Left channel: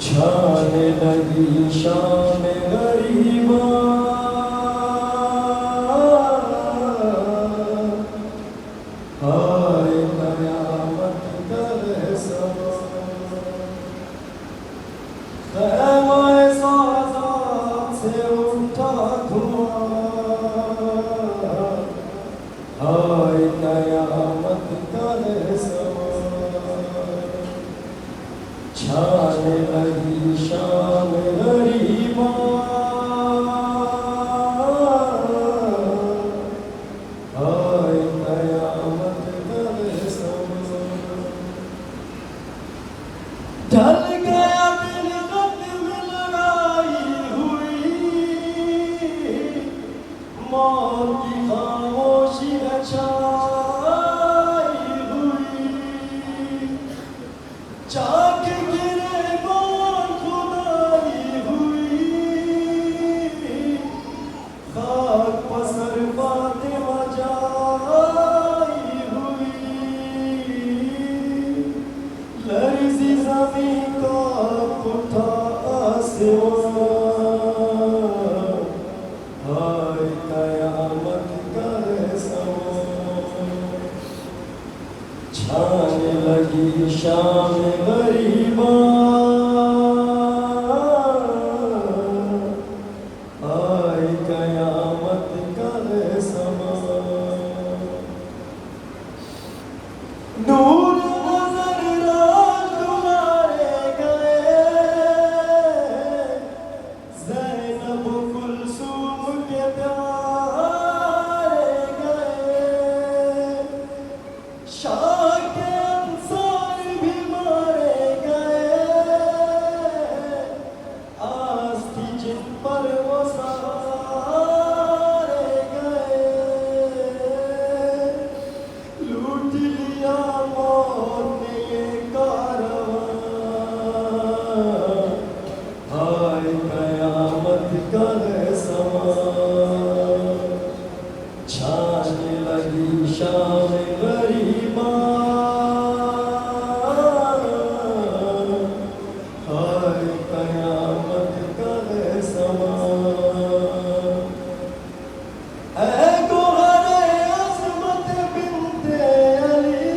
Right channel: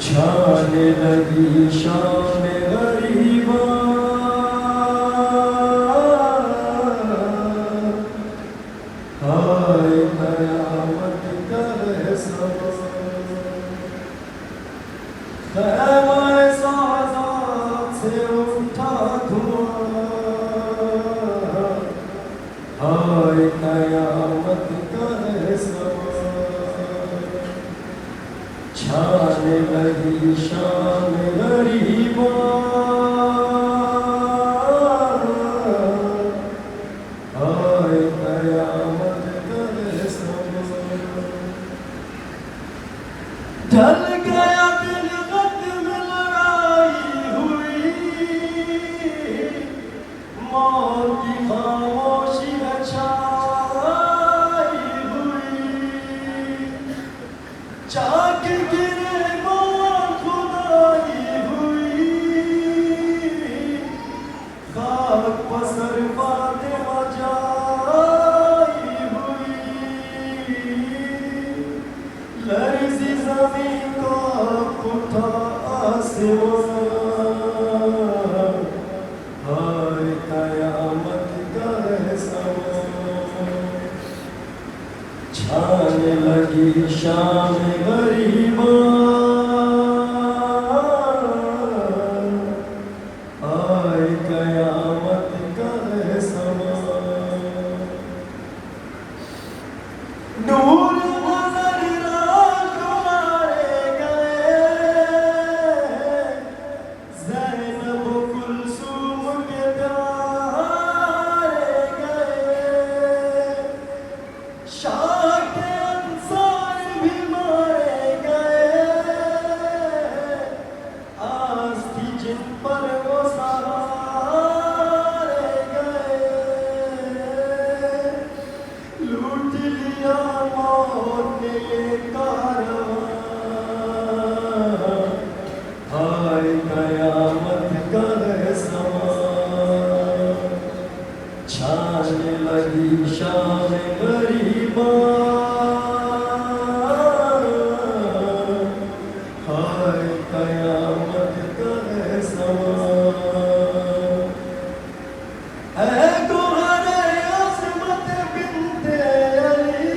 چھانے لگی شام غریباں آئے قیامت کا سما خیمہ سعادت سے اٹھا دھواں آئے قیامت کا سما چھانے لگی شام غریباں آئے قیامت کا سما ڈھل گیا دل قدم لڑائی ہوئی موت کی خاموشی چھائی ہوئی چاک گرے بار خدائی ہوئی خاک پسر فاطمہ جائی ہوئی لرزی زمین کا اٹھا آسمان آئے قیامت کا سما چھانے لگی شام غریباں آئے قیامت کا سما نور نظر رات مارے گئے زینب و کلثوم کے پیارے گئے شاہ کے انصار بھی مارے گئے آس تھی جن پر وہ سہارے گئے لوٹ لیا موت نے یہ کارواں آئے قیامت کا سما چھانے لگی شام غریباں آئے قیامت کا سما اے گوہر عظمت بنت علی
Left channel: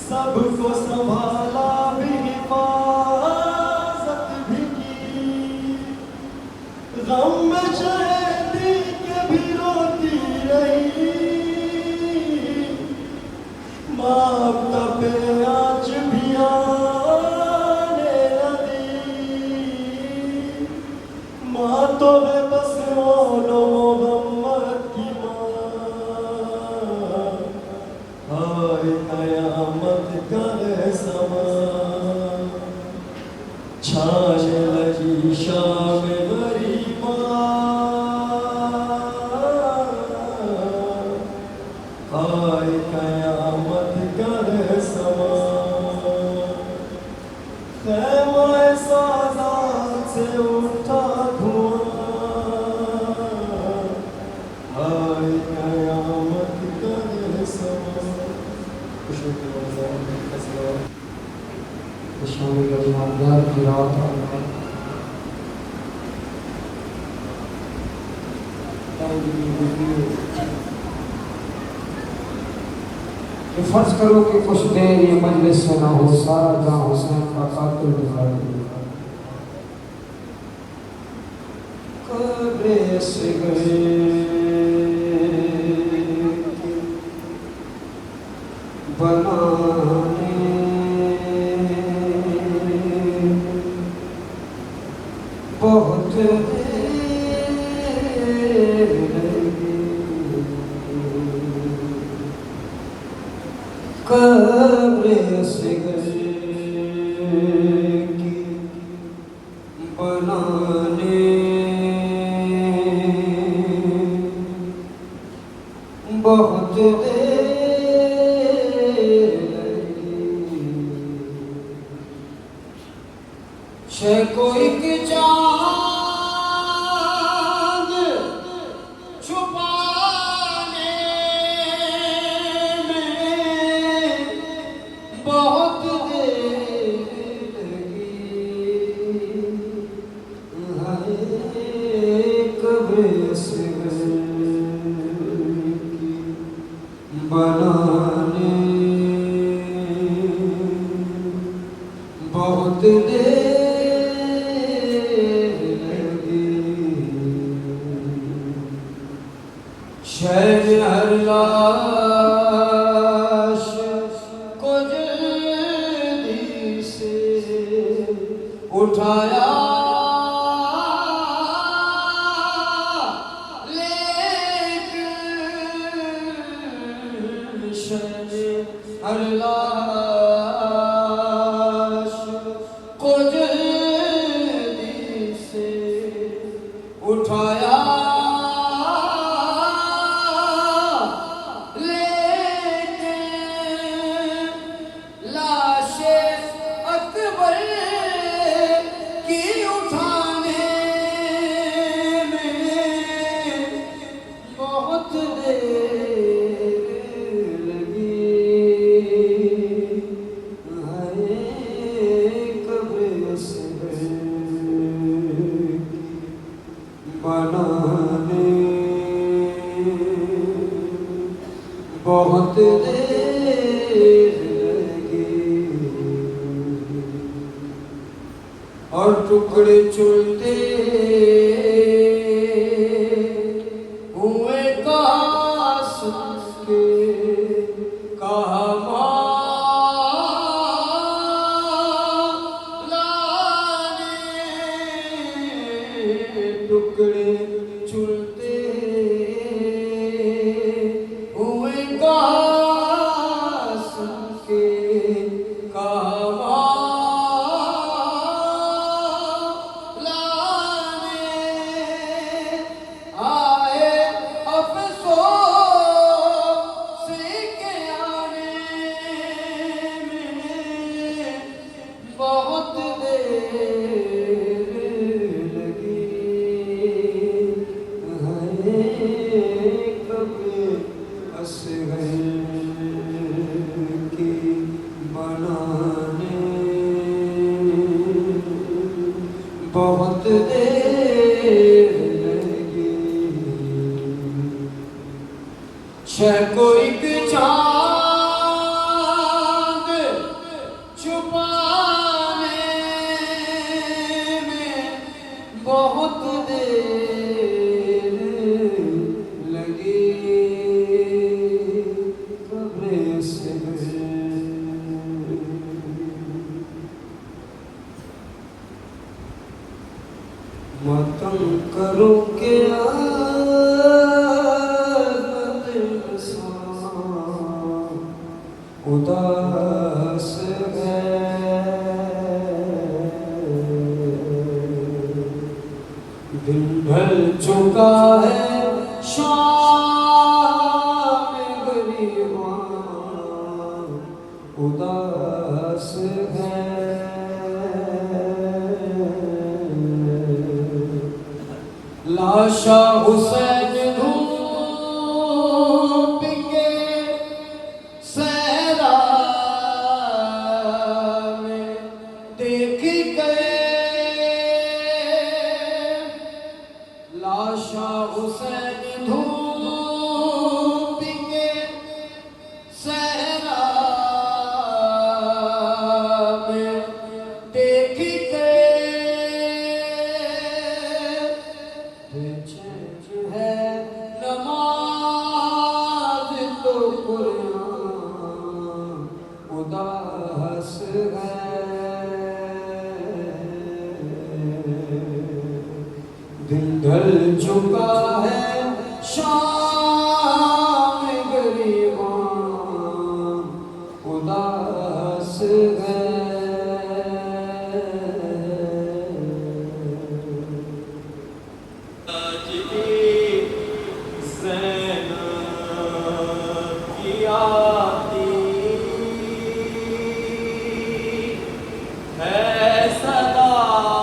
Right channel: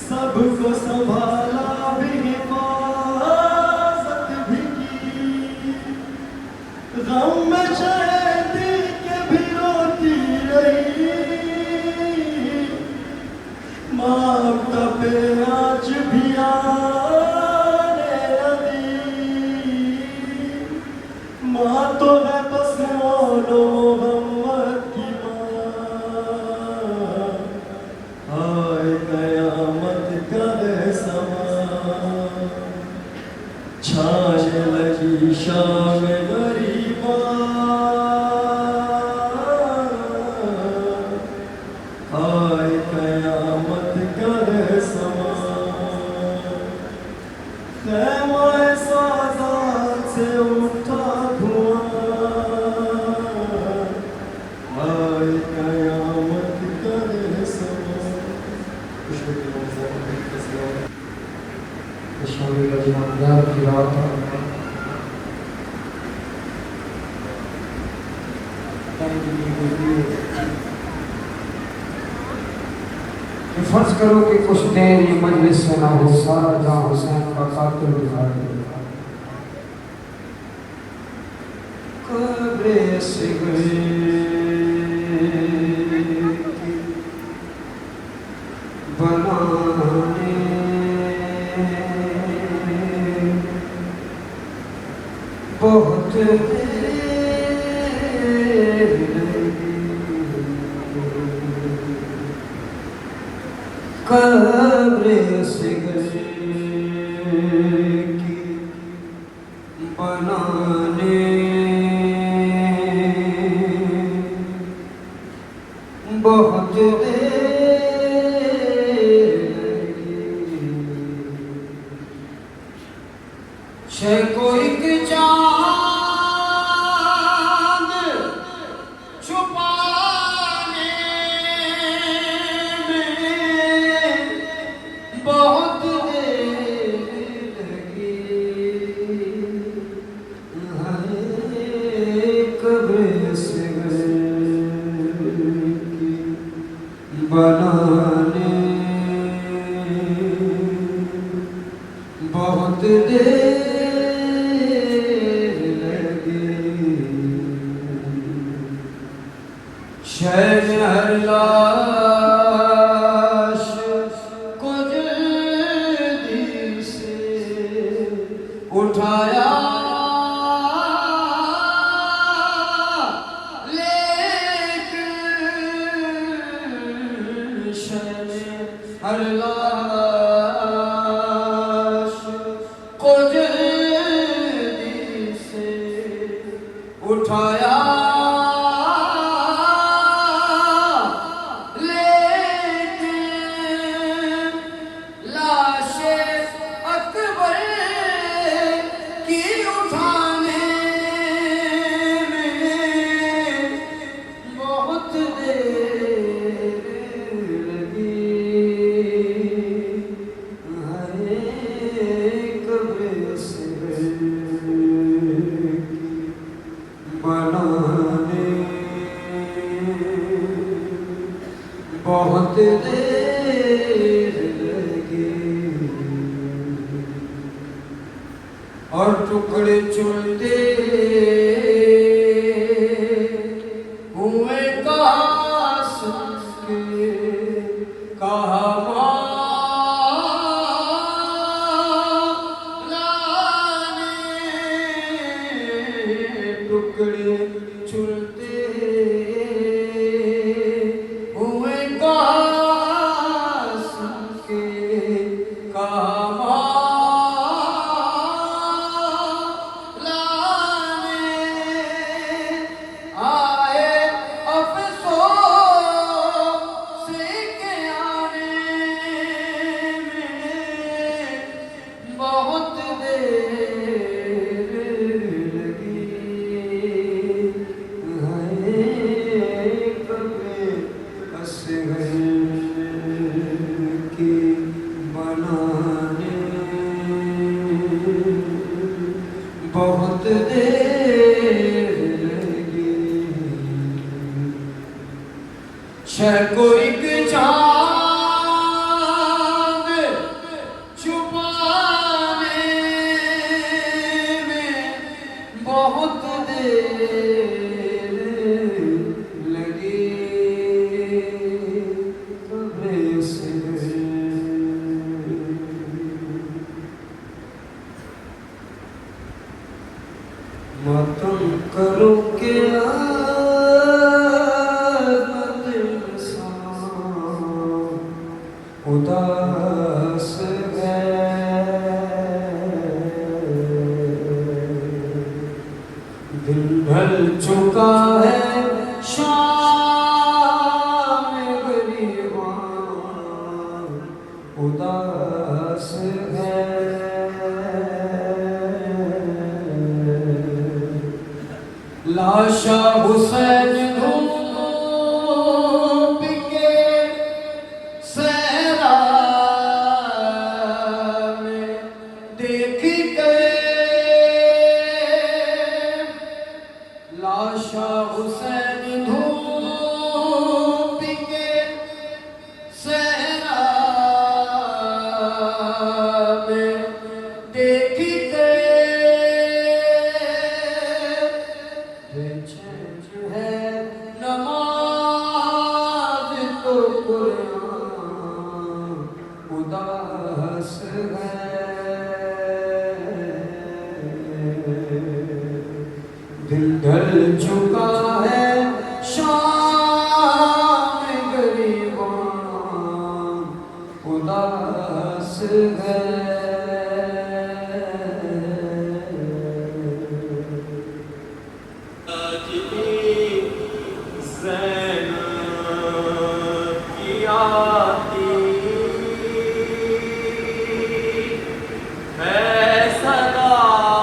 سب کو سنبھالا بھی حفاظت بھی کی غم میں شہدی کے بھی روتی رہی ماں کا پیاج بھی آنے لگی ماں تو ہے بس مولو محمد کی ماں آئے قیامت کا سما چھانے لگی شام غریباں آئے قیامت کا سما خیمہ سعادت سے اٹھا دھواں آئے قیامت کا سما شامل رمضان کی رات فرض کرو کہ کچھ دیر یہ مجلس سے نہ ہو سارا جہاں حسین کا قاتل دکھا دے قبر سے بنانے بہت دیر قبر سے بنانے بہت دیر شے کو ایک چاند چھپانے میں بہت دیر لگی قبر اصغر کی بنانے بہت دیر لگی شہر ہر لاش کو جلدی سے اٹھایا لیکن شہر ہر لاش کو جلدی سے اٹھایا لیکن لاش اکبر کی اٹھانے میں بہت دیر لگی قبر اصغر بنانے بہت دیر لگی اور ٹکڑے چلتے ہوئے قاسم کے کہا ٹکڑے چلتے ہوئے قاسم کے کہا لانے آئے افسوس کے آنے میں بہت دیر لگی قبر اصغر کی بنانے بہت دیر لگی شہ کو ایک چاند چھپانے میں بہت دیر لگی قبر اصغر ماتم کرو کیا اداس ہے دل ڈھل چکا ہے شام گریباں اداس ہے لاشا حسین دھوپ کے صحرا میں دیکھ گئے لاشا حسین دھوپ کے صحرا میں دیکھ گئے ہے نماز تو قرآن اداس ہے دل ڈھل چکا ہے شام گریباں اداس ہے صدا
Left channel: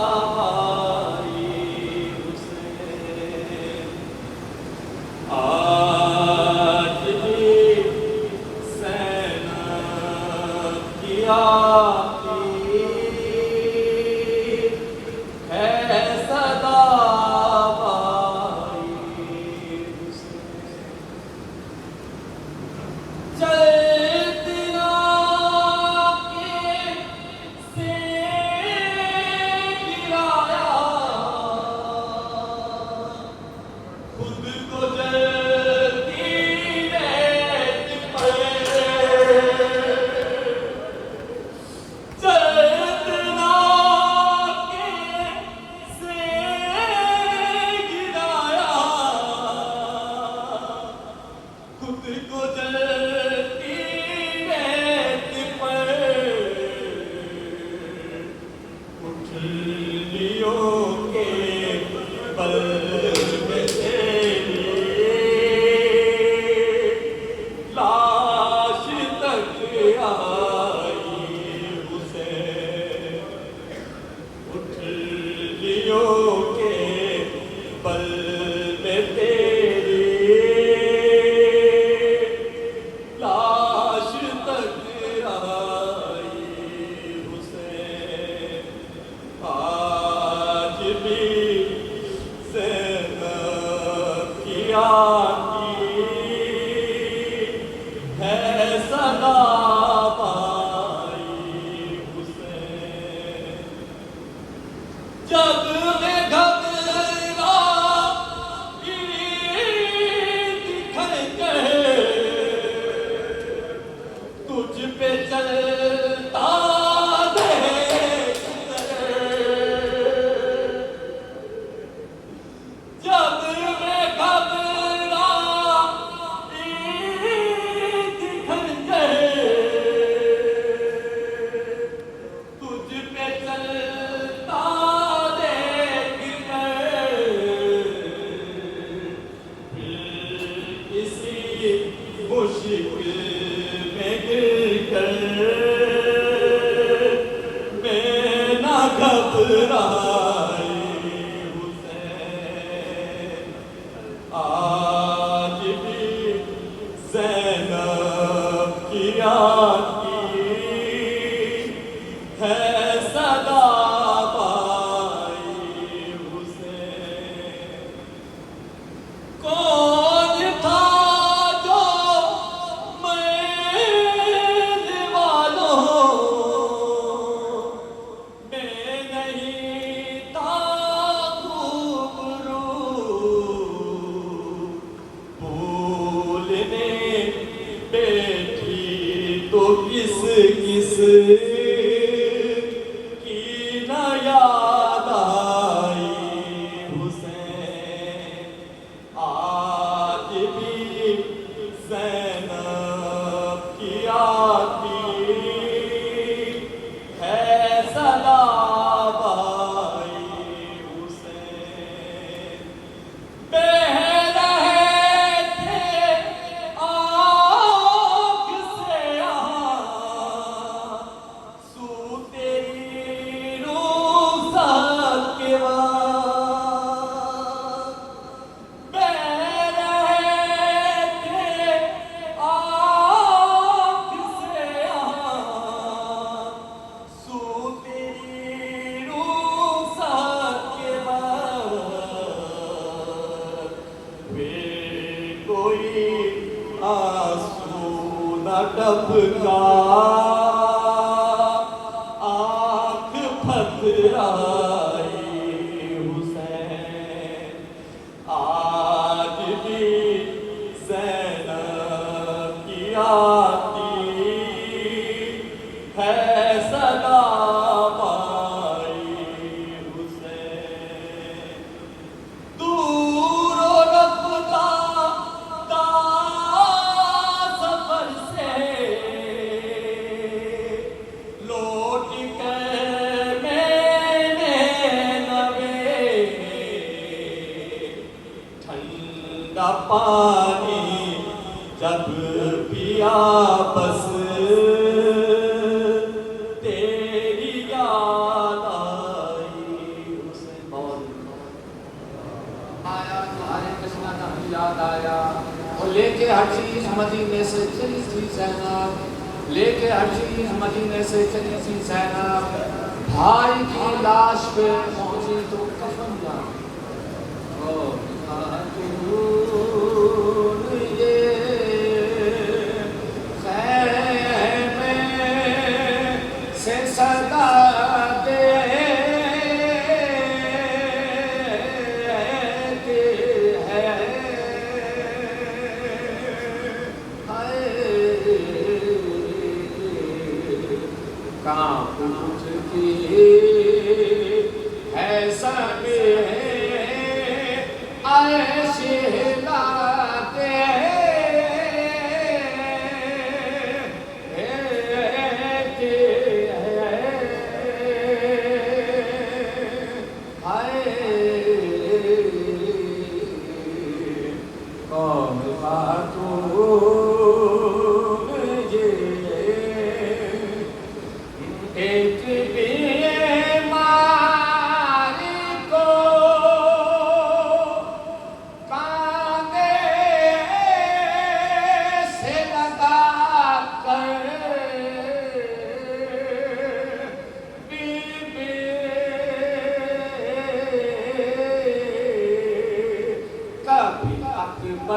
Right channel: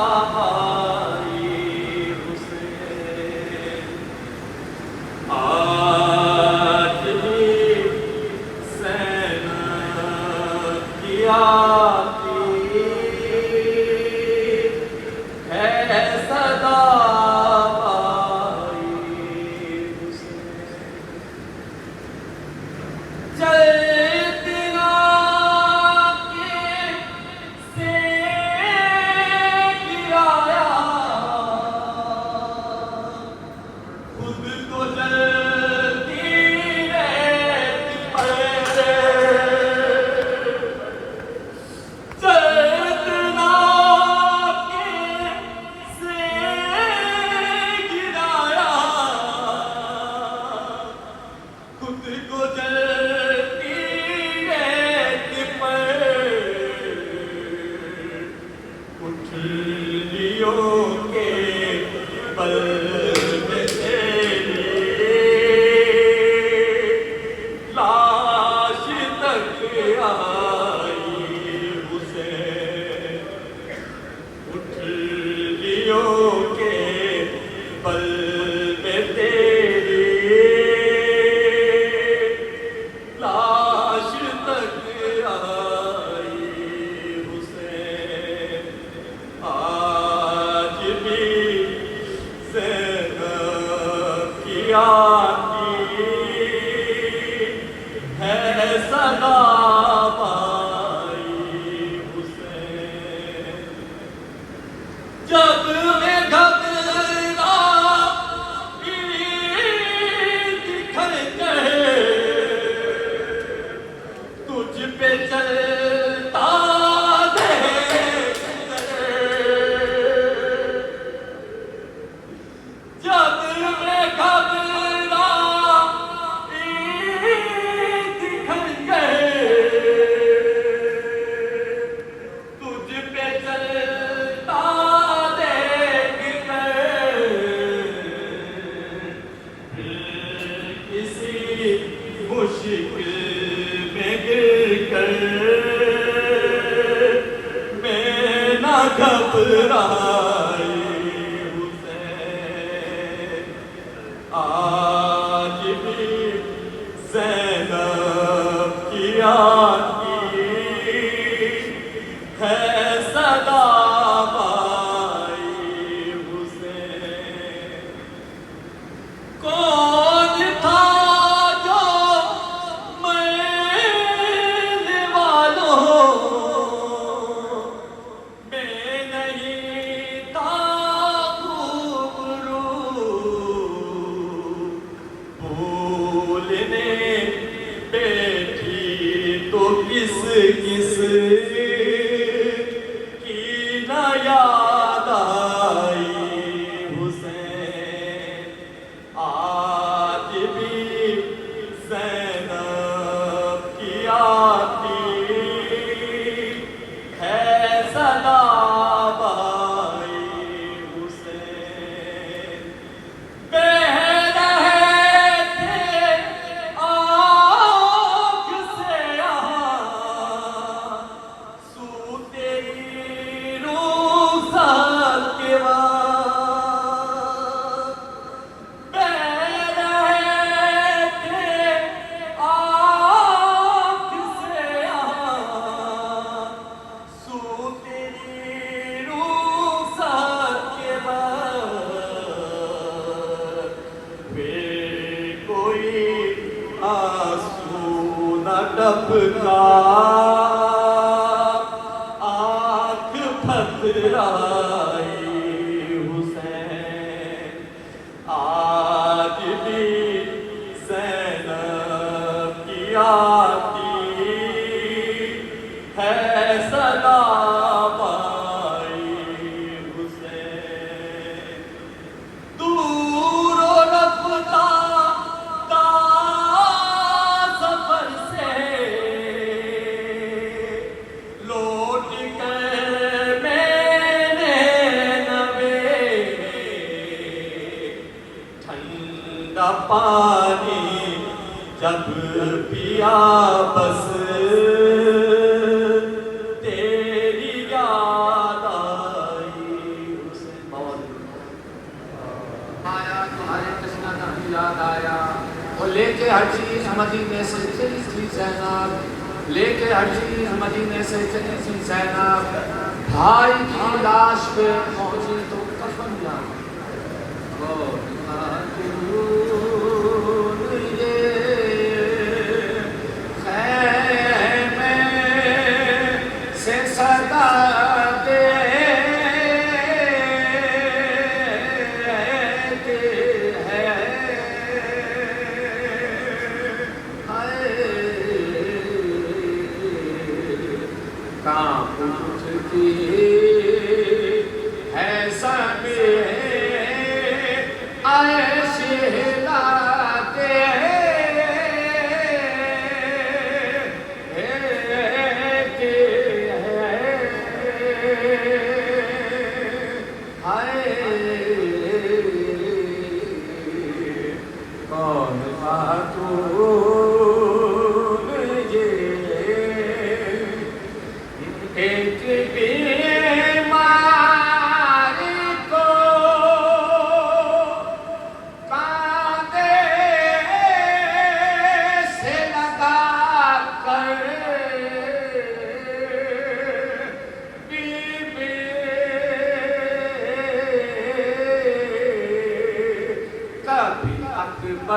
آئے شہلا دے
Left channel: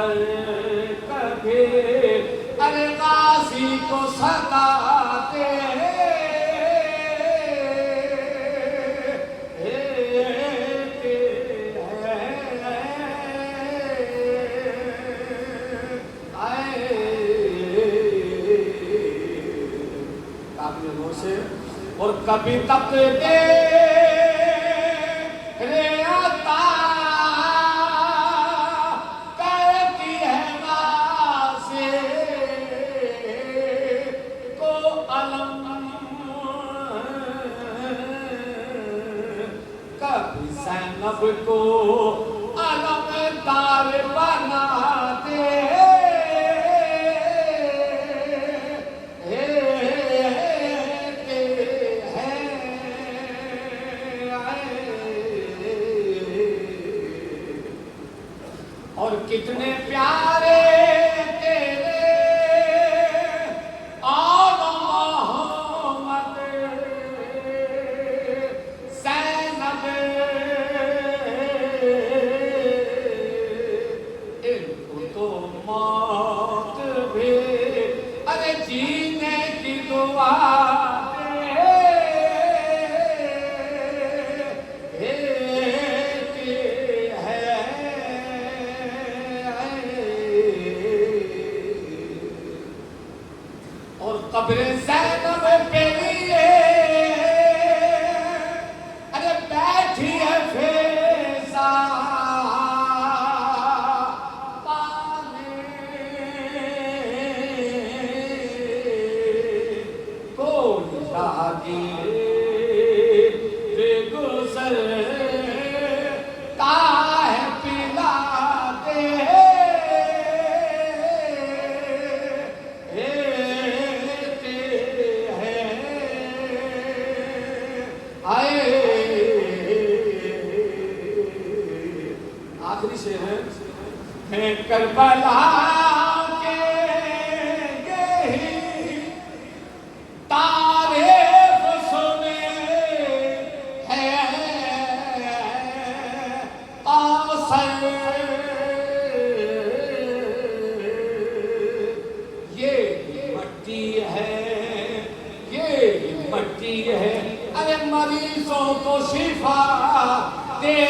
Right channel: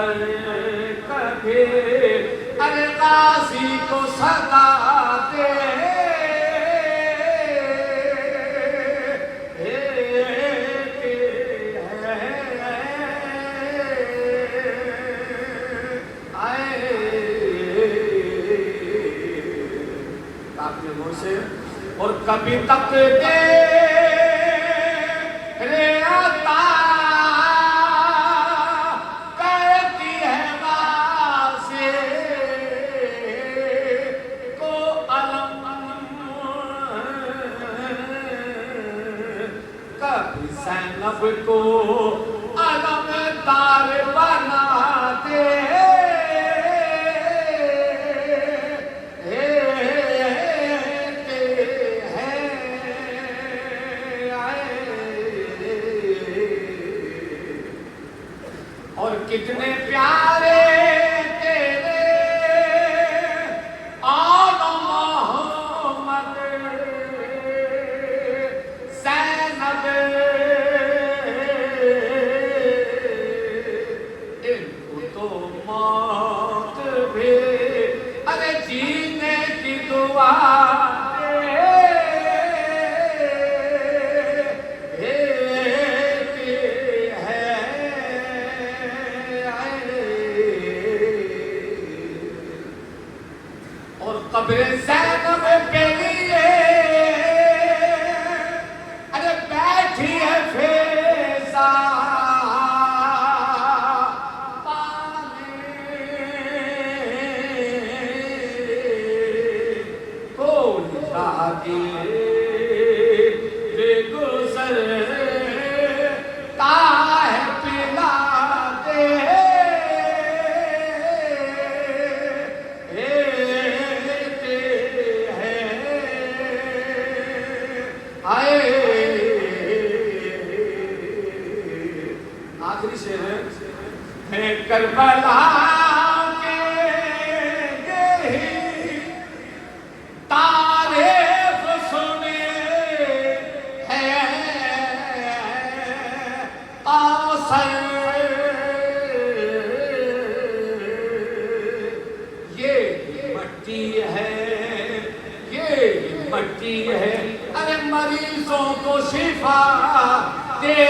پر کبھی ارے غازی کو صدا دے اور کبھی تک دے رے عطا کرتی ہے غازی کو علم کبھی زینب کو علم دار بنا دے کتنے پیارے تیرے آل محمد زینب ان کو تو موت بھی ارے جینے کی دعا قبر زینب کے لیے ارے بیٹھی ہے فیضا پانے کوئی راہگیر بے گزر ہے پلا دے میں کربلا کے یہی تعریف سنے ہیں قاصر یہ مٹی ہے یہ مٹی ہے ارے مریضوں کو شفا دے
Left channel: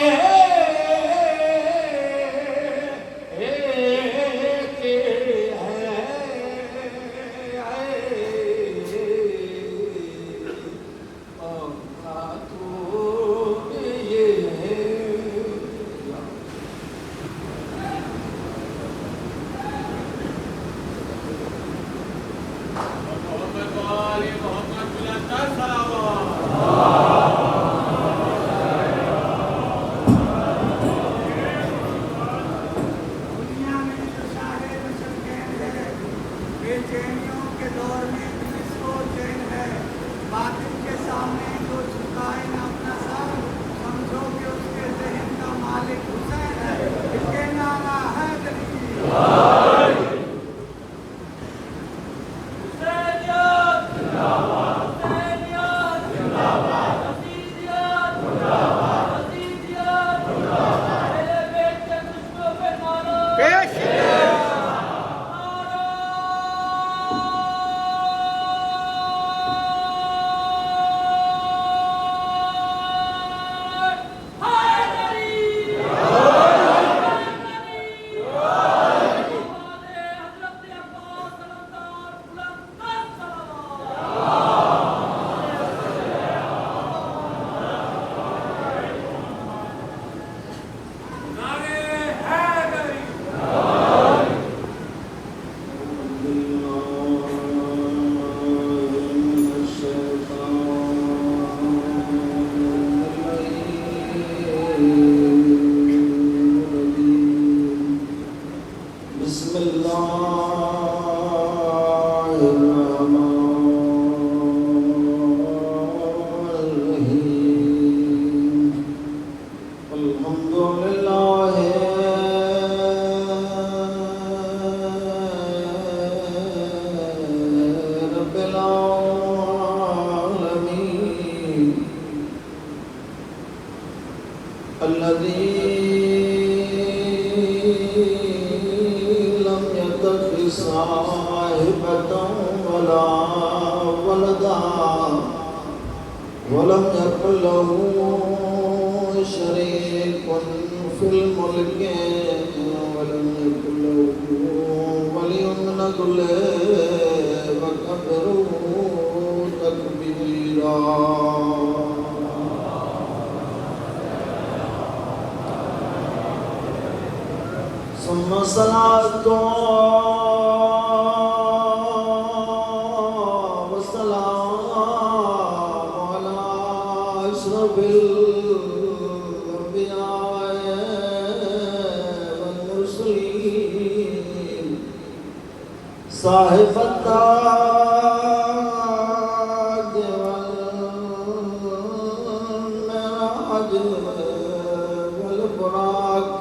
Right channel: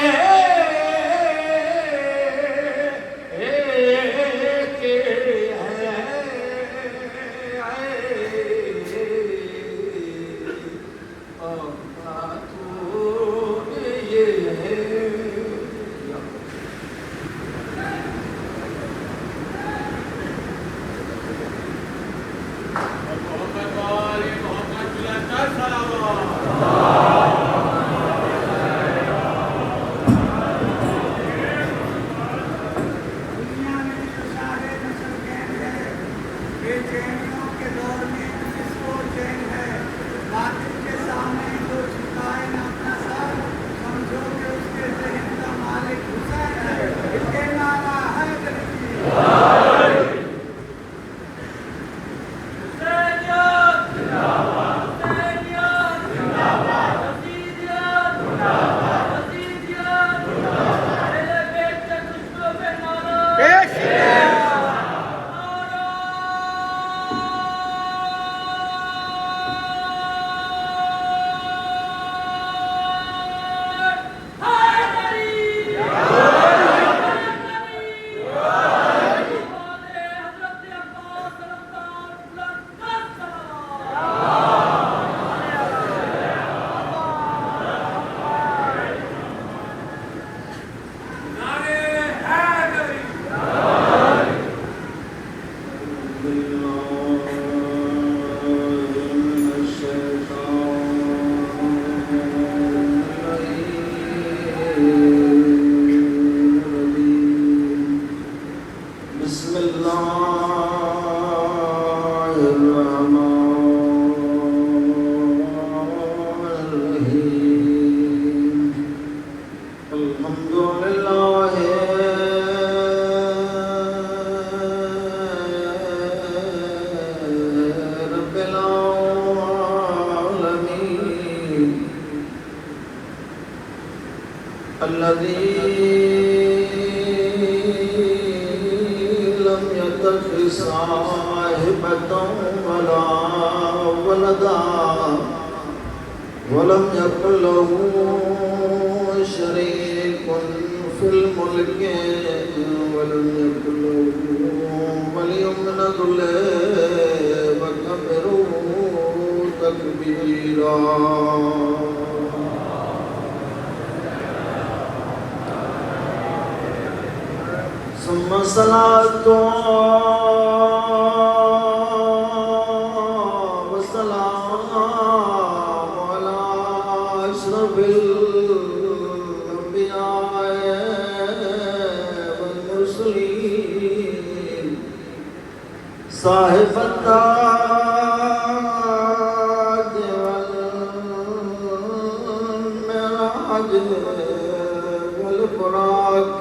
صاحبة ولا ولدا ولم يكن له شريك في الملك ولم يكن له ولي من الذل وكبره تكبيرا. ثم صلاة وسلام على أشرف الأنبياء والمرسلين صاحب التاج والمعراج والبراق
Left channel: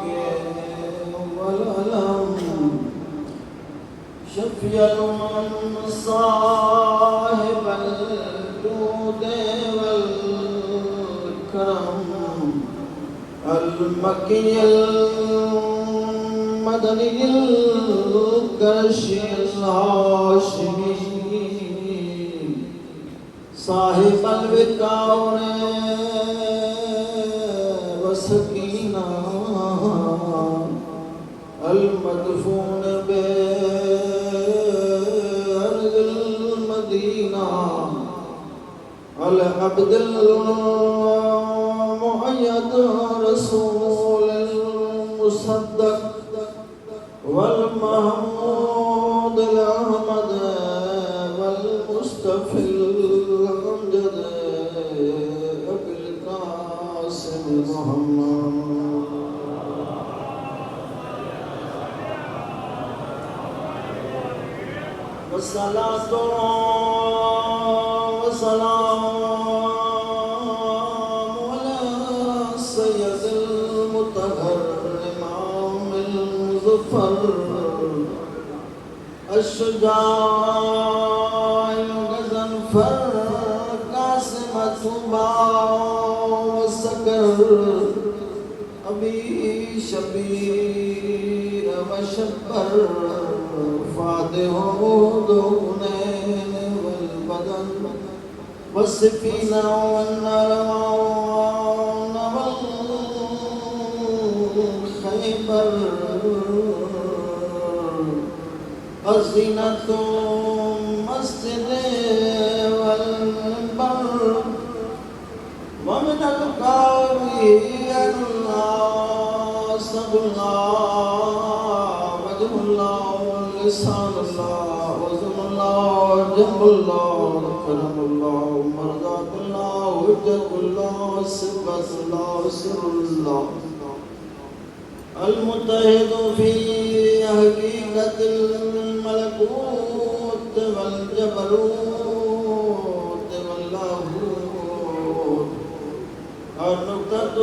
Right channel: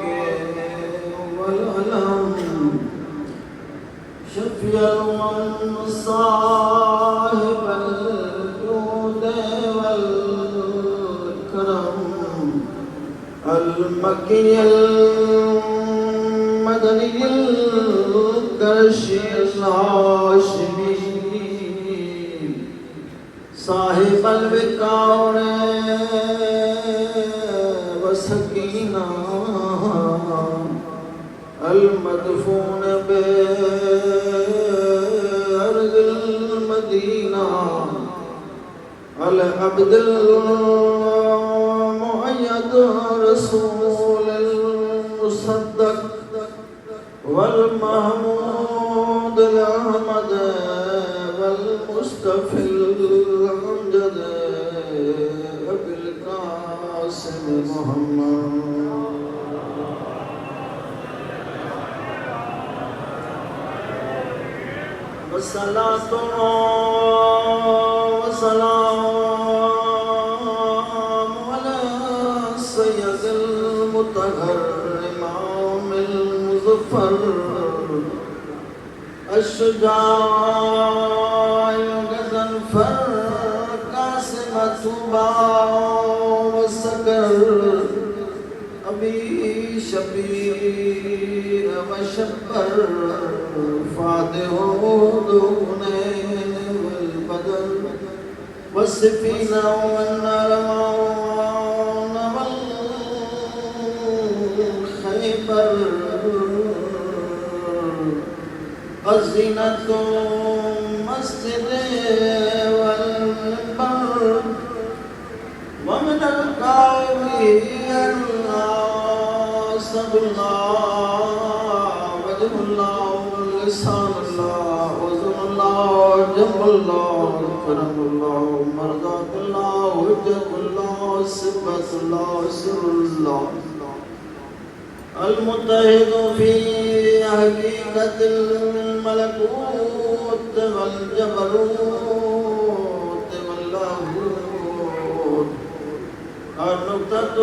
شفيع صاحب الجود والكرم المكي المدني القرشي الهاشمي صاحب الوقار والسكينة المدفون بأرض المدينة العبد المؤيد رسول المصدق والمحمود الأحمد والمصطفى الأمجد أبي القاسم محمد والصلاة والسلام على سيد المطهر الإمام المظفر الشجاع الغضنفر قاسم طوبى والسكر أبي شبير وشبر فاتح دونين والبدن والسفينة والنارون والخيبر الزينة مسجد والبر ومن القوي الله صبر الله وجه الله لسان الله وزن الله جنب الله كرم الله مرضات الله وجه الله صفة الله سر الله المتحد في حقيقة الملكوت والجبروت واللاهوت النقطة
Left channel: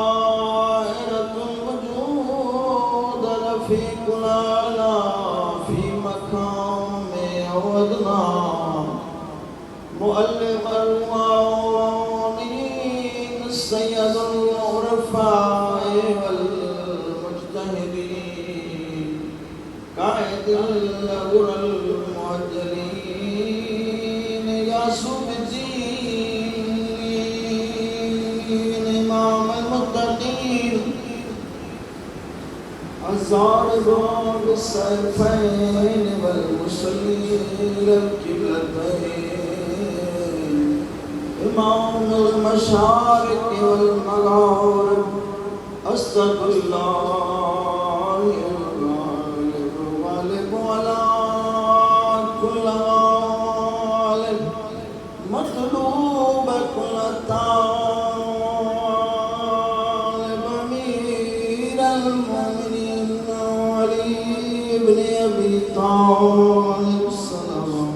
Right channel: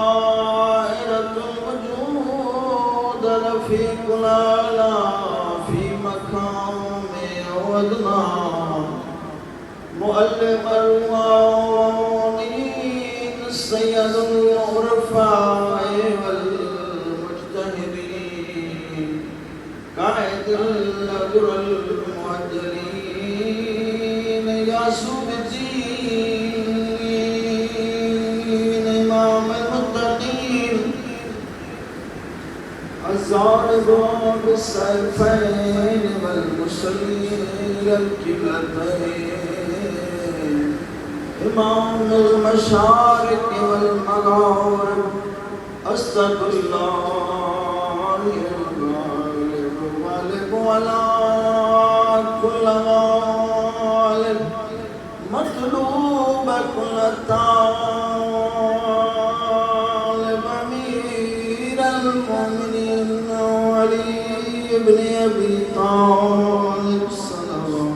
دائرة الوجود رفيق الأعلى في مقام ودنا مؤلف الروانين السيد العرفاء والمجتهدين قائد الغر المعجلين ياسوب الدين إمام المتقين الزارب بالسيفين والمسلين القبلتين إمام المشارق والمغارب أستغفر الله الغالب ولا كل غالب مطلوب كل طالب أمير المؤمنين علي بن أبي طالب السلام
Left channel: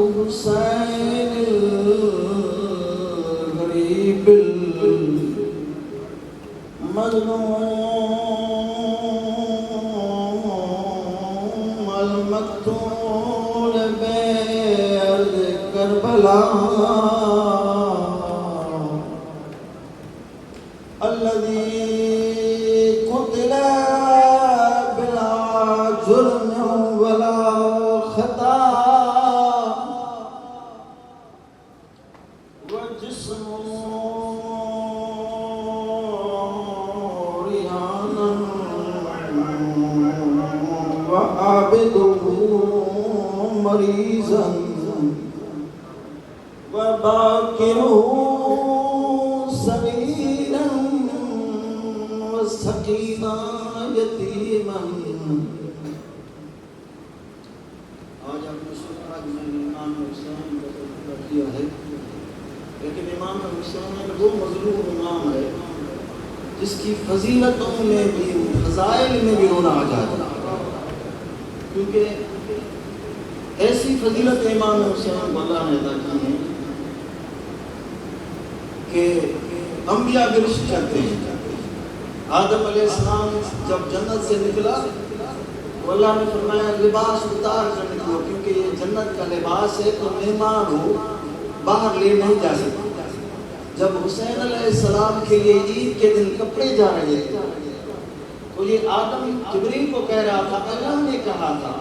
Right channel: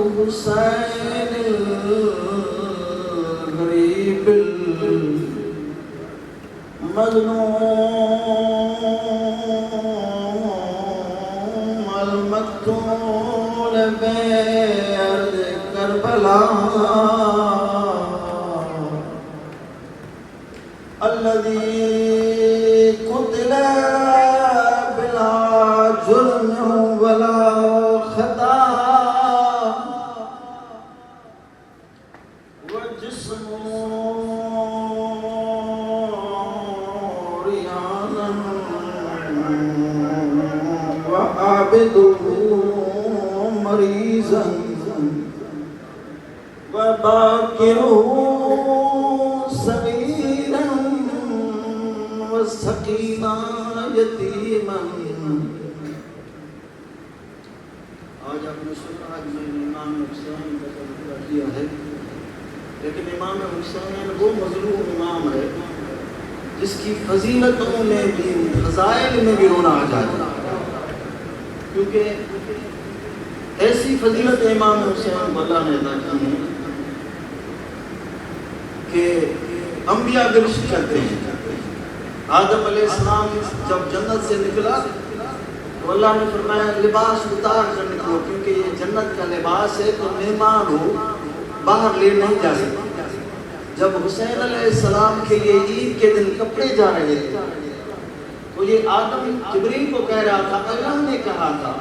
الحسين الغريب المظلوم عريانا وعبده مريضا وباكره صغيرا وسقينا يتيما. آج آپ نے سنا آج میں نے امام حسین کا تذکرہ کیا ہے، لیکن امام حسین وہ مظلوم امام ہے جس کی فضیلتوں میں بھی فضائل میں بھی رونا آ جاتا ہے، کیونکہ ایسی فضیلت امام حسین کو اللہ نے عطا کی ہے کہ انبیاء گرشت کرتے ہیں. آدم علیہ السلام جب جنت سے نکلا تو اللہ نے فرمایا لباس اتار کر نکلو، کیونکہ یہ جنت کا لباس ہے تو مہمان ہو باہر لے نہیں جا سکتے. جب حسین علیہ السلام کے لیے عید کے دن کپڑے جا رہے تھے تو یہ آدم جبریل کو کہہ رہا تھا اللہ نے کہا تھا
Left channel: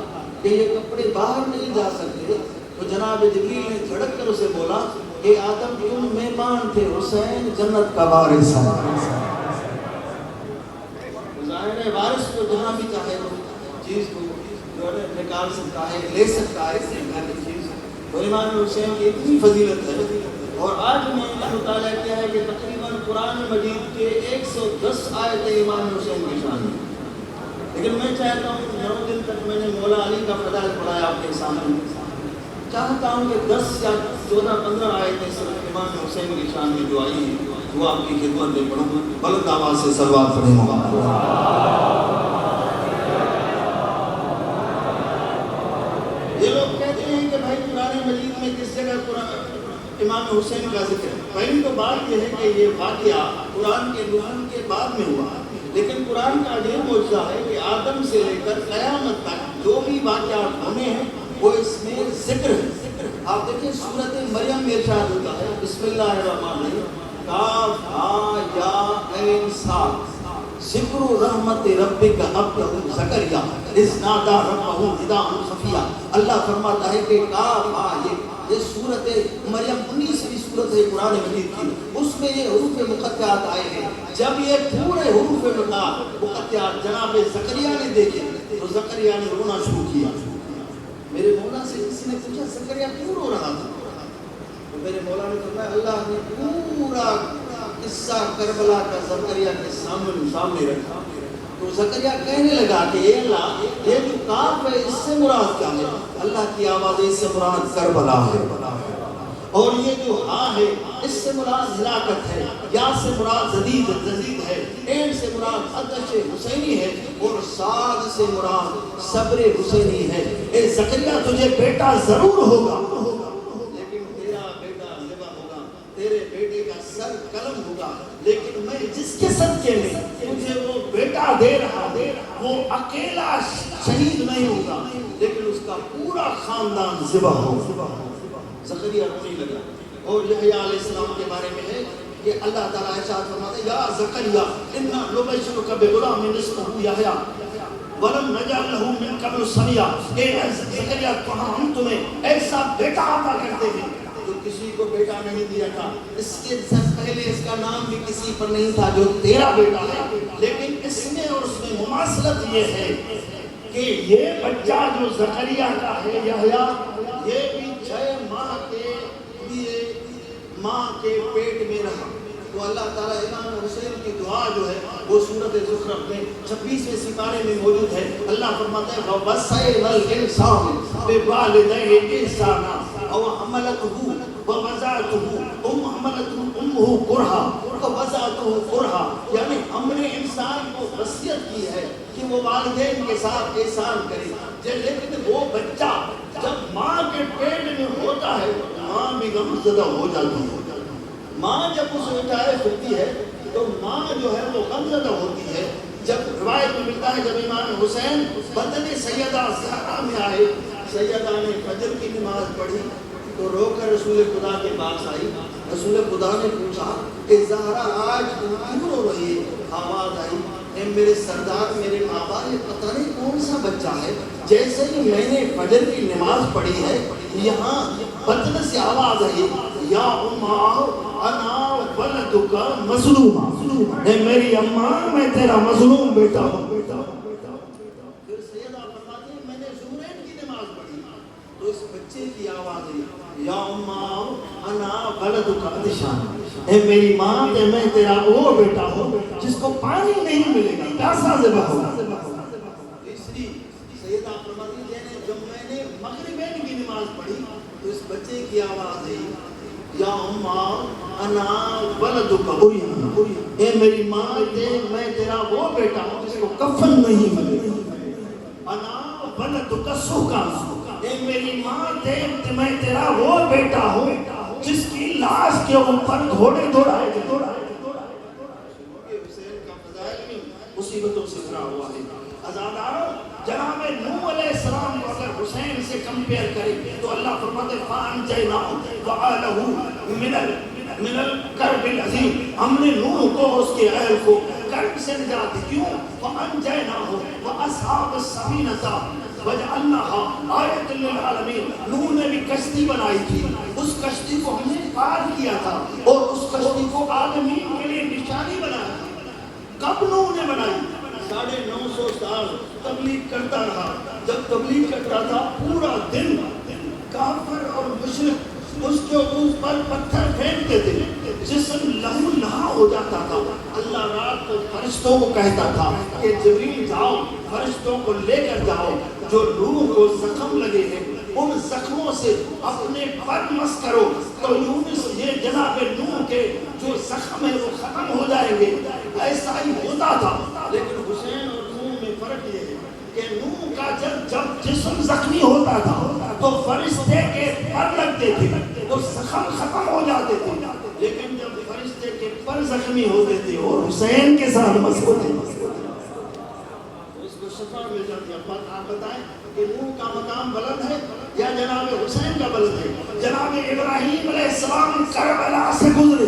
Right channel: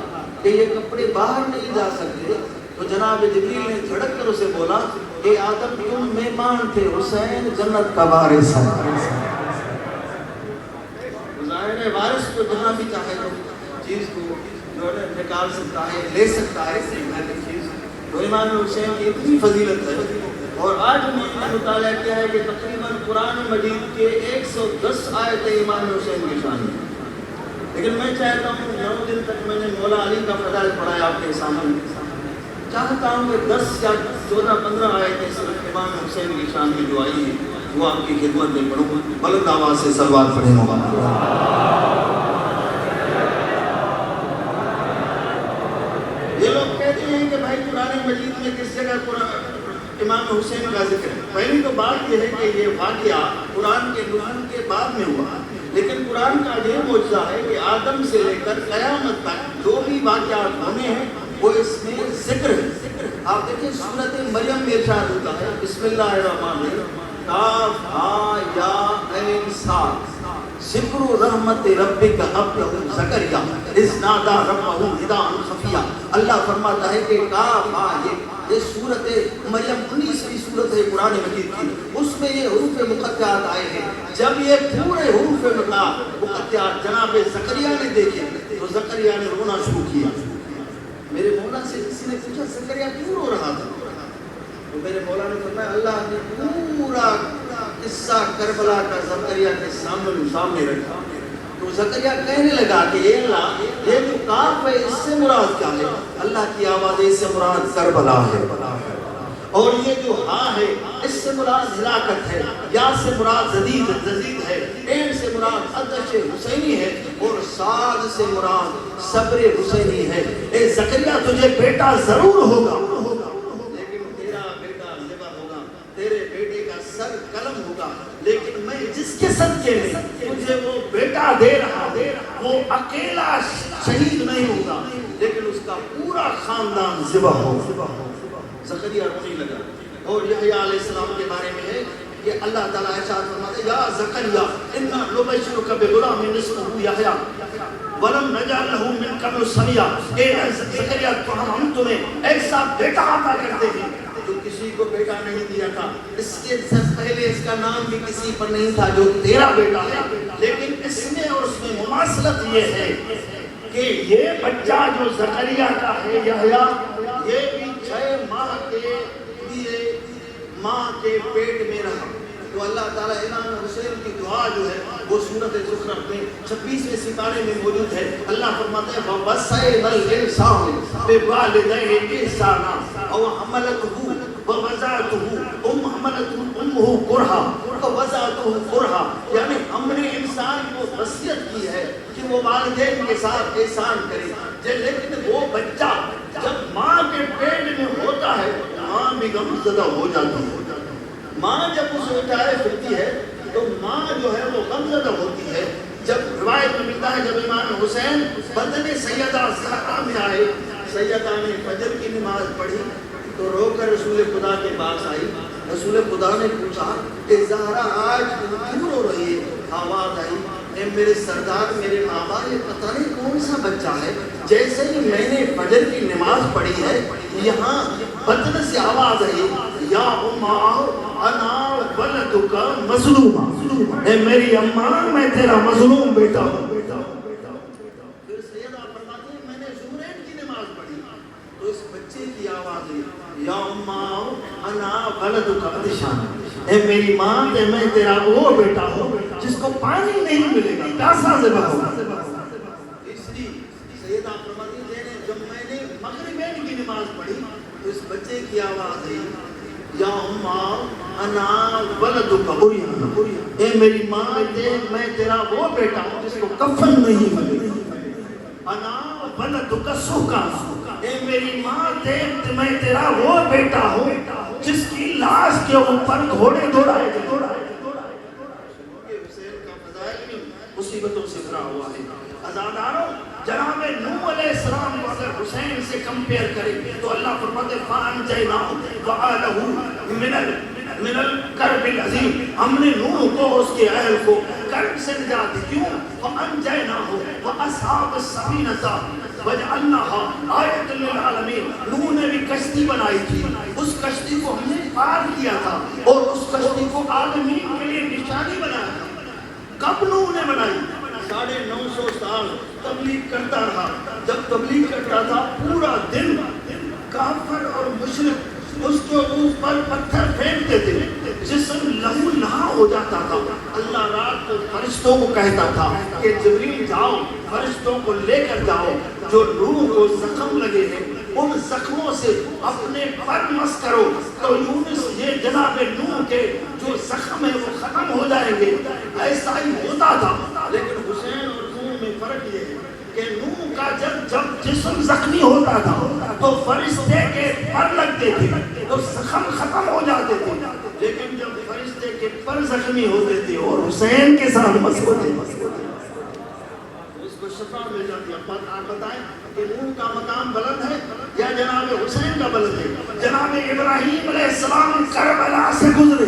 کہ یہ کپڑے باہر نہیں جا سکتے. تو جناب جبریل نے جھڑک کر اسے بولا کہ آدم تم مہمان تھے، حسین جنت کا وارث ہے. ظاہر ہے وارث کو جہاں بھی چاہے چیز کو نکال سکتا ہے، لے سکتا ہے چیز. تو امام حسین کی اتنی فضیلت ہے. اور آج میں نے مطالعہ کیا ہے کہ تقریباً قرآن مجید کے 110 آیتیں امام حسین کی شان ہیں. لیکن میں چاہتا ہوں 9 دن تک میں نے مولا علی کا فضائل پڑھایا آپ کے سامنے، چاہتا ہوں کہ 10 یا 14-15 آیتیں صرف امام حسین کی شان میں جو آئی ہیں وہ آپ کی خدمت میں پڑھوں. بلند آواز سے صلوات پڑھیں. یہ لوگ کہتے ہیں کہ بھائی قرآن مجید میں کس جگہ امام حسین کا ذکر ہے. پہلی تو بات یہ ہے کہ یہ واقعہ قرآن کے نزول کے بعد میں ہوا، لیکن قرآن کا یہ معجزہ ہے کہ آدم سے لے کر قیامت تک جو بھی واقعات ہونے ہیں وہ اس میں ذکر ہے. آپ دیکھیں سورۃ مریم میں ارشاد ہوتا ہے بسم اللہ الرحمن الرحیم کاف ہا یا عین صاد ذکر رحمت ربک عبدہ زکریا اذ نادی ربہ نداء خفیا. اللہ فرماتا ہے کہ کاف ہا یہ سورۃ مریم 19ویں سورت ہے قرآن مجید کی، اس میں یہ حروف مقطعات آئے ہیں. جب یہ پورے حروف مقطعات جناب زکریا نے دیکھے تو زکریا نے رونا شروع کیا. میرے مولا سے کسی نے پوچھا زکریا کیوں رو رہا تھا؟ تو میرے مولا نے فرمایا اللہ نے پورا قصہ کربلا کا زکریا کے سامنے رکھا. تو زکریا کہنے لگا کہ اے اللہ یہ جو کاف ہے اس سے مراد کیا ہے؟ اللہ کی آواز ہے اس سے مراد کربلا ہے. اور یہ جو ہاں ہے اس سے مراد ہلاکت ہے، یا سے مراد زدید ہے، عین سے مراد آتش حسینی ہے، اور صاد سے مراد صبر حسینی ہے. اے زکریا تجھے بیٹا ضرور ہوگا، لیکن تیرا بیٹا ذبح ہوگا، تیرے بیٹے کا سر قلم ہوگا. لیکن میں جس کے صدقے میں تجھے وہ بیٹا دے رہا وہ اکیلا شہید نہیں ہوگا، لیکن اس کا پورا خاندان ذبح ہوگا. زکریا رونے لگا. اور یحییٰ علیہ السلام کے بارے میں ہے کہ اللہ تعالیٰ ارشاد فرماتے ہیں یا زکریا انا نبشرک بغلام اسمہ یحییٰ ولم نجعل له من قبل سمیا. اے زکریا ہم تمہیں ایسا بیٹا عطا کرتے ہیں جو کسی کو بیٹا نہیں دیا تھا، اس کے پہلے اس کا نام بھی کسی پر نہیں تھا جو تیرا بیٹا ہے. لیکن اس میں اور اس میں مماثلت یہ ہے کہ یہ بچہ جو زکریا کا ہے یحییٰ یہ بھی 6 ماہ کے لیے ماں کے پیٹ میں رہا. تو اللہ تعالیٰ امام حسین کی دعا جو ہے وہ سورۃ زخرف میں 26ویں سپارے میں موجود ہے. اللہ فرماتا ہے وَوَصَّيْنَا الْإِنسَانَ بِوَالِدَيْهِ إِحْسَانًا أَوْ حَمَلَتْهُ وَوَضَعَتْهُ أُمُّهُ كُرْهًا وَوَضَعَتْهُ كُرْهًا. یعنی ہم نے انسان کو وصیت کی ہے کہ وہ والدین کے ساتھ احسان کرے، لیکن وہ بچہ جب ماں کے پیٹ میں ہوتا ہے ماں بھی غمزدہ ہو جاتی ہے. ماں جب اسے اٹھائے پھرتی ہے تو ماں جو ہے وہ غمزدہ ہوتی ہے. جب روایت میں ملتا ہے جب امام حسین بدن سیدہ زہرا میں آئے، سیدہ نے فجر کی نماز پڑھی تو رو کر رسول خدا کے پاس آئی. رسول خدا نے پوچھا کہ زہرا آج کیوں رو رہی ہے؟ آواز آئی اے میرے سردار میرے بابا یہ پتہ نہیں کون سا بچہ ہے، جیسے ہی میں نے فجر کی نماز پڑھی ہے یہاں بدن سے آواز آئی یا اماں انا ولدک مظلوما، اے میری اماں میں تیرا مظلوم بیٹا ہوں۔ پھر سیدہ فرماتی ہیں میں نے ظہرین کی نماز پڑھی تو اس بچے کی آواز ہوئی یا اماں انا ولدک عطشان، اے میری ماں میں تیرا وہ بیٹا ہوں جس کو پانی نہیں ملے گا، پیاسا ذبح ہوگا۔ تیسری سیدہ فرماتی ہیں جب میں نے مغربین کی نماز پڑھی تو اس بچے کی آواز آئی یا اماں انا ولدک عریان، اے میری ماں میں تیرا وہ بیٹا ہوں جس کو کفن نہیں ملے گا۔ انا ولدک سکان، اے میری ماں میں تیرا وہ بیٹا ہوں جس کی لاش کے اوپر گھوڑے دوڑائے گئے۔ حسین کا فضائل مصیبتوں سے بھرا ہوا ہے۔ عزاداروں جناب نوح علیہ السلام کو اگر حسین سے کمپیئر کریں تو اللہ فرماتے ہیں فَأَنْجَيْنَاهُ وَآلَهُ من الکرب العظیم، ہم نے نوح کو اس کے اہل کو کرب سے نجات دی۔ کیوں؟ وَأَنْجَيْنَاهُ وَأَصْحَابَ السَّفِينَةَ وَجَعَلْنَاهَا آیَةً لِلْعَالَمِينَ۔ نوح نے بھی کشتی بنائی تھی، اس کشتی کو ہم نے پار کیا تھا اور اس کشتی کو عالمین کے لیے نشانی بنایا تھا۔ کب نوح نے بنائی؟ 950 سال تبلیغ کرتا رہا۔ جب تبلیغ کرتا تھا پورا دن کافر اور مشرک اس کے اوپر پتھر پھینکتے تھے، جسم لہو لہا ہو جاتا تھا۔ اللہ رات کو فرشتوں کو کہتا تھا کہ جبریل جاؤ فرشتوں کو لے کر جاؤ، جو نوح کو زخم لگے ہیں ان زخموں سے اپنے پر مس کرو تو یونس یہ جناب نوح کے جو زخم ہے وہ ختم ہو جائیں گے۔ ایسا ہی ہوتا تھا، لیکن حسین اور نوح میں فرق یہ ہے کہ نوح کا جب جسم زخمی ہوتا تھا تو فرشتے کے پر لگتے تھے تو زخم ختم ہو جاتے تھے، لیکن جب فرشتے کے پر زخمی ہوتے تھے اور حسین کے ساتھ مس ہوتے اس کو شفا مل جاتی ہے۔ آپ بتائیں کہ نوح کا مقام بلند ہے یا جناب حسین کا بلند ہے؟ جناب ابراہیم علیہ السلام کربلا سے گزرے،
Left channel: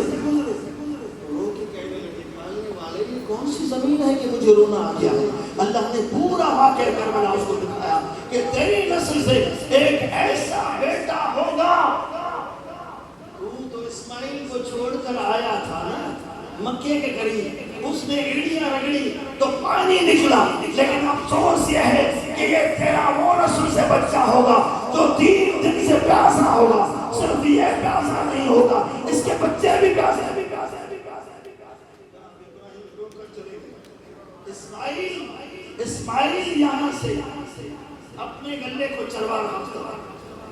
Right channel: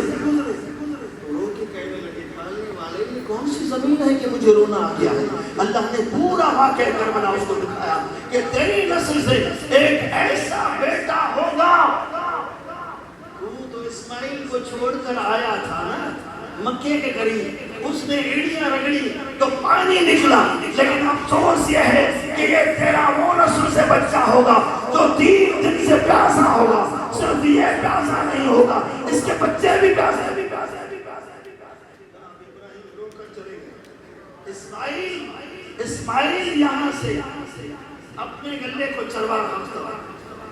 رو کے کہنے لگے کھانے والے یہ کون سی زمین ہے کہ مجھے رونا آ گیا ہے؟ اللہ نے پورا واقعہ کربلا اس کو دکھایا کہ تیری نسل سے ایک ایسا بیٹا ہوگا۔ تو اسماعیل کو چھوڑ کر آیا تھا نا مکے کے قریب، اس نے ایڑیاں رگڑی تو پانی نکلا، لیکن افسوس یہ ہے کہ یہ تیرا وہ نسل سے بچہ ہوگا جو 3 دن سے پیاسا ہوگا۔ صرف یہ پیاسا نہیں ہوگا، اس کے بچے بھی پیاسے بھی پیاسے بھی پیاسے بھی پیاسے۔ اسماعیل یہاں سے اپنے گلے کو چروا رہا تھا،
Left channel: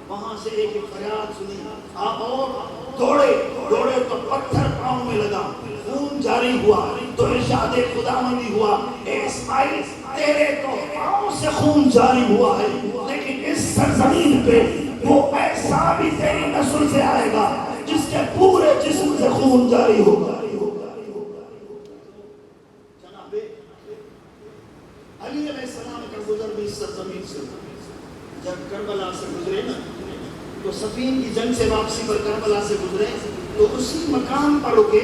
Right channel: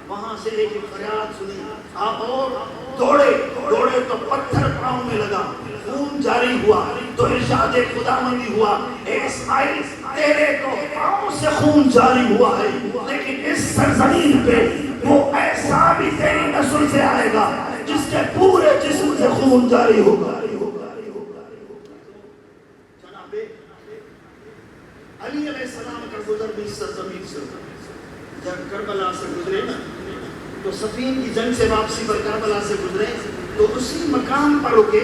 وہاں سے ایک فریاد سنی اور دوڑے تو پتھر پاؤں میں لگا، خون جاری ہوا تو ارشاد خداوندی ہوا اے اسماعیل تیرے تو پاؤں سے خون جاری ہوا ہے، لیکن اس سرزمین پہ وہ ایسا بھی تیری نسل سے آئے گا جس کے پورے جسم سے خون جاری ہوگا۔ جناب علی علیہ السلام کا گزر بھی اس سرزمین سے ہوا۔ جب کربلا سے گزرے نا تو صفین کی جنگ سے واپسی پر کربلا سے گزرے تو اسی مقام پر رکے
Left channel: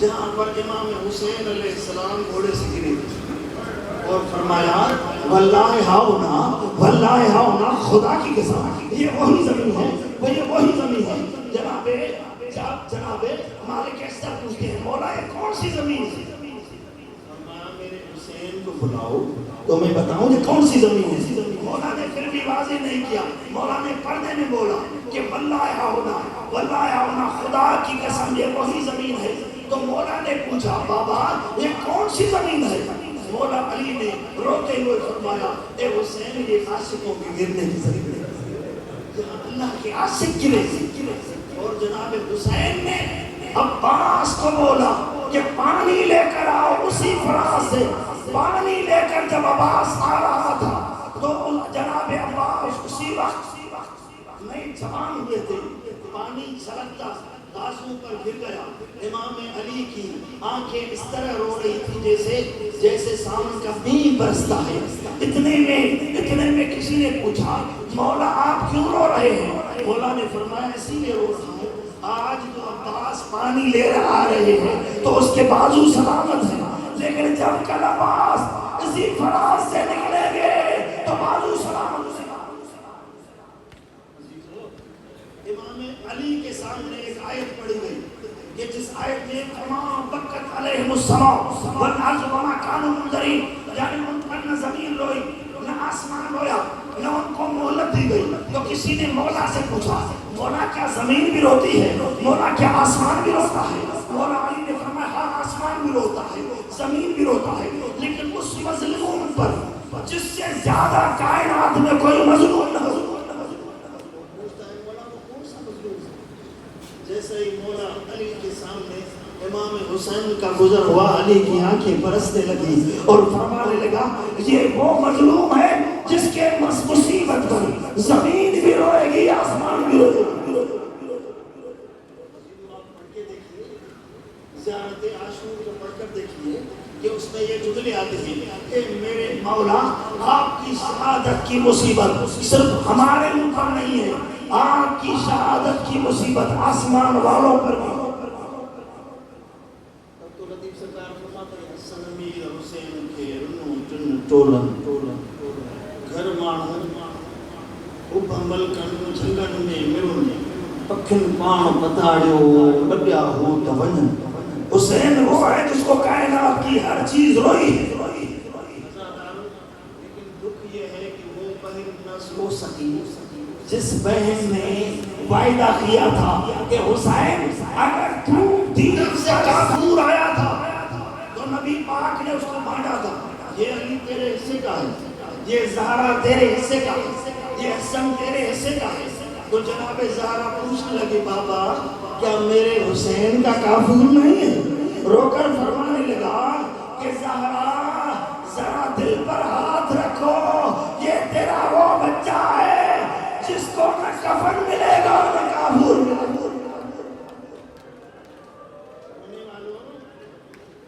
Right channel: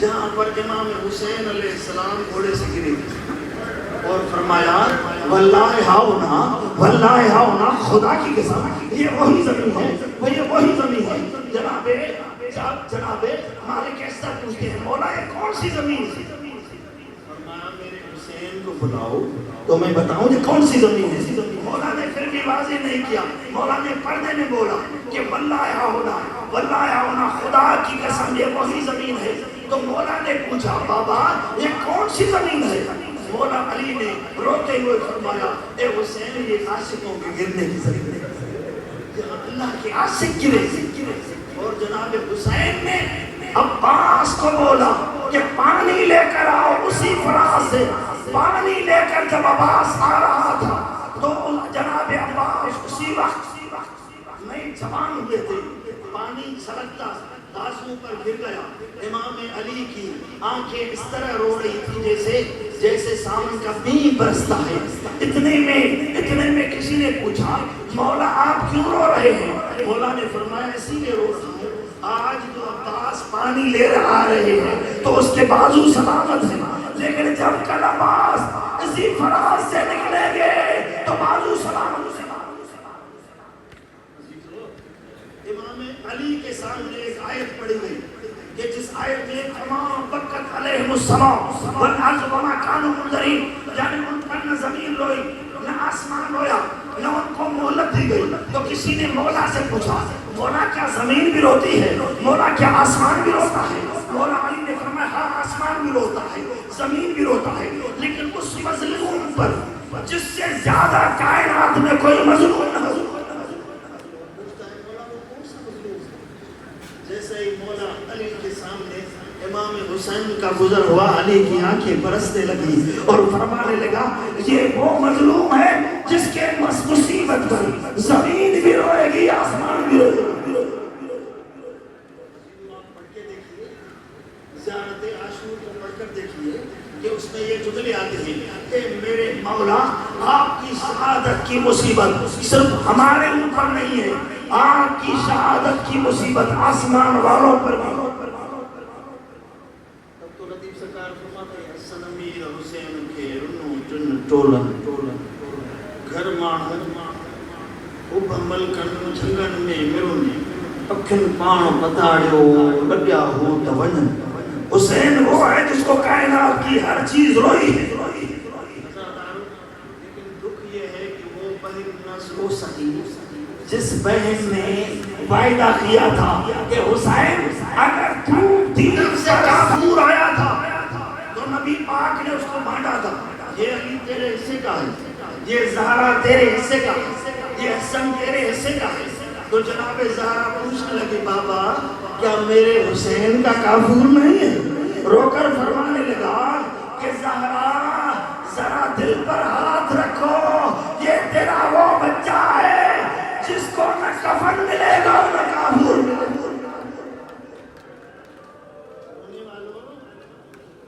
جہاں پر امام حسین علیہ السلام گھوڑے سے گرے اور فرمایا واللہ ہاؤنا خدا کی قسم یہ وہی زمین ہے، یہ وہی زمین ہے۔ جناب مالک ایسا پوچھتے ہیں مولا یہ کون سی زمین ہے؟ فرمایا میرے حسین کو بلاؤ تو میں بتاؤں یہ کون سی زمین ہے۔ مولا نے پھر بھی واضح نہیں کیا، مولا نے پردے میں بولا کہ واللہ ہونا خدا کی قسم یہ وہی زمین ہے۔ تو مولا نے پوچھا بابا یہ کون سی زمین ہے؟ مولا علی نے روتے ہوئے فرمایا اے حسین یہ عاشقوں کے گرنے کی زمین ہے، اللہ کے عاشق گرے۔ اور جناب حسین نے عباس کو بولا کہ پانی لے کر آؤ، اسی فراز سے پانی لے کر جب عباس آ رہا تھا تو جناب عباس اسی وقت نئے جوان ہوئے تھے، پانی چھلکتا بازو پر گر گیا۔ امام علی کی آنکھیں اس طرح رو رہی تھی جیسے سامنے کا بین برستا ہے۔ اتنے میں کسی نے پوچھا مولا آپ کیوں رو رہے ہیں؟ مولا نے فرمایا اسی لیے رو رہا ہوں آج تو عباس پانی لے کر آ رہے ہیں تو اس کے بازو سلامت ہیں، لیکن جب کل عباس اسی فراز سے نکلیں گے تو بازو سلامت ہیں۔ امام علی کے سامنے ایک آیت پڑھی گئی یہ جس آیت میں تمام بکت علیہم السلام والارض وما کانوا منذرین، یعنی ان پر نہ زمین روئی نہ آسمان رویا نہ ان کو مہلت دی گئی. تو کسی نے مولا سے پوچھا مولا کیا زمین بھی روتی ہے، مولا کیا آسمان بھی روتا ہے؟ مولا علی نے فرمایا ہاں آسمان بھی روتا ہے زمین بھی روتا ہے، لیکن اس مظلوم پر جس سے زیادہ کائنات میں کوئی مظلوم نہ ہو. جیسے ہی مولا علی کے سامنے امام حسین کا گزر ہوا، علی کی آنکھیں برسنے لگی اور فرمانے لگا یہ وہ مظلوم ہے جس کے مصیبت پر زمین بھی روئے گی آسمان بھی روئے گی. پڑھ کے دیکھیے زیارت عاشور کو پڑھ کر دیکھیے کہ اس میں یہ جملے آتے ہیں کہ میرے مولا آپ کی شہادت کی مصیبت صرف ہمارے اوپر نہیں ہے، آپ کی شہادت کی مصیبت آسمان والوں پر بھی. تب تو لطیف سرکار فرماتے ہیں سنمیر حسین کے رنو جن ٹولن گھر ماڑھن اب عمل کن جھنگن میں مرنے پکھن پان بتاڑیو لڈیا ہو تونن. حسین وہ ہے جس کو کائنات کی ہر چیز روئی ہے. لیکن دکھ یہ ہے کہ وہ بہن نہ سو سکی جس بہن نے وعدہ کیا تھا کہ حسین اگر تو دین سے کافور آیا تھا تو نبی پاک نے اس کو مانڈا تھا. یہ علی تیرے حصے کا ہے، یہ زہرا تیرے حصے کا ہے، یہ حسن تیرے حصے کا ہے. تو جناب زہرا پوچھنے لگی بابا کیا میرے حسین کا کافور نہیں ہے؟ رو کر فرمانے لگا کہ زہرا ذرا دل پر ہاتھ رکھو، یہ تیرا وہ بچہ ہے جس کو نہ کفن ملے گا نہ کافور ملے گا.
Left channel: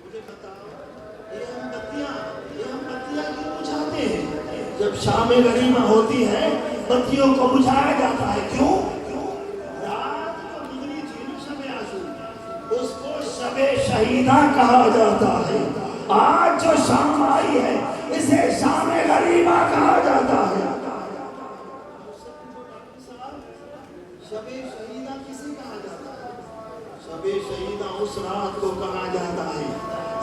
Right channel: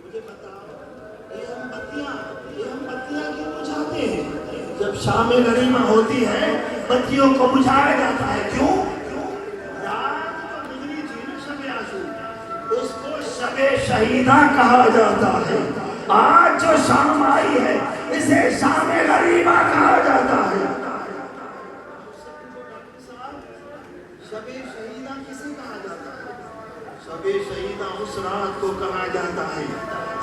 مجھے بتاؤ یہ ہم بتیاں کیوں بجھاتے ہیں؟ جب شام غریبہ ہوتی ہے بتیوں کو بجھایا جاتا ہے. کیوں؟ رات کو گزری تھی نا شب عاشور، اس کو شب شہیدہ کہا جاتا ہے. آج جو شام آئی ہے اسے شام غریبہ کہا جاتا ہے. شب شہیدہ کسے کہا جاتا ہے؟ شب شہیدہ اس رات کو کہا جاتا ہے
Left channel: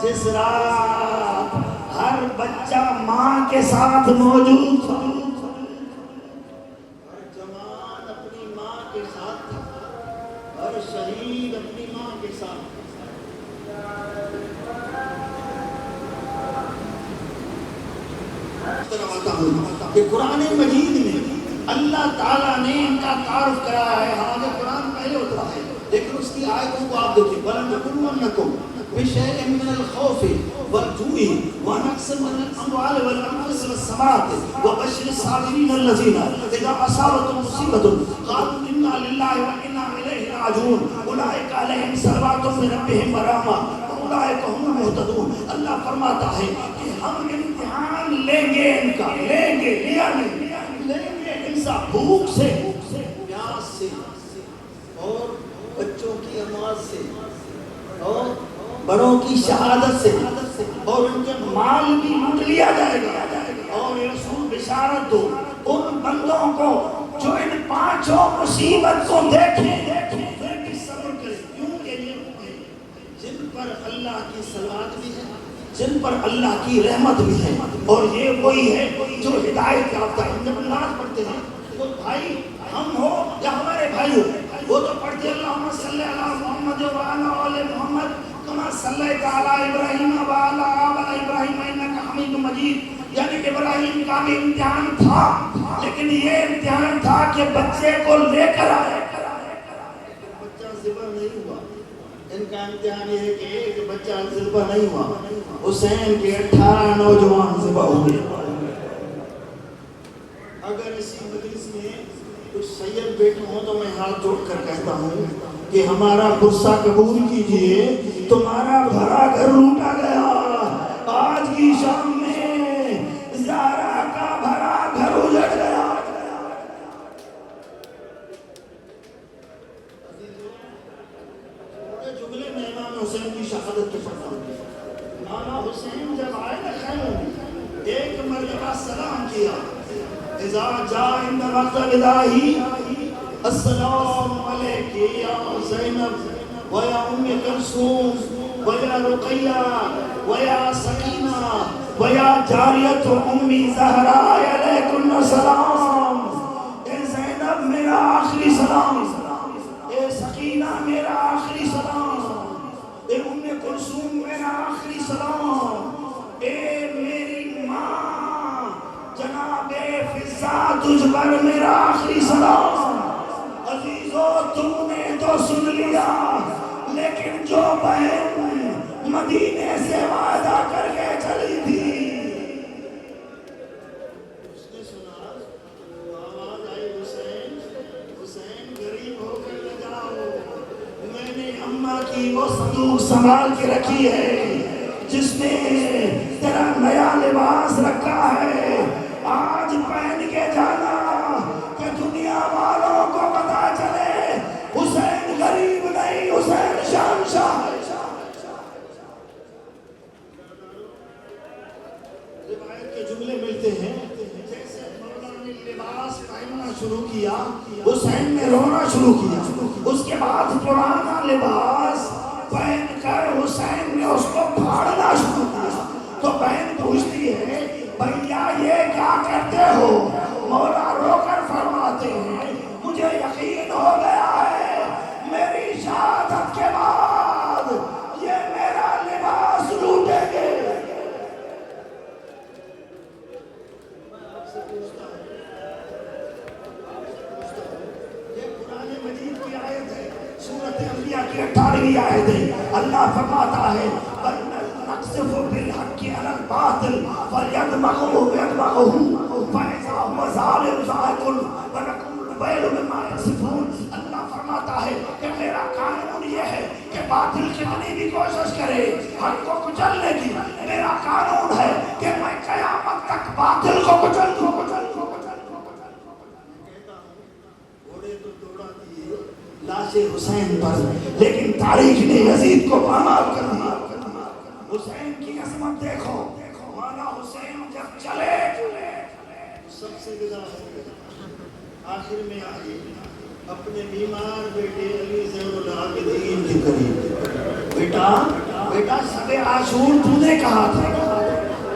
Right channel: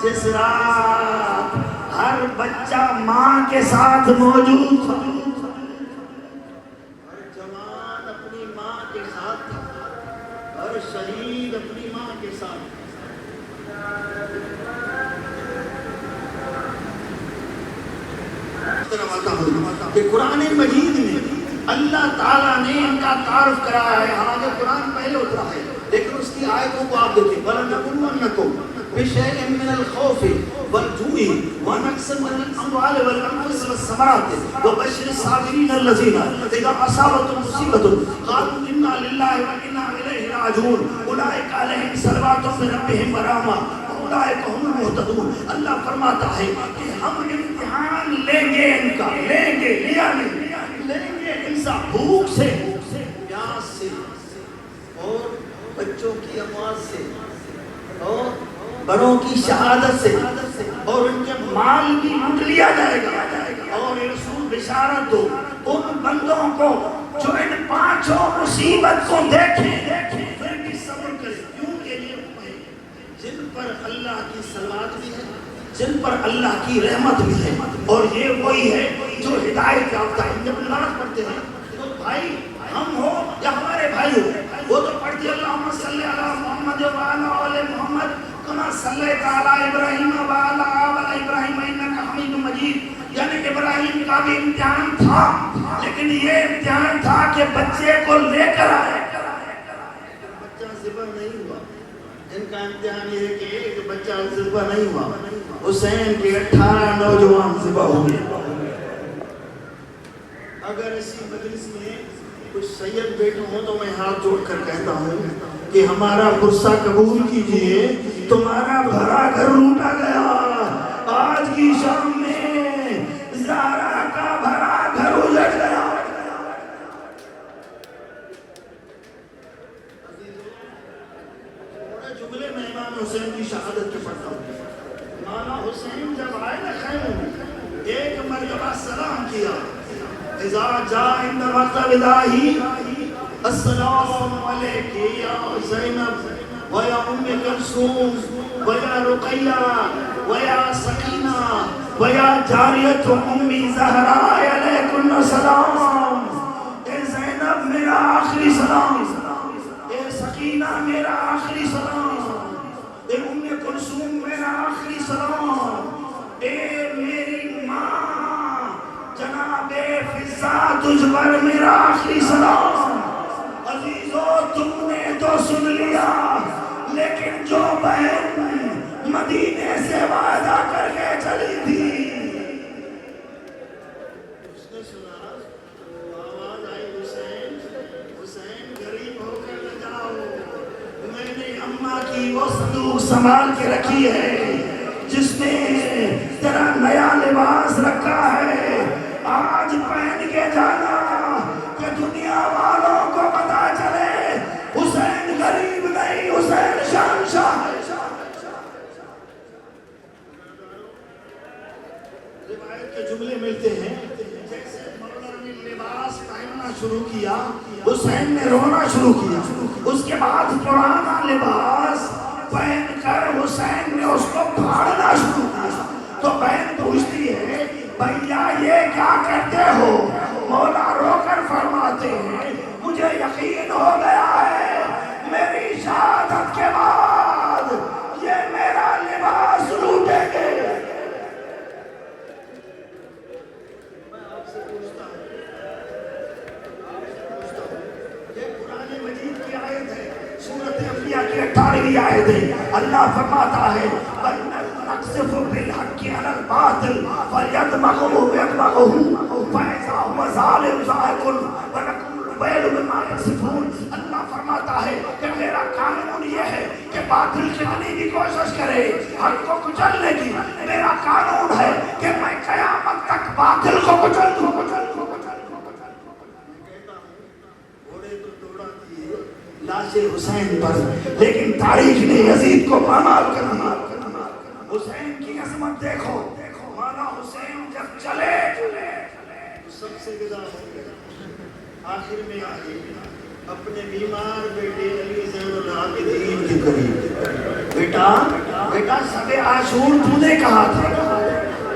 جس رات ہر بچہ ماں کے ساتھ موجود تھا، ہر جوان اپنی ماں کے ساتھ تھا، ہر شہید اپنی ماں کے ساتھ. کہ قرآن مجید میں اللہ تعالیٰ نے ان کا تعارف کرایا ہے. حالانکہ قرآن پہلے اترا ہے لیکن اس کی آیتوں کو آپ دیکھیں وَلَنَبْلُوَنَّكُمْ بِشَيْءٍ مِّنَ الْخَوْفِ وَالْجُوعِ وَنَقْصٍ مِّنَ الْأَمْوَالِ وَالْأَنفُسِ وَالثَّمَرَاتِ وَبَشِّرِ الصَّابِرِينَ الَّذِينَ إِذَا أَصَابَتْهُمْ مُصِيبَةٌ قَالُوا إِنَّا لِلَّهِ وَإِنَّا إِلَيْهِ راجعون أُولَٰئِكَ عَلَيْهِمْ صَلَوَاتٌ مِّن رَّبِّهِمْ وَرَحْمَةٌ وَأُولَٰئِكَ هُمُ الْمُهْتَدُونَ. اللہ فرماتا ہے کہ ہم امتحان لیں گے، ان کا لیں گے، لیا نہیں لیں گے انسان بھوک سے، پیاس سے، اور بچوں کی اموات سے، اور بڑوں کی شہادت سے، اور ان کے مال بھی لوٹ لیا جائے گا. اور رسول بشارت دو ان بندوں کو جو ان پانچوں مصیبت کو دیکھیں پھر بھی صبر کریں. کیوں کہ یہ جن پر اللہ کی صلوات بھی ہے، جن پر اللہ کی رحمت بھی ہے، اور یہ وہی ہے جو ہدایت یافتہ ہے. جب نماز پڑھتے ہیں تو بھائی ہم ہو یا ہمارے بھائی ہو وہ تو پڑھتے اللہم صلی علی محمد وعلی آل محمد کما صلیت علی ابراہیم وعلی آل ابراہیم انک حمید مجید. یعنی کہ ابراہیم کا بھی امتحان تھا، لیکن یہ امتحان تھا کہ بچے کو لے کر آئے. بچہ ذبح نہیں ہوا. ان کا امتحان یہ ہے کہ ایک بچہ ذبح نہیں ہوا، حسین کے 18 نوجوان ذبح ہوئے. اگر اسی مجلس میں کچھ سید بیٹے ہوں تو میں ہاتھ جوڑ کر کہتا ہوں کہ ہمارا غصہ قبول کیجئے. تمہارا بھرا گھر لوٹا گیا. آج کی شام میں زہرا کا بھرا گھر اجڑ گیا. جملے میں امام حسین کی شہادت کے پڑھتا ہوں. امام حسین جب آئے نا خیموں میں ایک مرتبہ سلام کیا. اذا جاء عند وقت وداعی السلام علیک یا زینب ويا أم كلثوم ويا رقية ويا سكينة ويا جارية أم زهراء علیکن السلام. اے زینب میرا آخری سلام، اے سکینہ میرا آخری سلام، اے ام کلثوم میرا آخری سلام، اے میری ماں جناب فضا تجھ پر میرا آخری سلام. عزیزو تم نے تو سن لیا، لیکن جو بہن مدینے سے وعدہ کر کے چلی تھی اس نے سنا آواز آئی حسین، حسین غریب ہو کر نہ جاؤ، میں نے اماں کی وہ صندوق سنبھال کے رکھی ہے جس میں تیرا نیا لباس رکھا ہے، آج پہن کے جانا کہ دنیا والوں کو پتا چلے حسین غریب نہیں، حسین شہنشاہ ہے. روایت کے جملے ملتے ہیں جیسے مولا نے لباس پہننا شروع کیا حسین نے رونا شروع کیا، اس کے بعد پرانا لباس پہن کر حسین نے اس کو پھاڑنا شروع کیا. تو بہن پوچھتی ہے بھیا یہ کیا کرتے ہو؟ مولا رو کر فرماتے ہیں مجھے یقین ہو گیا ہے میری شہادت کے بعد یہ میرا لباس لوٹیں گے. یہ قرآن مجید کی آیت ہے، سورۃ انبیاء کی 18ویں آیت ہے. اللہ فرماتا ہے نقصف بالحق علی الباطل فیدمغه فإذا هو ظالم زاهق ونقول الویل مما یصفون. اللہ فرماتا ہے کہ میرا قانون یہ ہے کہ باطل کتنی بھی کوشش کرے حق کو کچلنے کی، میرا قانون ہے کہ میں قیامت تک باطل کو کچل دوں. گھوڑے تو دوڑا دیے لاش حسین پر، لیکن تاریخ نے یزید کو پامال کر دیا. حسین کی عظمت دیکھو، مولا حسین جب چلے سب سے جدا ہو گئے، آخر میں آگے اپنے بیمار بیٹے علی زین العابدین کے قریب بیٹا شب عاشور تو نے کہا تھا،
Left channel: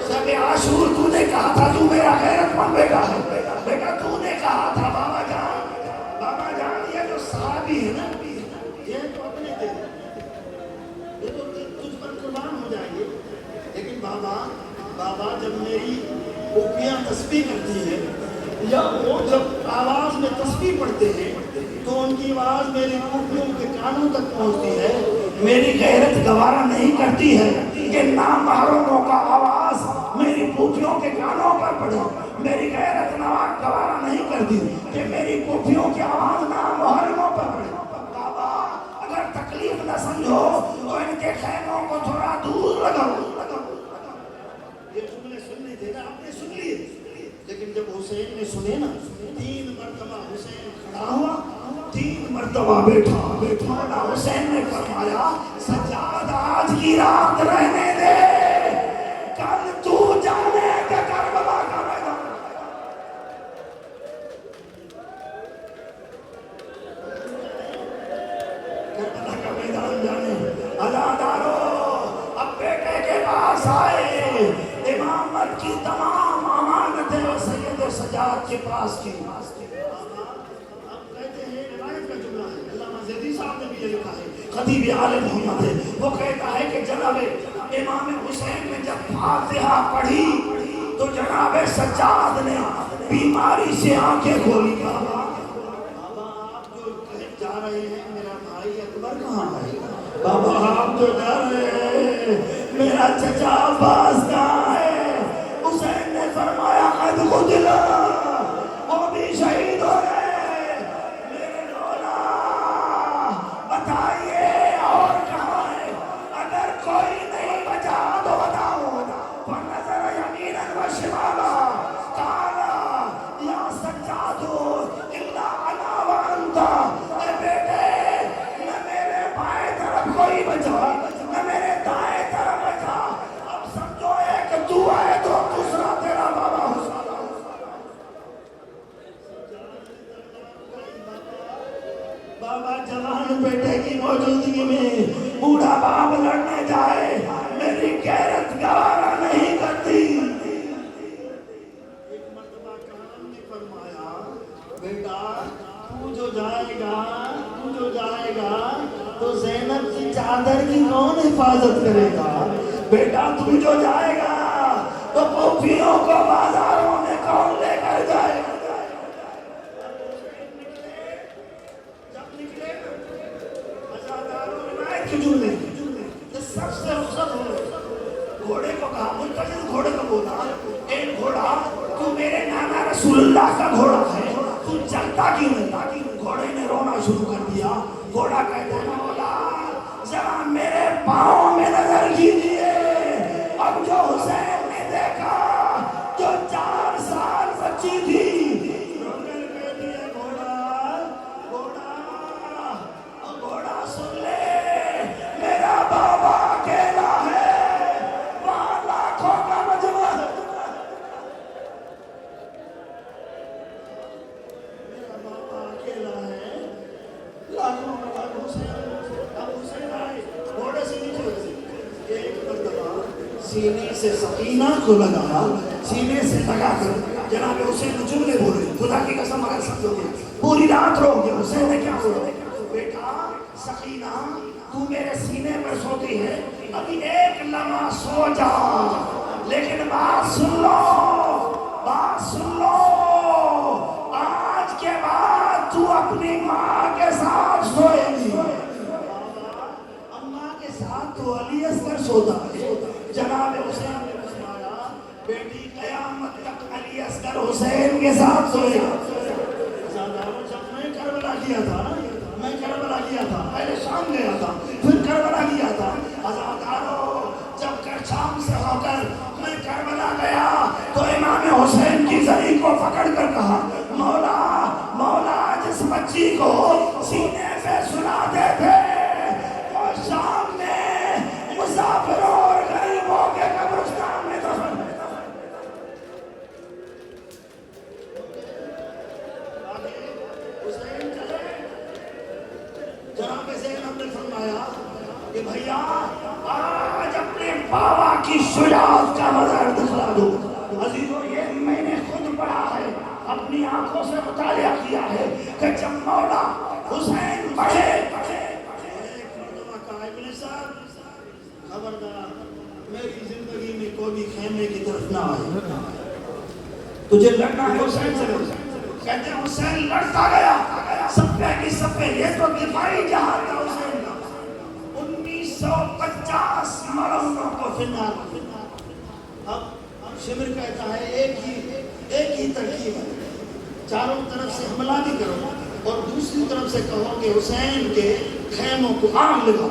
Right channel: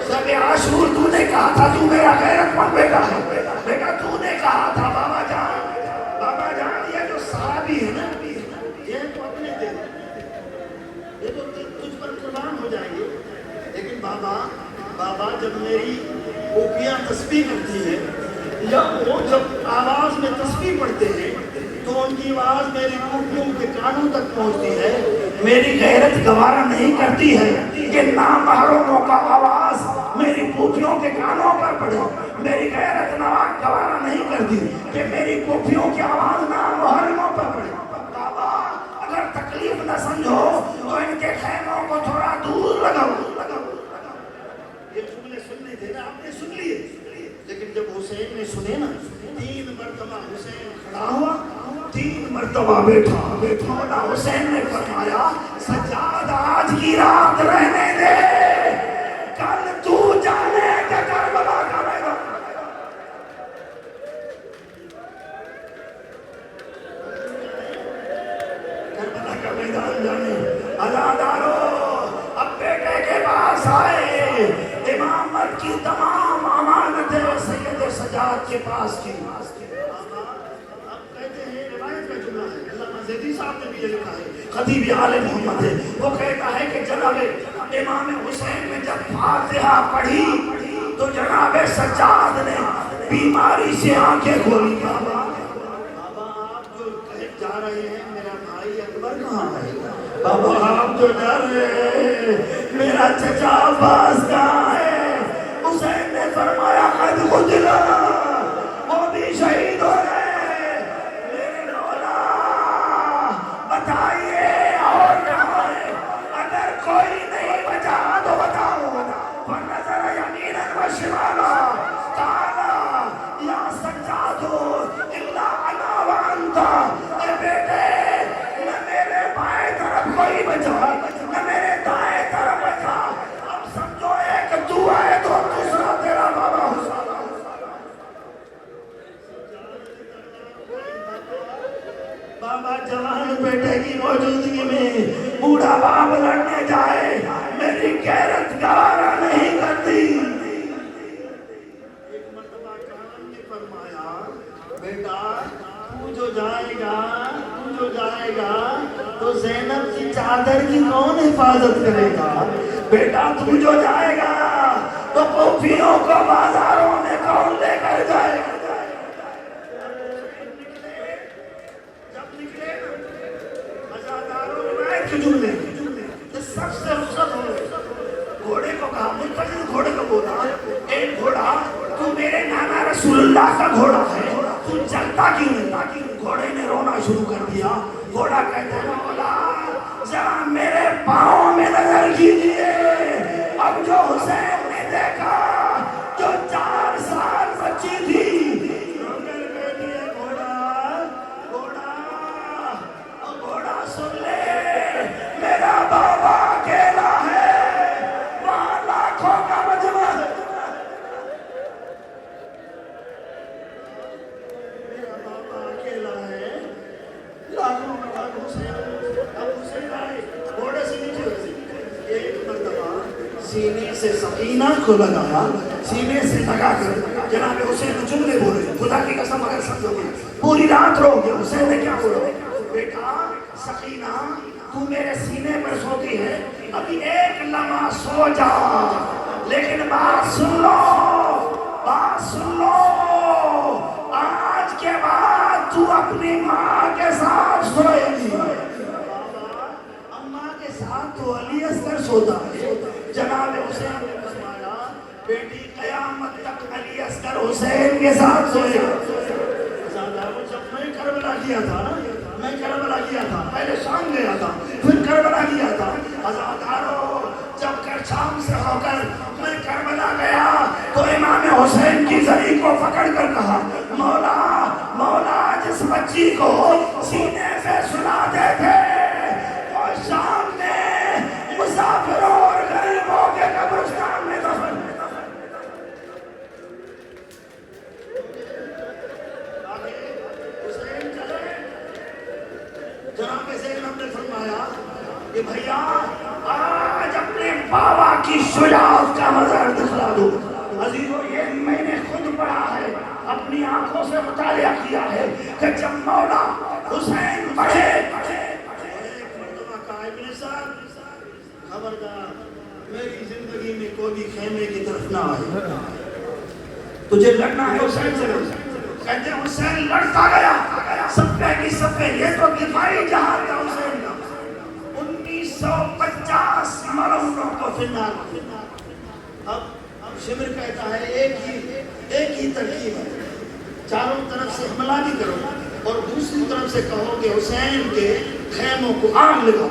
شب عاشور تو نے کہا تھا تو میرا غیرت مند بیٹا ہے، بیٹا تو نے کہا تھا بابا جان یہ جو صحابی ہے نا یہ تو اپنے دے یہ تو تجھ پر قربان ہو جائیں گے، لیکن بابا جب میری پھوپھیاں تسبیح کرتی ہیں یا وہ جب آواز میں تسبیح پڑھتے ہیں تو ان کی آواز میری پھوپھیوں کے کانوں تک پہنچتی ہے، میری غیرت گوارا نہیں کرتی ہے کہ نامحرموں کا آواز میری پھوپھیوں کے کانوں پر پڑے، میری غیرت گوارا نہیں کرتی کہ میری پھوپھیوں کی آواز نامحرموں پر پڑے. بابا اگر تکلیف نہ سمجھو تو ان کے خیموں کو تھوڑا دور لگاؤ. یہ جملے سننے تھے نا آپ نے سن لیے، لیکن جب حسین نے سنے نا 3 مرتبہ حسین کھڑا ہوا 3 مرتبہ بیٹھا. مولا حسین نے فرمایا سجاد آج کی رات رہنے دے، کل تو جانے کہ کربلا کا میدان. کربلا کا میدان جانے ازادارو اب بیٹے کے پاس آئے، امامت کی تمام امانتیں سید سجاد کے پاس کی. اب کہتے ہیں روایت کا جملہ ہے، علامہ زیدی صاحب نے بھی یہ لکھا ہے، خطیب آل محمد ہے، وہ کہتا ہے کہ جناب امام حسین نے جب فاتحہ پڑھی تو جناب سجاد نے بیماری سے آنکھیں کھولی. بابا آپ جو جا رہے ہیں میرا بھائی اکبر کہاں ہے؟ بابا آپ جو جا رہے ہیں میرا چچا عباس کہاں ہے؟ حسین نے فرمایا قد قتلا، وہ بھی شہید ہو گئے. میرے مولا بتائیے اور کہاں ہے؟ اگر کوئی نہیں بچا تو بتاؤ. فنظر یمینا و شمالا قال یا سجاد الا انا وانت. اے بیٹے نہ میرے بائیں طرف کوئی بچا نہ میرے دائیں طرف بچا، اب سمجھو ایک تو ہے تو دوسرا تیرا بابا حسین. چادر کی کون حفاظت کرے گا؟ بیٹا تو جو جائے گا تو پوپھیوں کو بازاروں میں کون لے کر جائے گا؟ جب نکلے ہزاروں روایت کے جملے سب سے رخصت ہوئے، گھوڑے کو کہا، منتظر گھوڑے کو بولا، اے گھوڑا تو میرے نانا رسول اللہ کا گھوڑا ہے، تو چلتا کیوں نہیں؟ گھوڑے نے رونا شروع کر دیا۔ گھوڑا کہتا ہے مولا ذرا میرے پاؤں میں نظر کیجیے، اب جو حسین نے دیکھا جو 4 سال بچی تھی، گھوڑا سن لے میرا بابا اکیلا ہے، وہاں لاکھوں کا مجمع ہے، میرا بابا اکیلا ہے، لاکھوں کا اب حسین آئے گھوڑے سے نیچے اترے، ایک مرتبہ سینے سے سکینہ کو لگایا، سینے سے لگا کر جناب حسین جملے بولے، خدا کی قسم اگر سمجھو گے پوری رات رو گے۔ حسین نے کیا بولا؟ بیٹا سکینہ تو میرے سینے پر سوتی ہے، ابھی ایک لمحہ سو جا، لیکن بات سن لو، بات سن لو، آج کے بعد تو اپنی ماں کے ساتھ سوئے گی۔ اماں کے ساتھ تو علی اصغر سوتا ہے۔ جناب حسین نے فرمایا بیٹی قیامت تک علی اصغر حسین کے ساتھ سوئے گا۔ جب میں کربلا کیا تھا، میں کربلا کیا تھا، پہلے شام گیا تھا، پھر کربلا کیا تھا، عزادارو جب کر شام سے ہو کر میں کربلا گیا تو امام حسین کی زری کو پکڑ کر کہا مولا مولا جس بچی کو سینے سے سلاتے تھے وہ شام میں مسافروں اور غریبوں کے قبرستان میں دفن ہے۔ جناب زینب نے فرمایا کہ بھیا آج اپنے بابا کی شجاعت کا مظہر دکھلا دو۔ عزیزو یہ میں نے خود پڑھا ہے، اپنی آنکھوں سے مطالعہ کیا ہے کہ جب مولا حسین بڑھے ایک مرتبہ کہا ابن صاحب خبردار میری زندگی میں کوئی بھی خیمے کی طرف نہ آئے، تجھے لڑنا ہے حسین سے لڑ۔ کہتے ہیں حسین لڑتا گیا صفے کی صفے، یہ تو دفاعی جہاد تھا حسین کا۔ 1950 مرہونوں کو فنار۔ اب شمر کہتا ہے ایک ہی ترکیب ہے، چاروں طرف سے حملہ بھی کرو اور دوسری طرف سے کہو کہ حسین کے خیموں کو آگ لگاؤ۔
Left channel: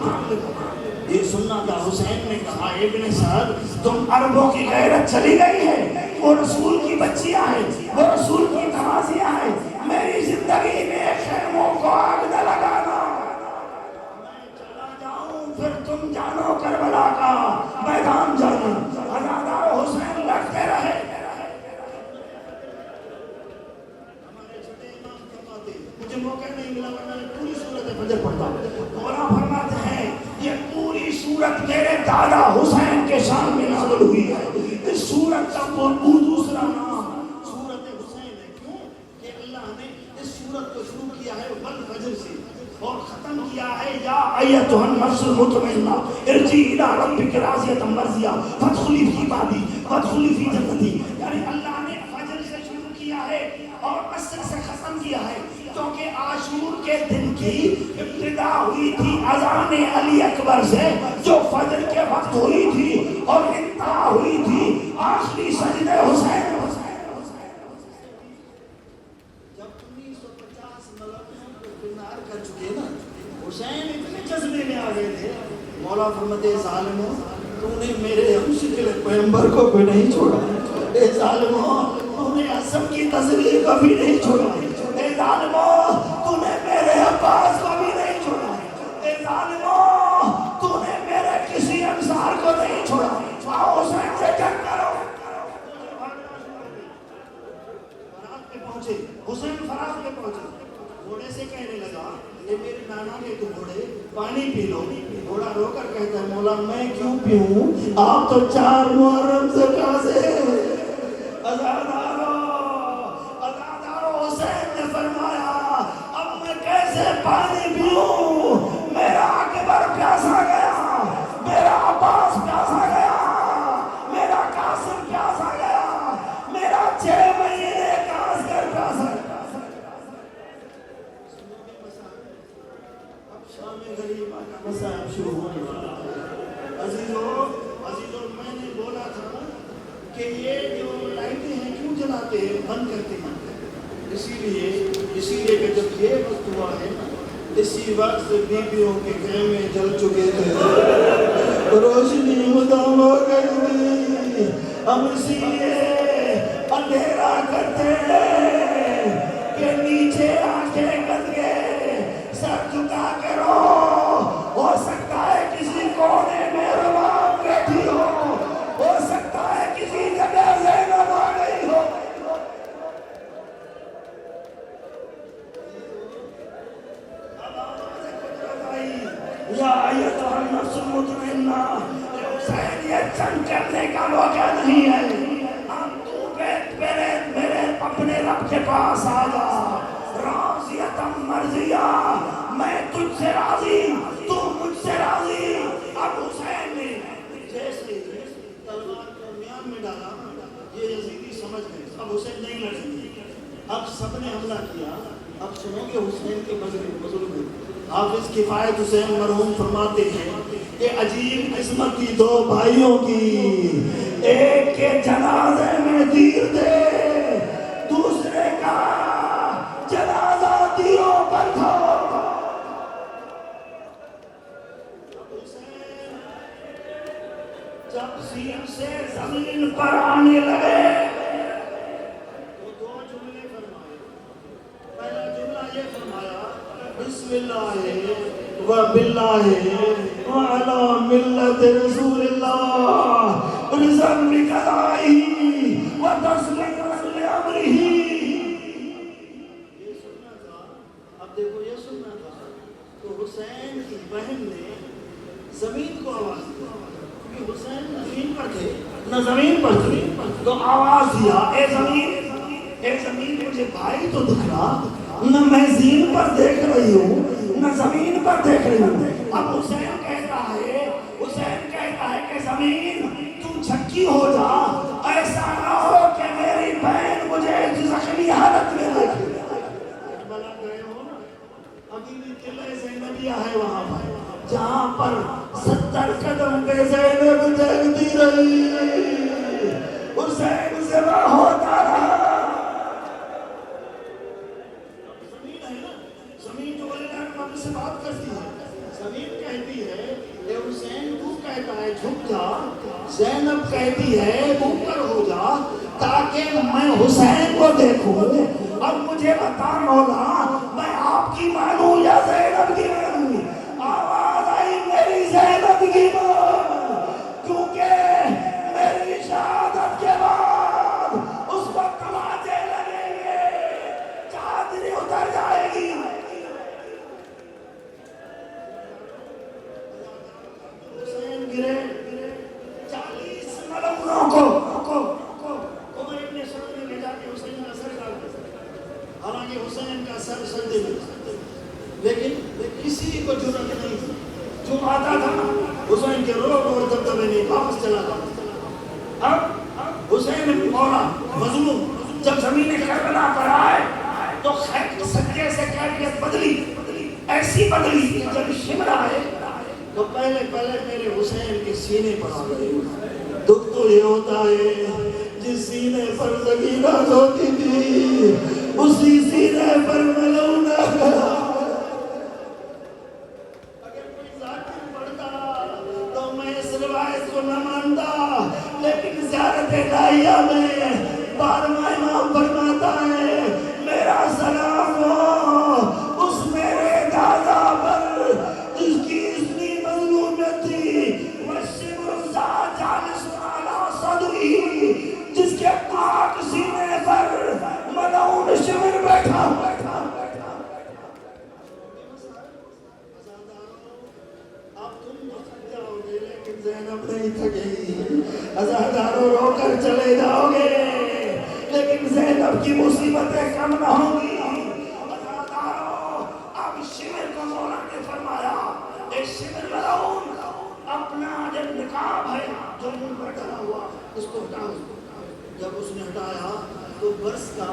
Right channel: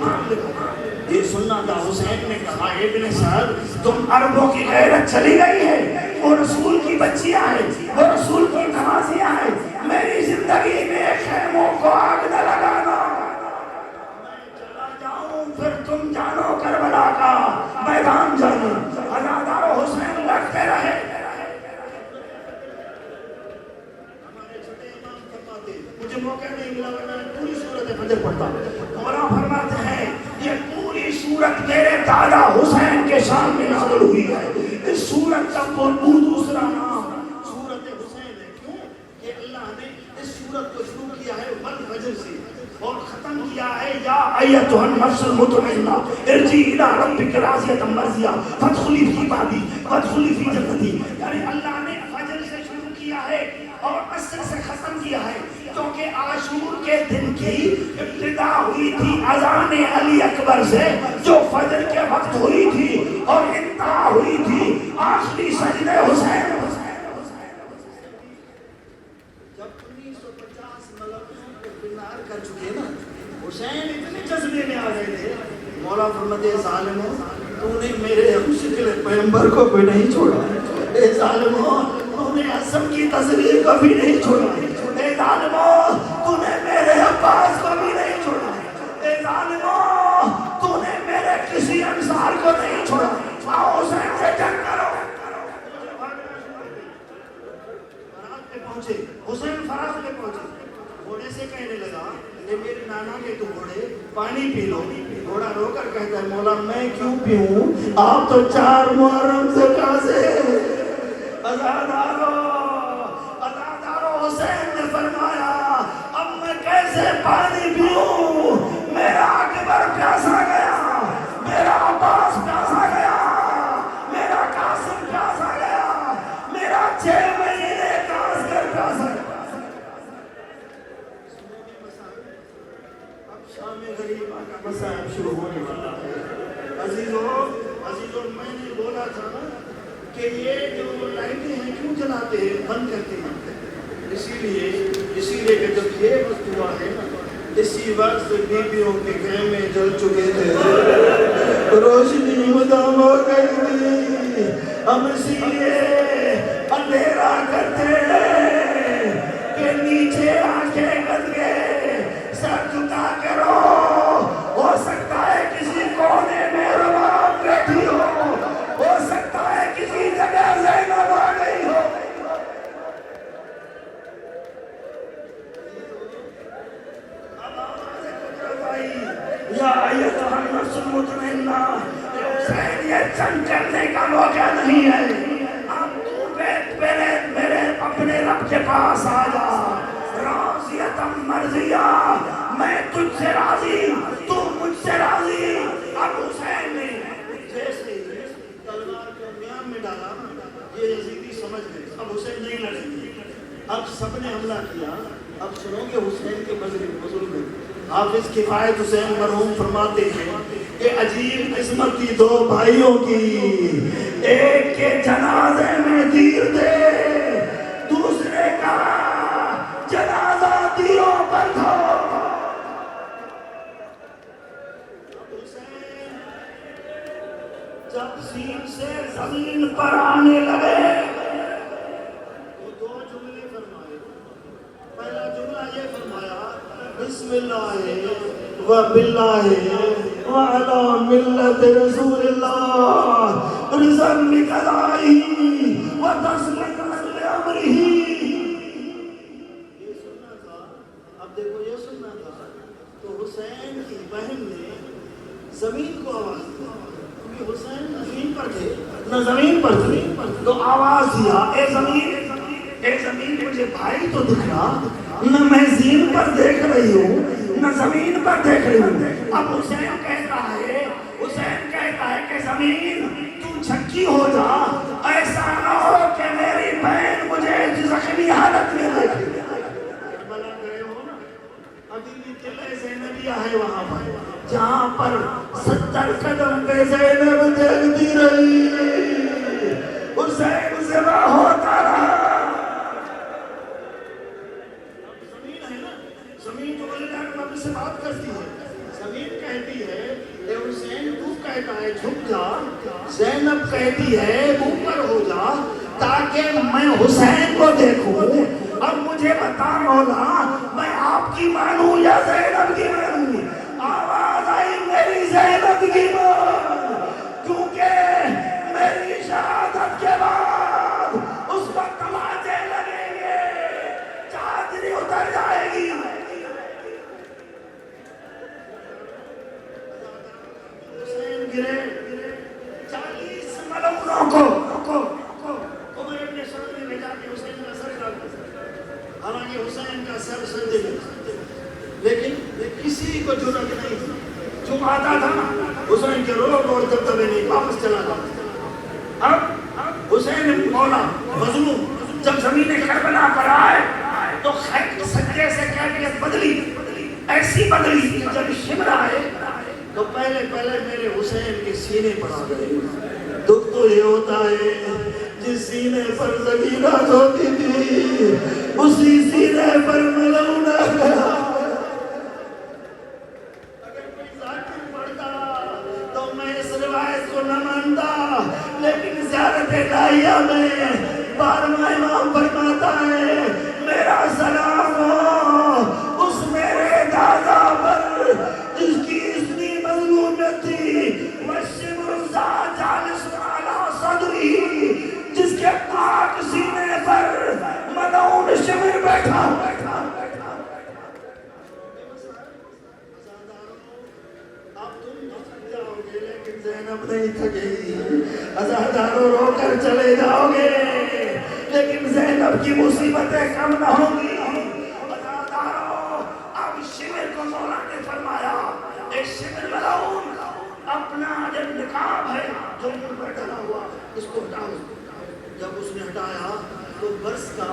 یہ سننا تھا۔ حسین نے کہا ابن صاحب تم عربوں کی غیرت چلی گئی ہے، وہ رسول کی بچیاں ہیں، وہ رسول کی نوازیاں ہیں، میری زندگی میں خیموں کو آگ نہ لگانا، میں چلا جاؤں پھر تم جانو کربلا کا میدان جانو۔ عزادارو حسین لڑتے رہے۔ ہمارے چھوٹے امام فرماتے مجھے موقع نہیں ملا کہ میں پوری سورت فجر پڑھتا، مولا فرماتے ہیں یہ پوری سورت میرے دادا حسین کے شان میں نازل ہوئی ہے۔ اس سورت کا دوسرا نام سورت حسین ہے۔ کیوں کہ اللہ نے اس سورت کو شروع کیا ہے والفجر سے اور ختم کیا ہے یا ایتھا النفس المطمئنہ ارجعی الی ربک راضیۃ مرضیہ فادخلی فی عبادی وادخلی فی جنتی۔ یعنی اللہ نے فجر سے شروع کیا ہے اور عصر سے ختم کیا ہے، کیونکہ عاشور کے دن کی ابتدا ہوئی تھی اذان علی اکبر سے جو فجر کے وقت ہوئی تھی اور انتہا ہوئی تھی آخری سجدے حسین۔ جب 1950 ملکوں کو گرفتار کر چکے نا، حسین اتنے جذبے میں آ گئے تھے، مولا فرماتے ظالموں تو نے میرے ہم شکل پیغمبر کو بھی نہیں چھوڑا، اے ظالموں تو نے حسن کی تصویر کو بھی نہیں چھوڑا، اے ظالموں تو نے میرے عباس کو بھی نہیں چھوڑا، اے ظالموں تو نے میرے کسی انصار کو نہیں چھوڑا، آؤ حسین سے جنگ کرو۔ فرات پہ پہنچے، حسین فرات پہ پہنچے، گھوڑے سے کہنے لگا اے میرے نانا کے تو گھوڑے پانی پی لو۔ گھوڑا رو کر کہتا ہے مولا میں کیوں پیوں، آپ تو 4 محرم سے کاسے۔ عزادارو حسین نے فرمایا اب میں کیسے پانی پیوں، میرا اکبر پیاسا کہ یہ جو لائٹیں ہیں کیوں جلاتے ہیں، بند کرتے ہیں؟ اسی لیے کہ جب یہ وقت ہوا ہے اسی وقت بیویوں کے خیمے جل چکے تھے، روشنی مدام ہو گئی تھی، ہم اسی لیے اندھیرا کرتے ہیں کہ نیچے آنکھیں کر کے سر جھکا کے رو، ہو سکتا ہے کسی کونے میں رواں بیٹھی ہو سکتا ہے کسی جگہ زینب آ گئی ہو۔ یا ایتھا النفس المطمئنہ، حسین یہ جنگ کرنے کا موقع نہیں ہے، اب تو میرے اپنے رب کے پاس آ جا، راضیۃ مرضیہ، میں تجھ سے راضی، تو مجھ سے راضی۔ اب حسین نے جیسے تلوار کو میان میں ڈالا، یہ یزیدی سمجھ گئے اب حسین نہیں لڑیں گے، اب سب نے حملہ کیا۔ اب سنو کہ حسین کے بزرگ میں حافظ کفایت حسین مرحوم فرماتے ہیں کہ عجیب قسمت کی دو بھائیوں کی، ایک کے جنازے میں تیر دے، دوسرے کا جنازہ تیروں پر دھو۔ جب سین سے زمین پر آنے لگے تو دو جملے فرمائے۔ پہلا جملہ یہ فرمایا، بسم اللہ و باللہ وعلی ملت رسول اللہ رضم بقضائہ و تسلیما لامرہ۔ یہ سننا تھا، اب دیکھو یہ سننا تھا تو حسین کی بہن نے زمین کو آواز دیا، کیونکہ حسین زمین پر تھے نہ زمین پر تھے، تو آواز دیا، اے زمین مجھے بھائی تو دکھ رہا، نہ میں زمین پر دیکھ رہی ہوں نہ زمین پر دیکھ رہی ہوں۔ اب حسین کہتا ہے کہ زمین تو چھکی ہو جا، ایسا نہ ہو کہ میری بہن مجھے زخمی حالت میں دیکھے۔ کربلا گئے ہو نا، ابھی بھی قلعہ زینبیہ ہے وہاں پر، جہاں پر 70 قدم پہ زینب دیکھتی رہی، حسین ذبح ہوتا رہا۔ زمین جو ولی اللہ کے رب سے بات کرتی ہے، زمین کہتی ہے کہ حسین تو کہتا ہے جھک جا، زینب کہتی ہے اوپر ہو جا تاکہ میں حسین کو دیکھوں۔ اب مجھے بتا مولا، میں آپ کی مانوں یا زینب کی مانوں؟ آواز آئی میری زینب کی مان، کیونکہ میری شہادت کے بعد اس کو تماچے لگیں گے، چادری اتر جائے گی۔ حسین گرے، 40 ملعونوں کو عمر ابن سعد نے بھیجا کہ حسین کا سر کاٹ دو، حالانکہ حسین کا سر سجدے میں، لیکن کسی کو جرأت نہیں، جو آتا تھا حسین کے روب اور دبدبے نہیں، واپس چلا تھا۔ اب حسین مولا مظلوم جب زمین کربلا پر آئے تو سجدے سے کیفیت بدلی، ایسی بدلی کہ جب شمر آئے تو پہلے میرے حسین کے سینے پر آ گئے۔ دکھ تو یہ ہوتا ہے جس سینے پر زمینہ ہوتی تھی اسی سینے پر ملعون آ گیا۔ اگر کوئی ذاکر پڑھتا تو میں اس روایت کو نہ مانتا، لیکن زیارت داہیہ میں 12واں امام فرماتا ہے میرا سلام ہو اس میرے دادا پر جس کی اتنی مظلومیت تھی، وَالشِّمْرُ جَالِسٌ عَلَىٰ صَدْرِهِ، جس کے پاک سینے پر ملعون شمر بیٹھا۔ اب تم تھک جاؤ گے لیکن زینب نہیں تھکے گی، ہزاروں رو کر چلے جاؤ گے لیکن زینب کی مصیبتیں کم نہ ہوں گی۔ اب شمر کو مولا نے فرمایا، ایک شمر ملعون اپنا جب نقاب ہے جو منہ پر ڈلا ہوا اس کو ہٹاؤ۔ جب اس نے ہٹایا تو برس کا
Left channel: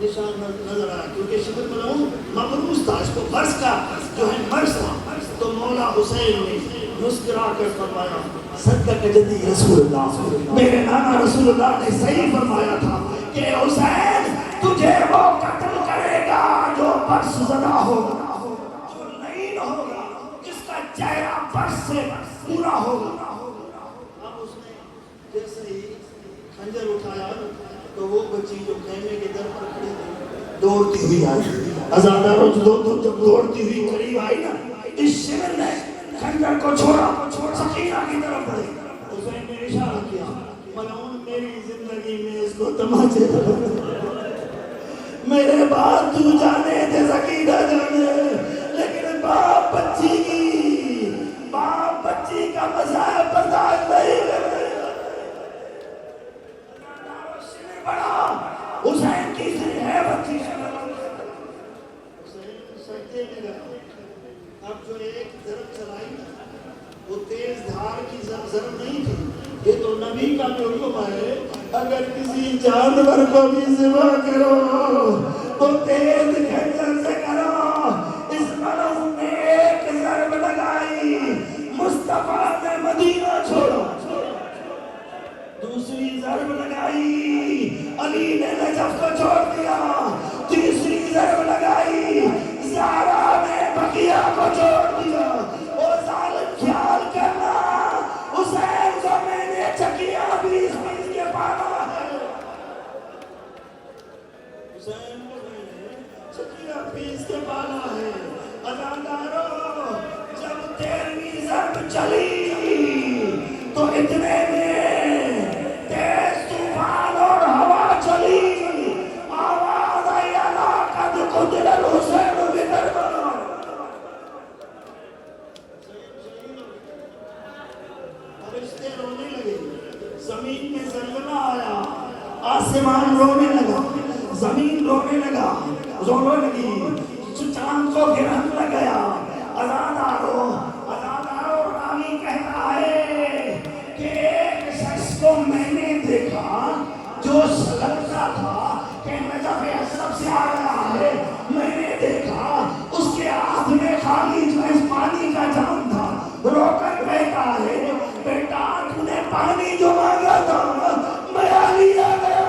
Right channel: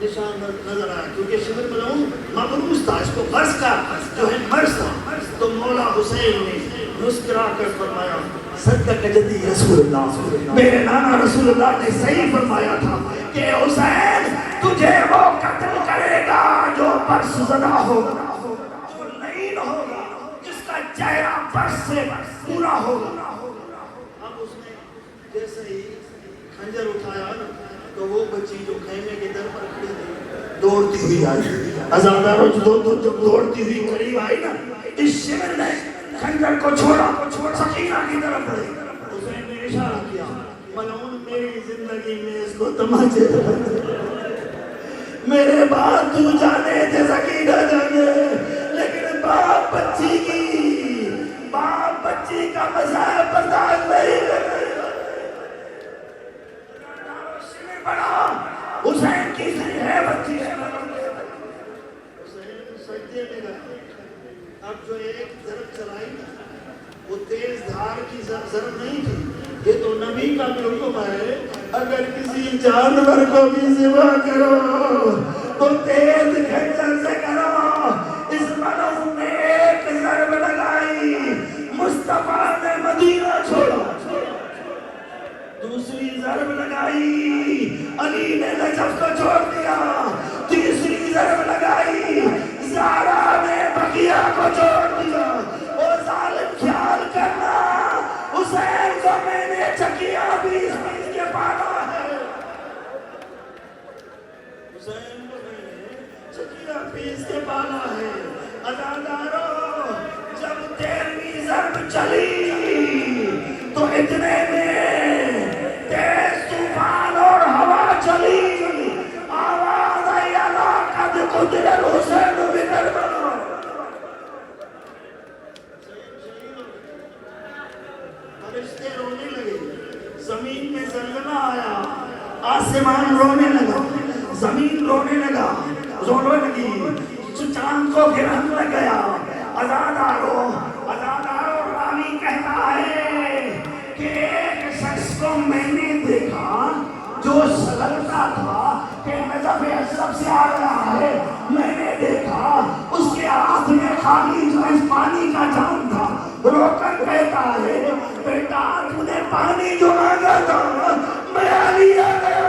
نشان نظر آیا، کیونکہ شمر ملعون مبروز تھا، اس کو برس کا جو ہے مرض تھا، تو مولا حسین نے مسکرا کر فرمایا صدق جدی رسول اللہ، میرے نانا رسول اللہ نے صحیح فرمایا تھا کہ حسین تجھے وہ قتل کرے گا جو برس زدہ ہوگا، جو نہیں ہوگا، جس کا چہرہ برس سے پورا ہوگا۔ اب اس نے جیسے ہی خنجر اٹھایا تو وہ بچی جو خیمے کے در پر کھڑی تھی دوڑتی ہوئی آئی، عزاداروں جب دوڑتی ہوئی قریب آئی نا، اس شمر نے خنجر کو چھوڑا، سکینہ کی طرف بڑھے، حسین نے اشارہ کیا ملعون میری زندگی میں اس کو تماچے میرے باپ تو جانے تھے سکینہ جانے، لیکن باپ بچی کا مزاح برداشت نہیں کرتے۔ بڑا حسین کی ہے بچی حسین سجدے میں گئے، اب جو ایک ضرب چلائی نا وہ تیز دھار کی ضرب نہیں تھی، یہ تو نبی کا حکم ہے اگر کسی جانور کو بھی ذبح کرو تو تیز کھنجر سے کرو۔ اس ملعون نے ایک ضرب لگائی، مصطفیٰ نے مدینہ چھوڑا، دوسری ضرب لگائی علی نے نجف کو چھوڑ دیا، تیسری ضرب لگائی زہرا نے بقیہ کو چھوڑ دیا۔ اور ظالم خیال کرنا حسین کو میں نے چکیا 20 کے پانا ہے، حسین کو میں نے چکیا 20 کے پانا ہے۔ عزاداروں جب 13ویں ضرب چلی تو اتنے میں تیز طوفان اور ہوا چلی، آواز آئی اللہ قد قتل الحسین بکربلا، فرشتے رونے لگے، زمین میں زلزلہ آیا، آسمان رونے لگا، زمین رونے لگا، رونے لگی، چاند کو گرہن لگ گیا۔ عزاداروں راوی کہتا ہے کہ ایک شخص کو میں نے دیکھا جو سلطہ تھا کہ نجف اشرف سے آ رہا ہے، میں نے دیکھا اس کے ہاتھ میں خالی جو اس پانی کا جام تھا، رو کر کہتا ہے بیٹا تو نے پانی جو مانگا تھا میں علی آ گیا۔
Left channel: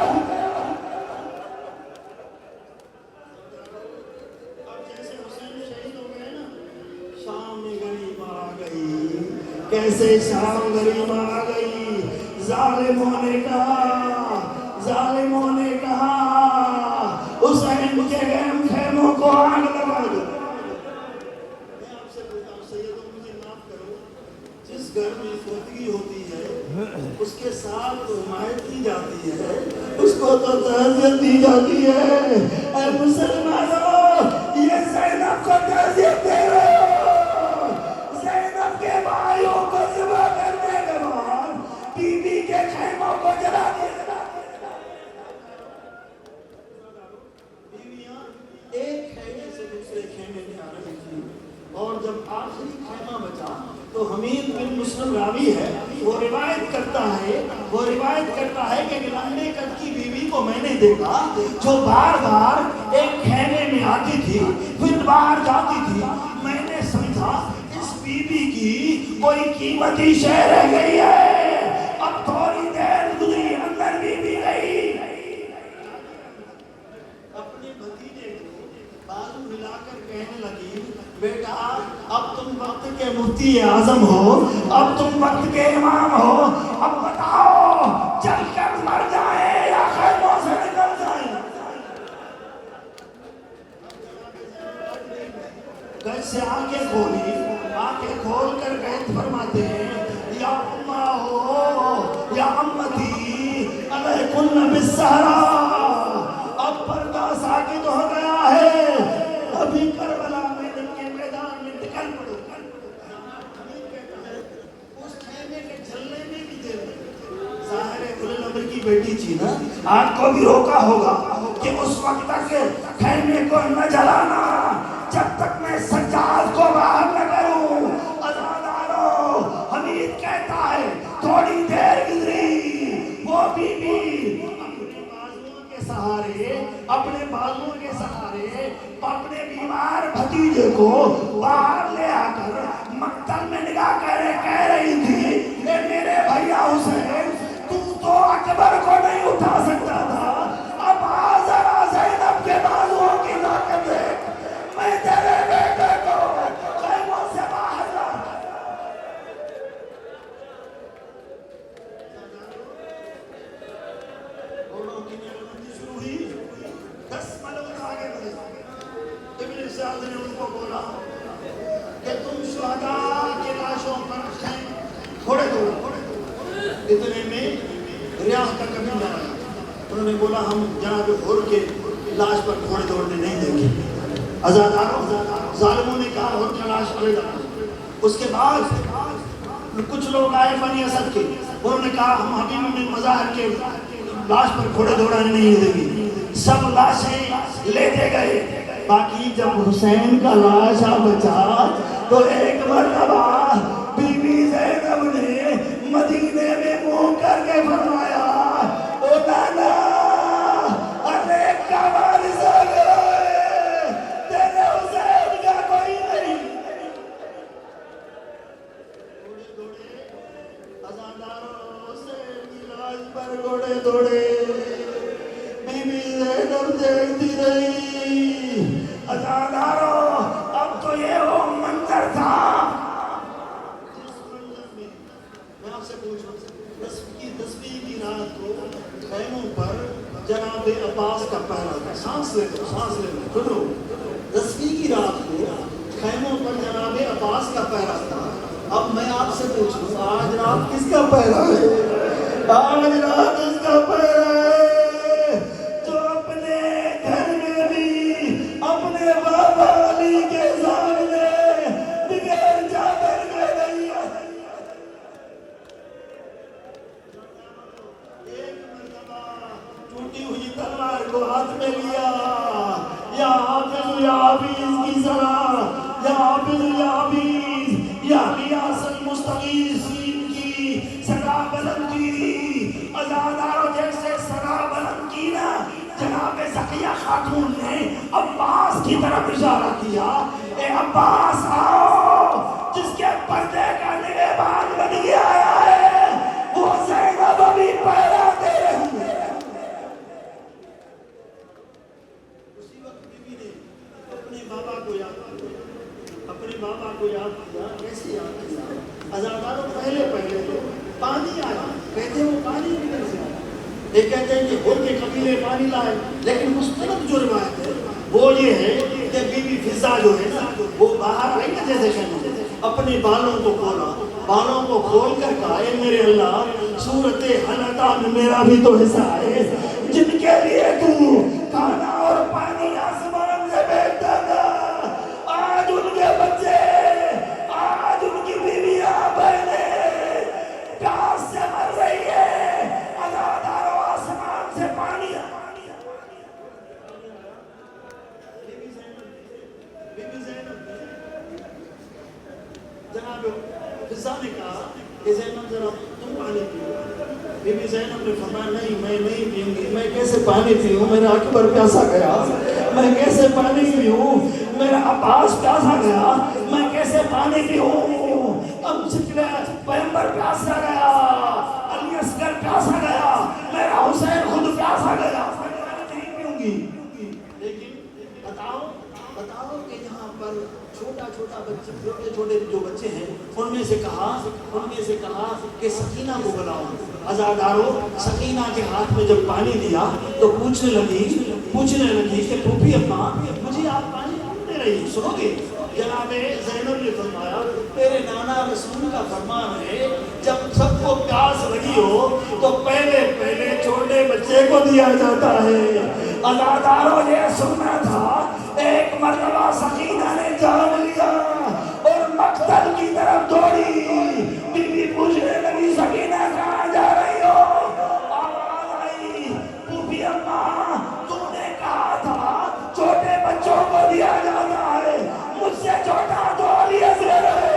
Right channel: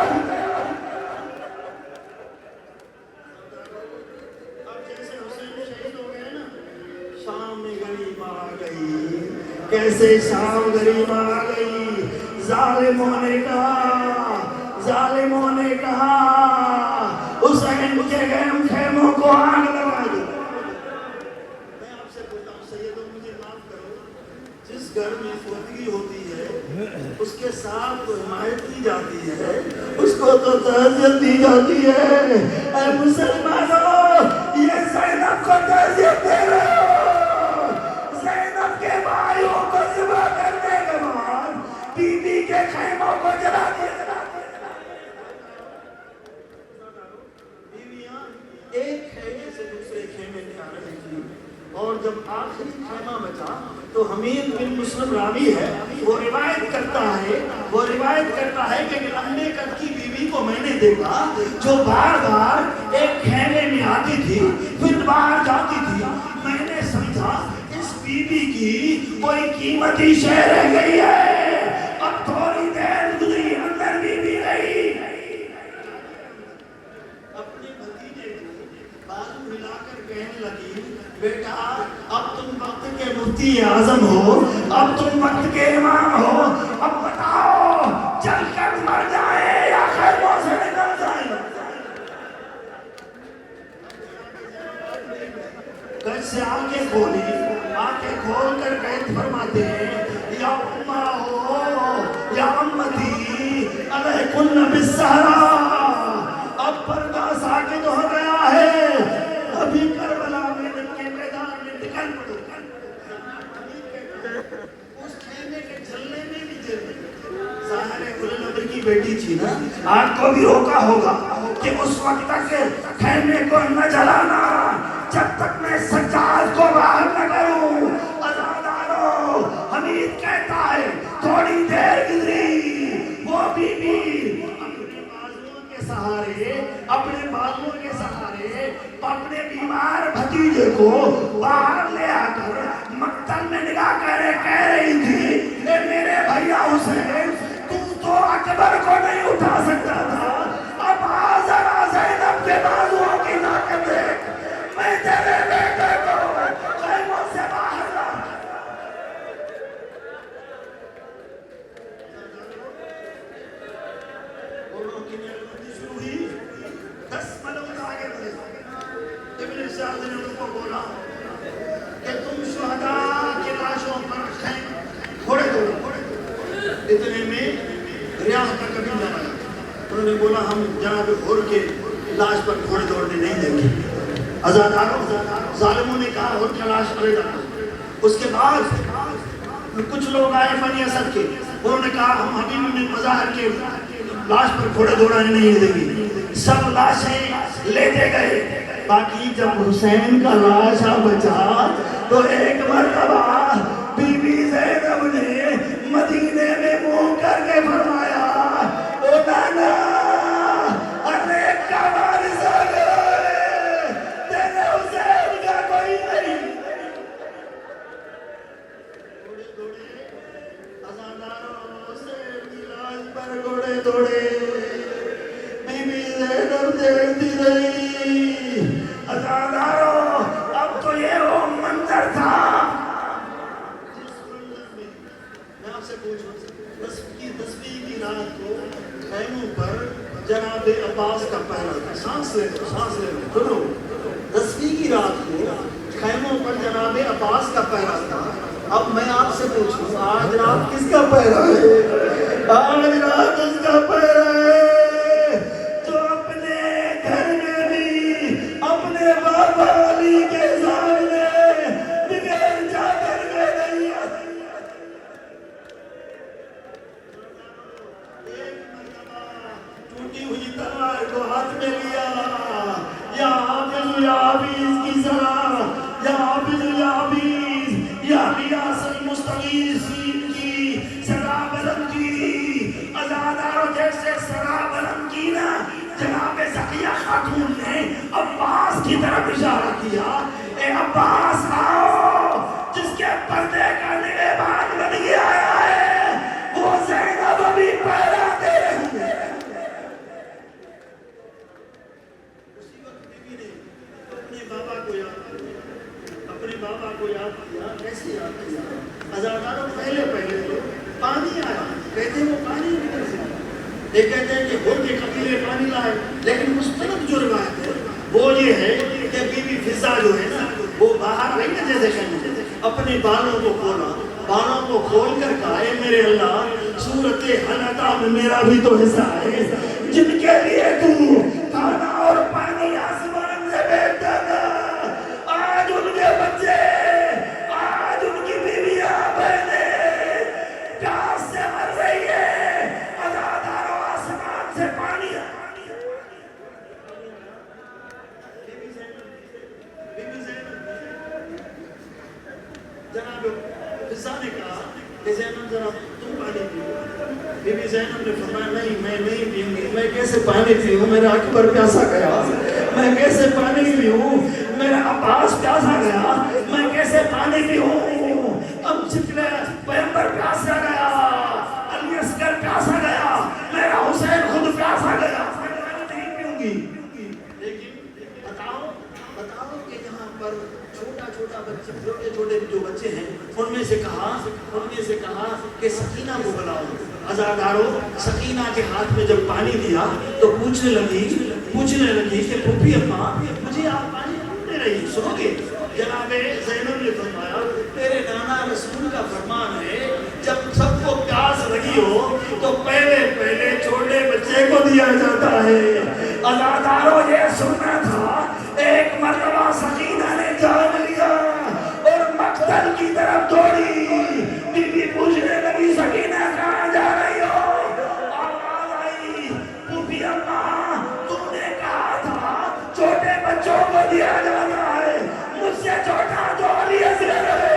کیسے شام غریب آ گئی، ظالموں نے کہا حسین کے گرم خیموں کو آگ لگا دو۔ میں آپ سے بولتا ہوں سیدوں مجھے معاف کرو، جس گھر میں فوتگی ہوتی ہے اس کے ساتھ تو حمایت دی جاتی ہے، اس کو تو تعزیت دی جاتی ہے۔ اے مسلمانوں یہ زینب کو تعزیت دے رہے ہو، زینب کے بھائیوں کو ذبح کرنے کے بعد بی بی کے خیموں کو جلا دیا۔ بیویاں ایک خیمے سے دوسرے خیمے میں آ رہی تھی، اور جب آخری خیمہ بچا تو حمید بن مسلم راوی ہے، وہ روایت کرتا ہے کہ لمبے قد کی بیوی کو میں نے دیکھا جو بار بار ایک خیمے میں آتی تھی پھر باہر جاتی تھی، میں نے سمجھا اس بیوی کی کوئی قیمتی شے رہ گئی ہے، اب تھوڑی دیر گزری اندر بیوی رہی، اپنے بھتیجے کو بازو ملا کر کہنے لگی بیٹا اب تم وقت کے مفتی اعظم ہو، اب تم وقت کے امام ہو، اب بتاؤ چل کر مر جائے یا خیموں سے نکل جائے۔ گھر سے آنکھیں کھول کر بیت فرماتے ہیں یا امہ ہو یا امتی علیکن بالسہرا، اب پردہ ساکت ہو گیا ہے، ابھی کربلا میں دل کے میدان میں نکل پڑو۔ اس خیمے کے جلنے میں بھی دل ظاہر ہے نبی کی بیٹی تھی نا، آپ کو بھی روکا ہوگا کہ اس وقت تک خیمے کو نہ جلانا جب تک میں سجاد کو باہر نہ کروں۔ عزاداروں حمید کہتا ہے تھوڑی دیر گزری، وہ بی بی اپنے بازوؤں کے سہارے اپنے بیمار بھتیجے کو باہر لے آ کر مقتل میں نگاہ کرے عزیز نے ان کو بولا کہ تم شہداء کے لاشوں پر کھوڑے دو. اتنے میں ریاض کا کبھی جانا ہے. انہوں نے بولا ہم جناب حر کے لاش پر گھوڑے دوڑنے نہیں دیں گے. عزاداروں ظالموں نے کہا حر کا لاش پڑے گا. اس کے بعد کچھ لوگ آئے بنی اسد کے, انہوں نے کہا ہم حبیب بن مظاہر کے لاش پر گھوڑے دوڑنے نہیں دیں گے. سب لاشیں لیتے گئے. باقی جب حسین کا لاشا بچا تو ایک مرتبہ بی بی زینب نے مدینے میں منہ کر کے فرمایا او نانا ارے کا وارث ہو گئے, تیرے حسین کا کوئی نہیں. پر گھوڑے دوڑے بی بی زینب دیکھتی رہی. عزادارو اب تو یہ وہ منظر تھا جس منظر میں میں آپ سے پوچھوں 10ویں کی رات کو خیموں پر جناب عباس کا پہرا تھا. سانس لے سنو 10ویں کی رات کو خیموں پر جناب عباس کا پہرا تھا. اب میں آپ سے پوچھوں آج رات کس کا پہرا ہے؟ آج رات اس کا پہرا ہے جو اپنے گھر میں بھی اپنے بابا علی کے سامنے بغیر چادر کے نہیں آتی. ایک مرتبہ ٹوٹی ہوئی تلوار کو ہاتھ میں لیا, یا حافظ یا حافظ کی صلاح, یا حافظ یا حافظ, یا غیاث المستغیثین کی صدا بلند کی. عزاداروں جیسے صدا بلند کی نا جناب زکیہ خاتون نے عباس کی طرف اشارہ کیا, اے عباس آؤ, جس کے پردے کا نگہبان بن گیا ہے وہ زینب ابھی پہرا دے رہی ہے. اسی وقت بیوی نے اپنے بابا کو یاد کیا. کیسے یاد کیا؟ عزاداروں پہلے پانی آیا, کہتے ہیں وہ پانی کدھر سے آیا؟ یہ کہتے ہیں کہ حر کے قبیلے پانی لائے, لیکن مستند جو روایت ہے وہ یہ ہے کہ بی بی فضا جو ہے نا وہ باہر آئی نا جیسے کہنے اپنے بالوں کو کھولا, بالوں کو کھول کر کہا اے میرے اللہ صورت حنطہ میں میرا بھی تو حصہ ہے جن کے لیے تو کھانا اور پانی آسمان سے بھیجتا تھا. آج ان کے بچے, آج ان کی بیویاں بہنیں پیاس سے مر رہی ہے. عزاداروں آسمان سے پانی جناب فضا نے کہا کہ زینب ذرا تم پانی پیو. بی بی زینب نے فرمایا نہیں میں نہیں پیوں گی. میں کیسے پانی پیوں, میرا اکبر پیاسا گیا. میں کیسے پانی پیوں, میرا عباس پیاسا گیا. میں کیسے پانی پیوں, اب جتنے پیغمبر پیاسا گیا, علی اصغر پیاسا گیا, میرا حسین خود پیاسا گیا. نہیں پیوں گی. لیکن بتاؤ کہ یہاں پر چھوٹا بچے, چھوٹے جو بچے ہیں ان میں سے کہا کہ سکینہ کو بلاؤ. عزاداروں سکینہ کے ہاتھ میں جب پانی دیا تو پوچھنے لگی کہ پھوپھی اماں مجھے آپ پانی کیوں دے رہی, سنو گے؟ جناب زینب نے فرمایا تیرے نانا رسول کا فرمان ہے جب سب کو پیاس لگی ہو تو پہلے چھوٹے بچے کو دیا جاتا ہے. عزاداروں یہ سننا تھا. ایک مرتبہ سکینہ نے جان لیا اور مقتل کی طرف دوڑی. بی بی پوچھنے لگی سکینہ کہاں جا رہی ہو؟ آواز آئی پھوپھی اماں تم نے کہا تھا چھوٹے بچوں کو دیا جاتا ہے, مجھ سے چھوٹا تو علی اصغر ہے.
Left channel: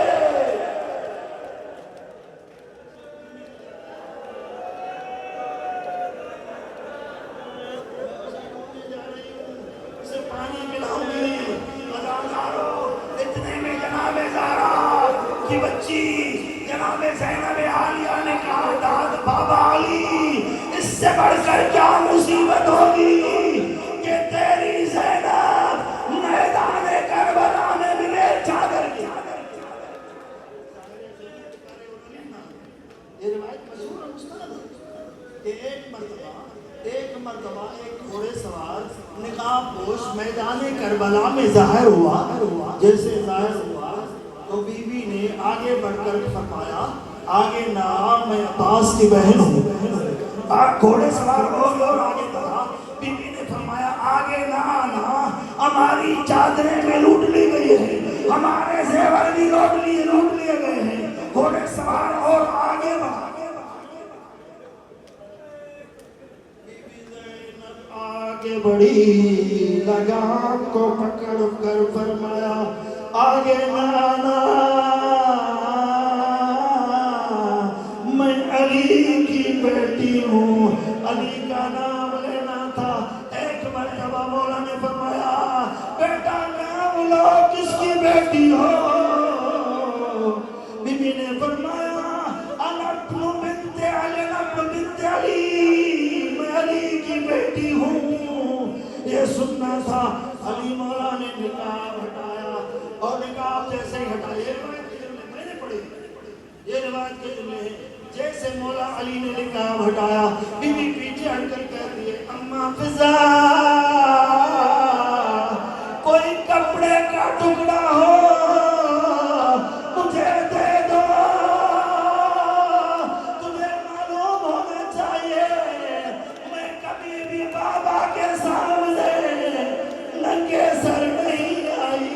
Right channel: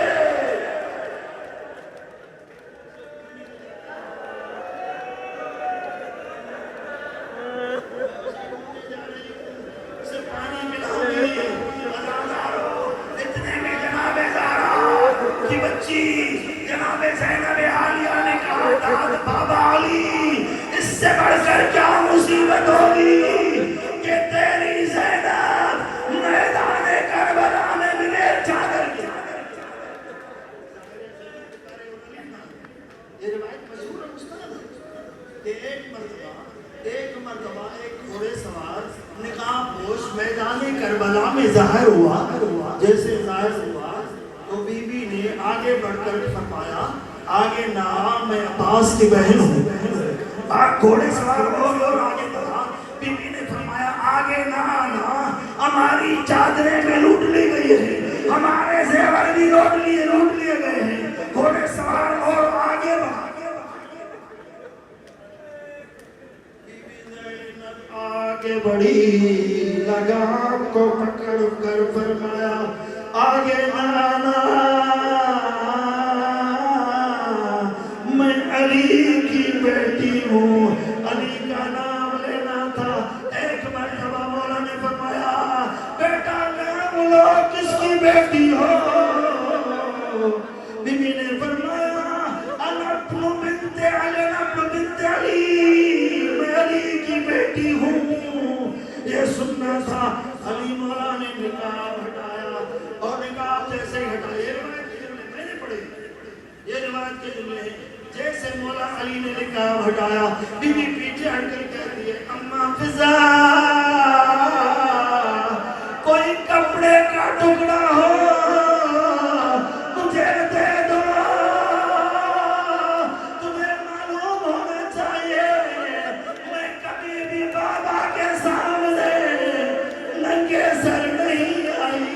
کی بچی جناب زینب عالیہ نے کہا داد بابا علی اس سے بڑھ کر کیا مصیبت ہوگی کہ تیری زینب میدان کربلا میں بغیر چادر کے. یہ روایت مشہور ہے مستند ہے کہ ایک مرتبہ ایک مرتبہ ایک گھوڑے سوار نقاب پوش میدان کربلا میں ظاہر ہوا، جیسے ظاہر ہوا تو بی بی نے آگے بڑھ کر فرمایا آگے نہ، میں عباس کی بہن ہوں۔ گھوڑے سوار اور آگے بڑھا، بی بی نے فرمایا آگے نہ، ہماری چادریں میں لوٹ لی گئی ہے، ہمارے زیور بھی لوٹ لیے گئے ہیں۔ گھوڑے سوار اور آگے بڑھا، آگے بڑھی، لگام کو پکڑ کر فرمایا آگے نانا، میں علی کی بیٹی ہوں، علی کا نام لینا تھا۔ ایک مرتبہ مولا نے فرمایا بیٹا نام لو، کس کی بیٹی ہو؟ بی بی نے فرمایا انا ابن بنت علی، ابن بنت علی، میں علی کی بیٹی ہوں۔ یہ سننا تھا۔ علی مولا نے نقاب ہٹایا، اور نقاب جیسے ہٹایا، یہ روایت کی جملے میں نے پڑھی، یہ روایت کے جملے ہیں، جیسے مولا علی نے نقاب ہٹایا، بی بی پیچھے ہٹ کر کہتی ہے اما فضا، کوئی کپڑے کا ٹکڑا ہو مجھے دے دو، تمہیں معلوم ہونا چاہیے میں کبھی بھی بابا کے سامنے ننگے سر نہیں آئی۔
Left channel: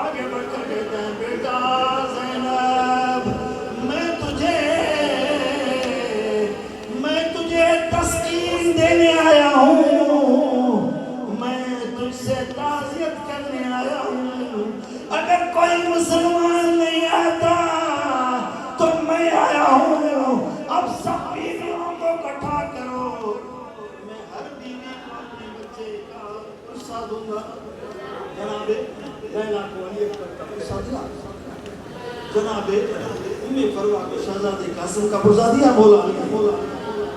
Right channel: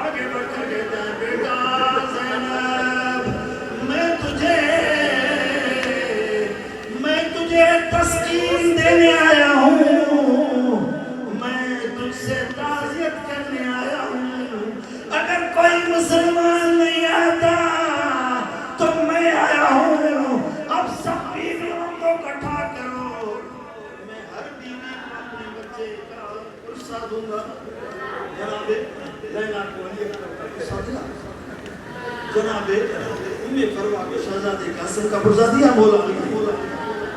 آگے بڑھ کر کہتا ہے بیٹا زینب، میں تجھے تسکین دینے آیا ہوں، میں تجھ سے تعزیت کرنے آیا ہوں۔ اگر کوئی مسلمان نہیں آتا تو میں آیا ہوں، اب سب بیویوں کو اکٹھا کرو، میں ہر بیوی کو اپنے بچے کا حصہ دوں گا۔ جناب لیلا کو علی اکبر کا حصہ دیا، جناب امی فروہ کو شہزادے قاسم کا حصہ دیا، مولا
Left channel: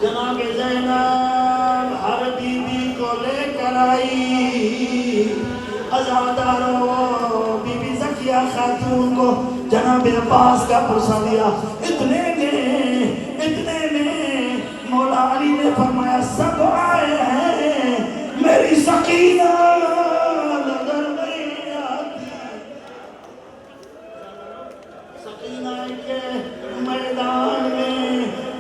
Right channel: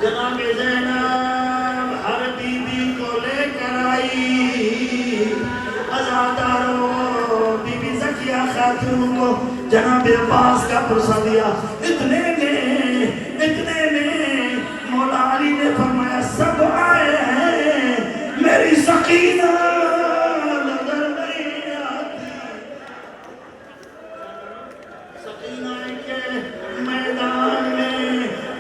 جناب زینب ہر بیوی کو لے کر آئی، عزاداروں بی بی زکیہ خاتون کو جناب عباس کا حصہ دیا۔ اتنے میں مولا علی نے فرمایا سب آئے ہیں، میری سکینہ نظر نہیں آتی۔ سکینہ کے میدان میں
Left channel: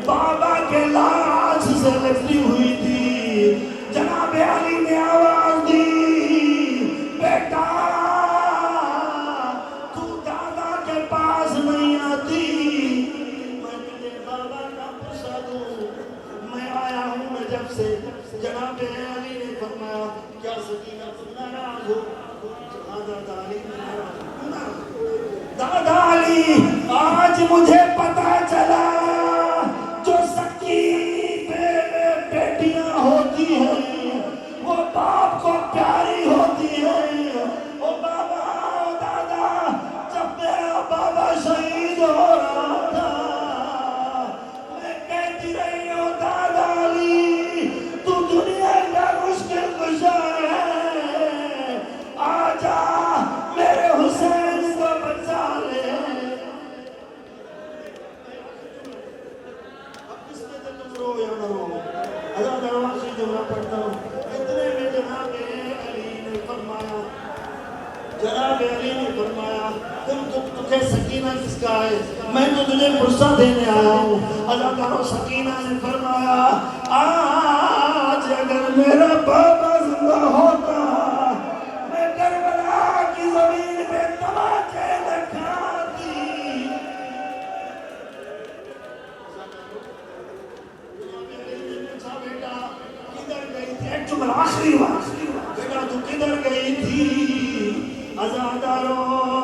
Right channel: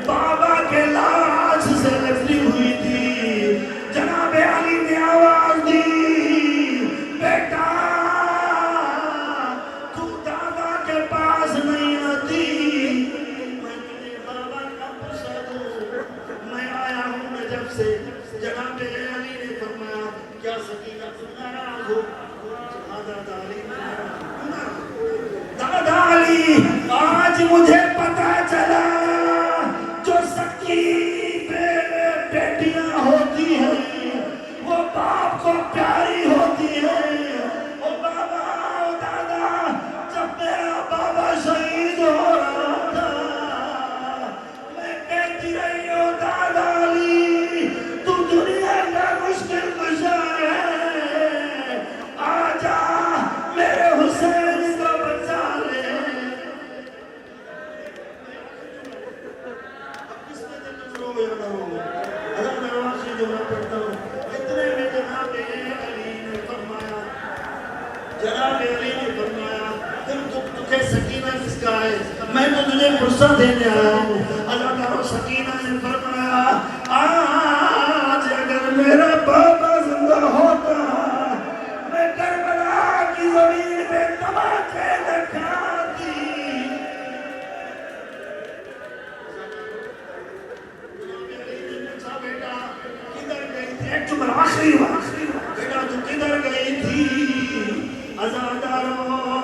بابا کے لاش سے لپٹی ہوئی تھی، جناب علی نے آواز دی بیٹا تو دادا کے پاس نہیں آتی، میں تجھے بابا کا پوچھا دوں، میں آیا ہوں جب سے۔ جناب علی نے فرمایا کیا سکینہ تم ناراض ہو؟ دادا علی دادا علی آج مجھے پتا چلا جو سکی بیٹیاں ہوتی ہیں وہ باپ کو پیاری ہوتی ہیں۔ او بابا، او دادا، جب میرا بابا شہید ہو رہا تھا میں کہتی رہی ہوں دادا علی تو دنیا کا مشکل کشا ہے، آجا میرے حسین کو بچا لے۔ اتنے میں جناب علی نے فرمایا تجھے سکینہ کس کا ہے؟ میں تو تجھے فرصت دینے آیا ہوں۔ اللہ تعالیٰ سکینہ نے فرمایا آج اگر میرا بابا زندہ ہوتا میں کربلا کی زمین پہ تماچے لگاتی۔ آخری بات بیٹا تو کدھر گئی تھی؟ عزاداروں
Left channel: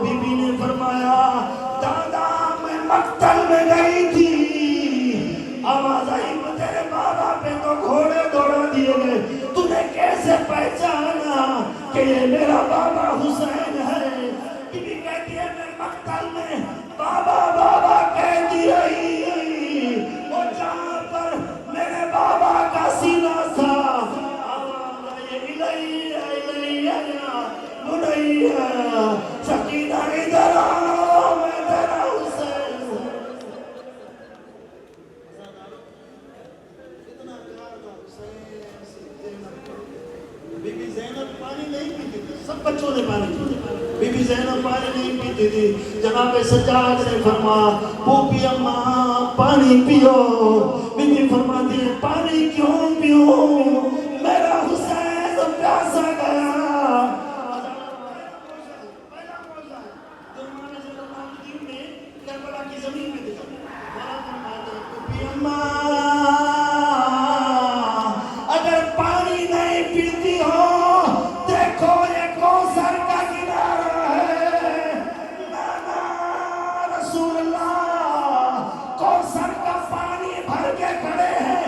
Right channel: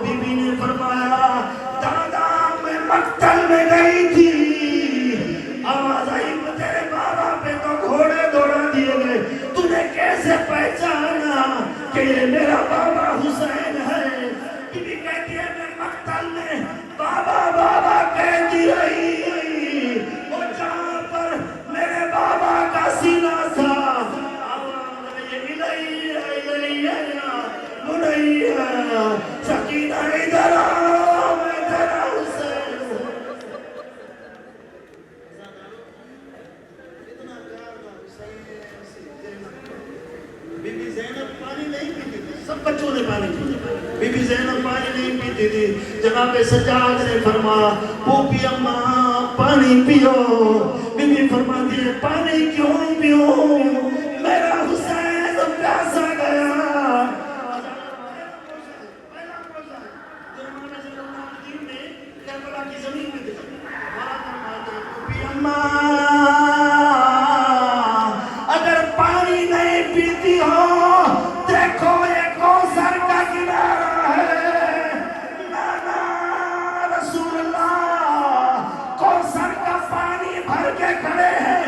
بی بی نے فرمایا دادا میں مقتل میں گئی تھی، آواز آئی تیرے بابا پہ تو گھوڑے دوڑا دیے گئے، تو نے کیسے پہچانا کہ یہ میرا بابا حسین ہے؟ بی بی کہتی ہے میں مقتل میں بابا بابا کہتی رہی، وہ جہاں پر میرے بابا کا سینہ تھا آواز سکینہ ادھر آؤ، میں تیرا حسین ہوں۔ بی بی زینب پانی نہیں پیتی تھی، سب بچوں نے پانی پیا، بی بی زینب پانی نہیں پیتی تھی۔ جناب سجاد نے فرمایا پوپی اماں پانی پیو، بی بی فرماتی ہے پانی کیوں پیو، میرا حسین پیاسا گیا۔ کربلا کی زمین میں دیکھا پوپی اماں اگر پانی نہیں پیتی ہو، دیکھو یہ کوثر کا کنارہ ہے، نانا رسول اللہ کوثر کا پانی بھر کے کھڑے ہیں،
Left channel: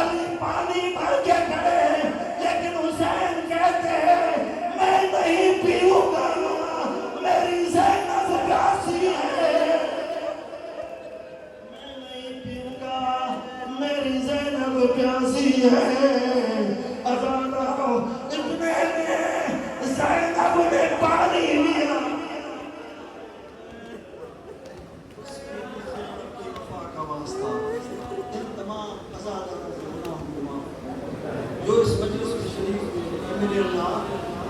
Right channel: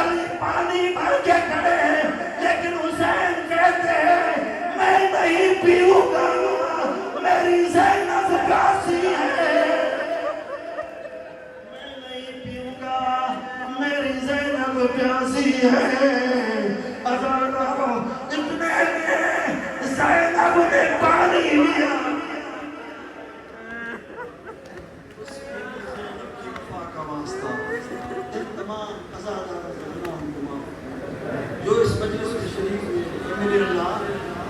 علی پانی بھر کے کھڑے ہیں، لیکن حسین کہتے ہیں میں نہیں پیوں گا، میری زینب پیاسی ہے، میں نہیں پیوں گا، میری زینب پیاسی ہے۔ ادارو اتنے میں زینب نے پانی لیا، جو اس مجلس کے شریک ہوئے میرے اللہ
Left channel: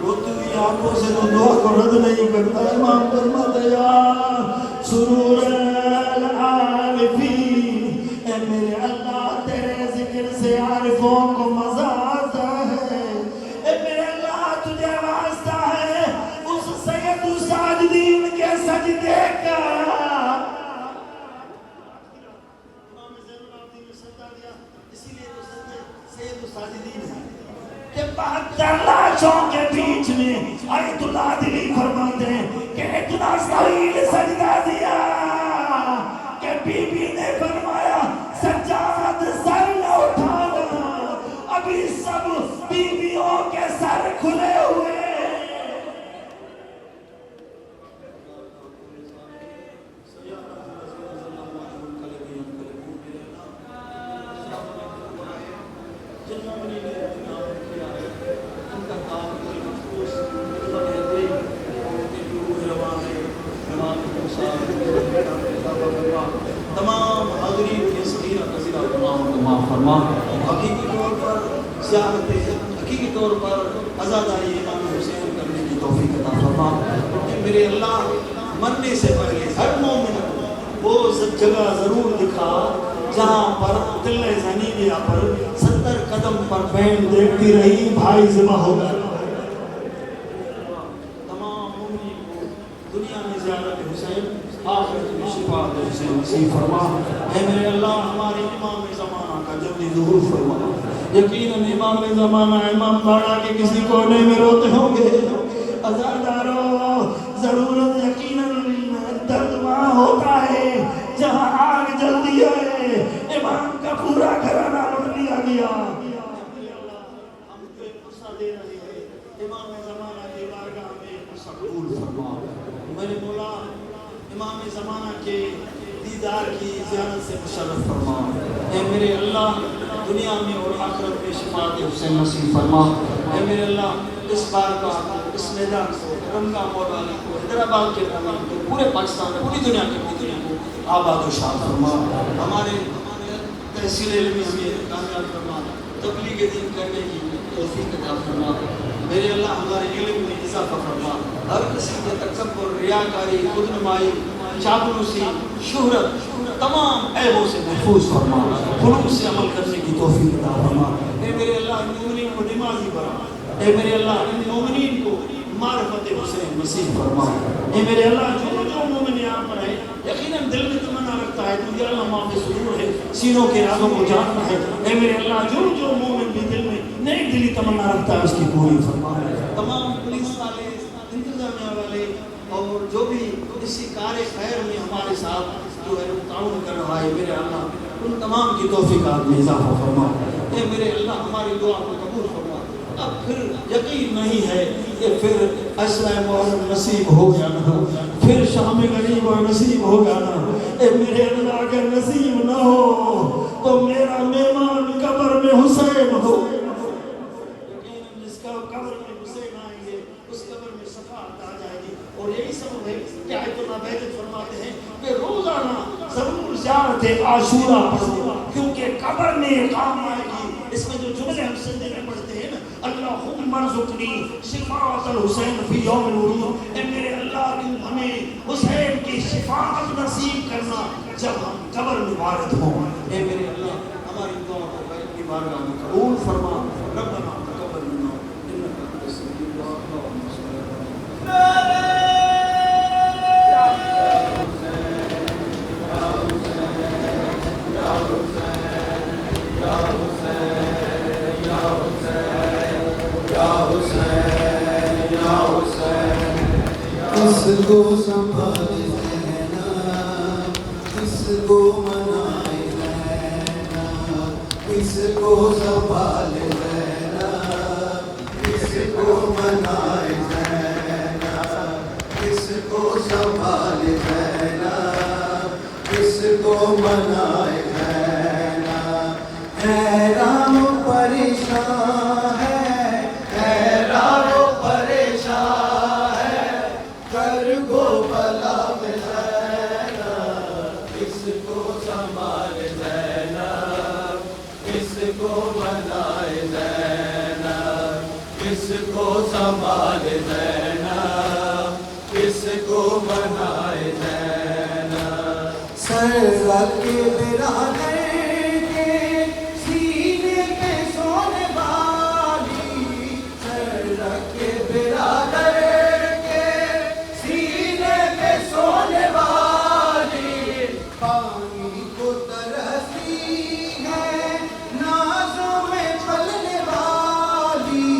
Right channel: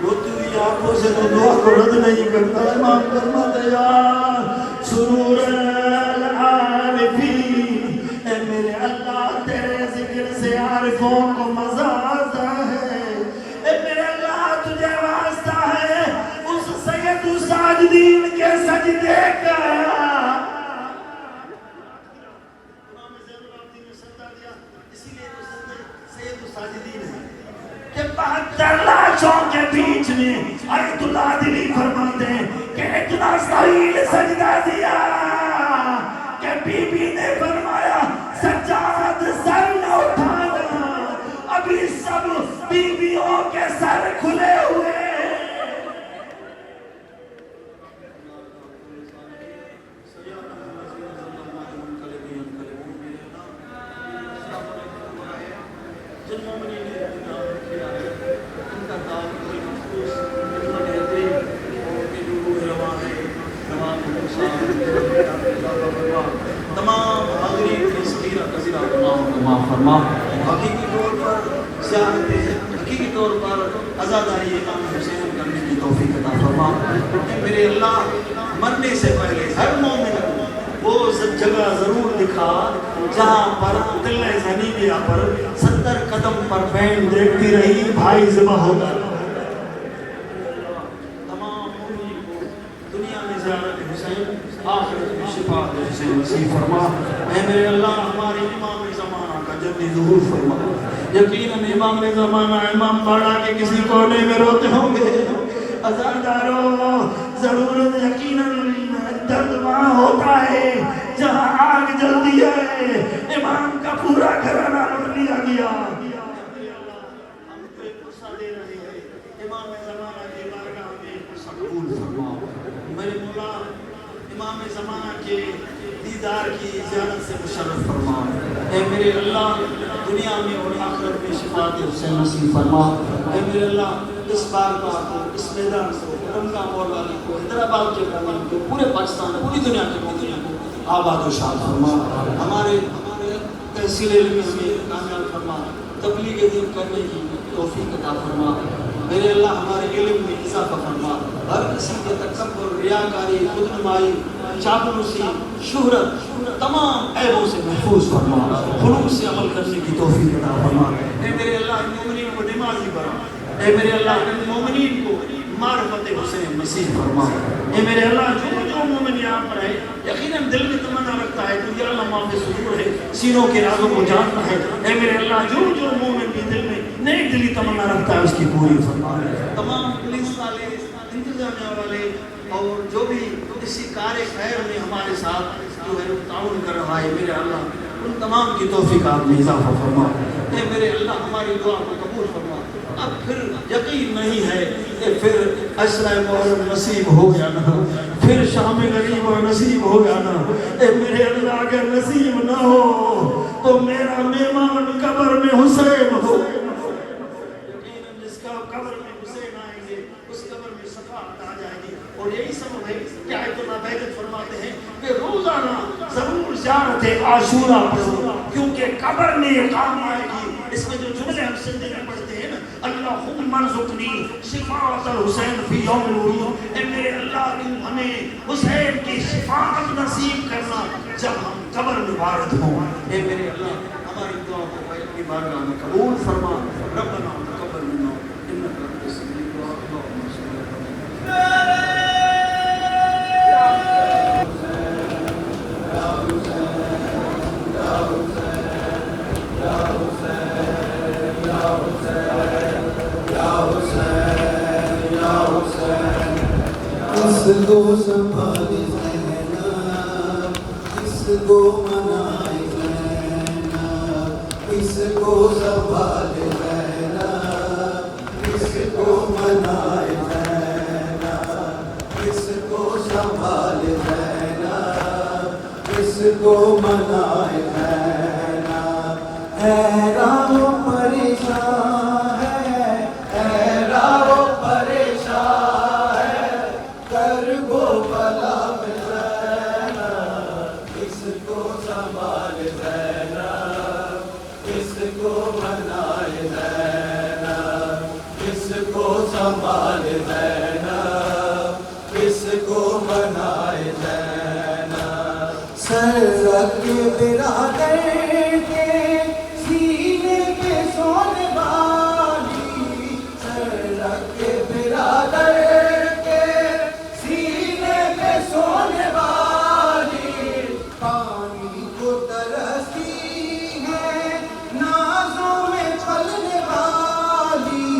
روتی ہوئی آنکھوں سے تو دعا کو رد نہیں کرتا، امام فرماتے یا سرور العارفین، اے میرے اللہ تیرے ذکر سے عارفوں کو مزہ آتا ہے، اے میرے اللہ تجھے واسطہ ہے اس سید الساجدین کے سجدے کا۔ امام زین العابدین نے سجدہ دیا، اسی لیے تو سجدے سید الساجدین ہے کہ 72 لاشوں کے بیچ میں آیت اللہ دلی فرماتے ہیں کہ اتنا طویل سجدہ دیا کہ بی بی نے فرمایا سجاد سر نہ اٹھانا، ابھی سب بیویوں کے سر کھلے ہوئے۔ تمام حاضرین کی صغیرہ کثیرہ گناہوں کو معاف فرما، حقیقی طور پر زیارت، حقیقی طور پر عزاداری امام حسین کرنے کی توفیق عطا فرما، کیونکہ میرے اللہ مرنے سے پہلے ہر مومن کو وہ جگہ ضرور دکھا جہاں پر قلعہ زنیبیہ پر 70 قدم پر بہن دیکھتی رہی بھائی ذبح ہو گیا۔ تمام مومنین کو دنیا میں زیارت حسین، آخرت میں شفاعت حسین نصیب فرما۔ اے میرے اللہ ہمارے امام زمانہ کا جلدی ظہور فرما۔ یقیناً امام زمانہ امام باڑا کے کسی کونے میں روتے ہوں گے، عزادارو ضرورت یقیناً درد وہاں ہوتا ہے جہاں آگ جلدی ہے، امام کا پورا گھرانہ لوٹ لیا گیا۔ ہم کو ایک قصہ دے رہے ہیں، امام زمانہ کی بارگاہ میں قصہ قبول فرما۔ میرے مولا امام زمانہ کے دیدار کی زیارت سے مشرف فرما۔ اے میرے اللہ دنیا میں اور آخرت میں شفاعت حسین نصیب فرما۔ اے میرے اللہ اس بارگاہ کو، اس میدان کو، رنگا مور والے کو، حیدرآباد کے قوم کو، پورے پاکستان، پوری دنیا کے مومنین کو آباد و شاد فرما۔ ہمارے تحصیل علم میں کامیاب فرما، تبلیغ دین کرنے کی توفیق عطا فرما۔ میرے اللہ ہمارے علم میں اضافہ فرما، ہر کسی کے تکبر، ریاکاری، خود نمائی، چاپلوسی، شہرت، تمام عیبوں سے محفوظ فرما، خلوص سے عمل کرنے کی توفیق عطا فرما۔ اے میرے اللہ ان مومنین کو نمازی بنا، اے میرے اللہ ان مومنین کو معرفت حسین نصیب فرما۔ اے میرے اللہ جو مومن یہاں پر ہے یقیناً دل میں تمنا رکھتا ہے تو یا اللہ معاف صدور ہے، سینوں کے رازوں کو جانتا ہے۔ اے میرے اللہ جو مومن بھی دل میں نیک دلی تمنا رکھتا ہے اس کی پوری فرما۔ تمام پولیس والے، انتظامیہ والے اور جو بھی اسی کار خیر میں ہمارے ساتھ جو ہے تعاون کر رہا ہے، میرے اللہ ان تمام کی توفیقات میں اضافہ فرما۔ اے میرے اللہ ہماری دعا کو قبول فرما۔ اب پھر یقین نہیں ہے کہ پھر عشرہ محرم نصیب ہو گیا نا، پھر شام غریب اور نصیب ہو گیا نا۔ اے میرے اللہ اگر نصیب نہ ہو تو میرا مہمان قبر میں حسین ہو۔ یقیناً جس کا قبر میں حسین آئیں گے اس قبر میں شفاعت آ جائے سجدے میں پڑھتے ہیں اللہم ارزقنی شفاعت الحسین فی یوم الورود، اے میرے اللہ تو ہمیں حسین کی شفاعت نصیب کرنا جب ہم قبر میں وارد ہوں. اے میرے اللہ ہماری دعا کو اپنی بارگاہ میں قبول فرما. ربنا تقبل منا انک انت السمیع العلیم. اللہم صل علی کس کو سنبھالے زینب، کس کو منائے زینب، کس کو سنبھالے زینب، کس کو منائے زینب، کس کو سنبھالے زینب، کس کو منائے زینب. حیران و پریشان ہے، حیران و پریشان ہے، کر گو بلا میں زینب، کس کو سنبھال زینب، کس کو منائے زینب، کس کو سنبھال زینب، کس کو منائے زینب. سر رکھ برادر کے سینے پہ سونے والی، سر رکھ برادر کے سینے پہ سونے والی، پانی کو ترسی ہے نازوں میں پھلنے والی،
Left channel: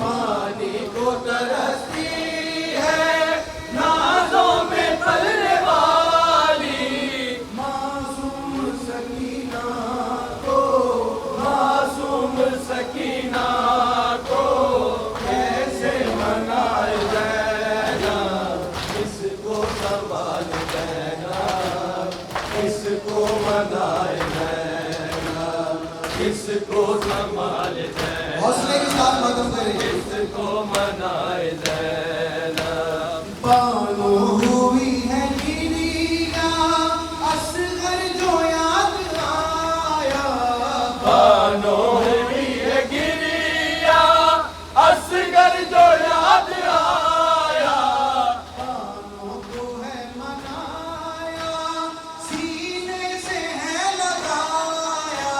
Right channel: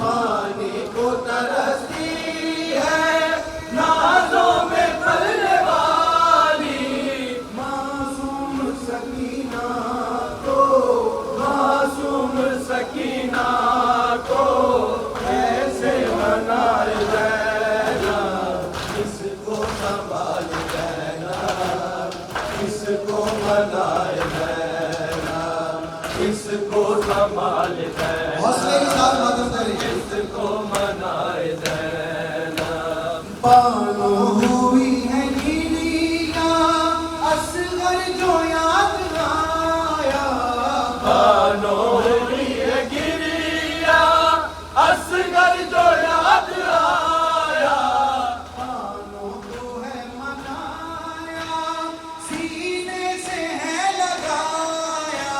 پانی کو ترسی ہے نازوں میں پھلنے والی. معصوم سکینہ کو، معصوم سکینہ کو کیسے منائے زینب، کس کو سنبھال زینب، کس کو منائے زینب، کس کو سنبھال زینب، کس کو منائے زینب. بانو ہوئی ہے گریاں اصغر جو یاد آیا، بانو ہوئی ہے گریا اصغر جو یاد آیا، بانوں کو ہے منایا سینے سے ہے لگایا،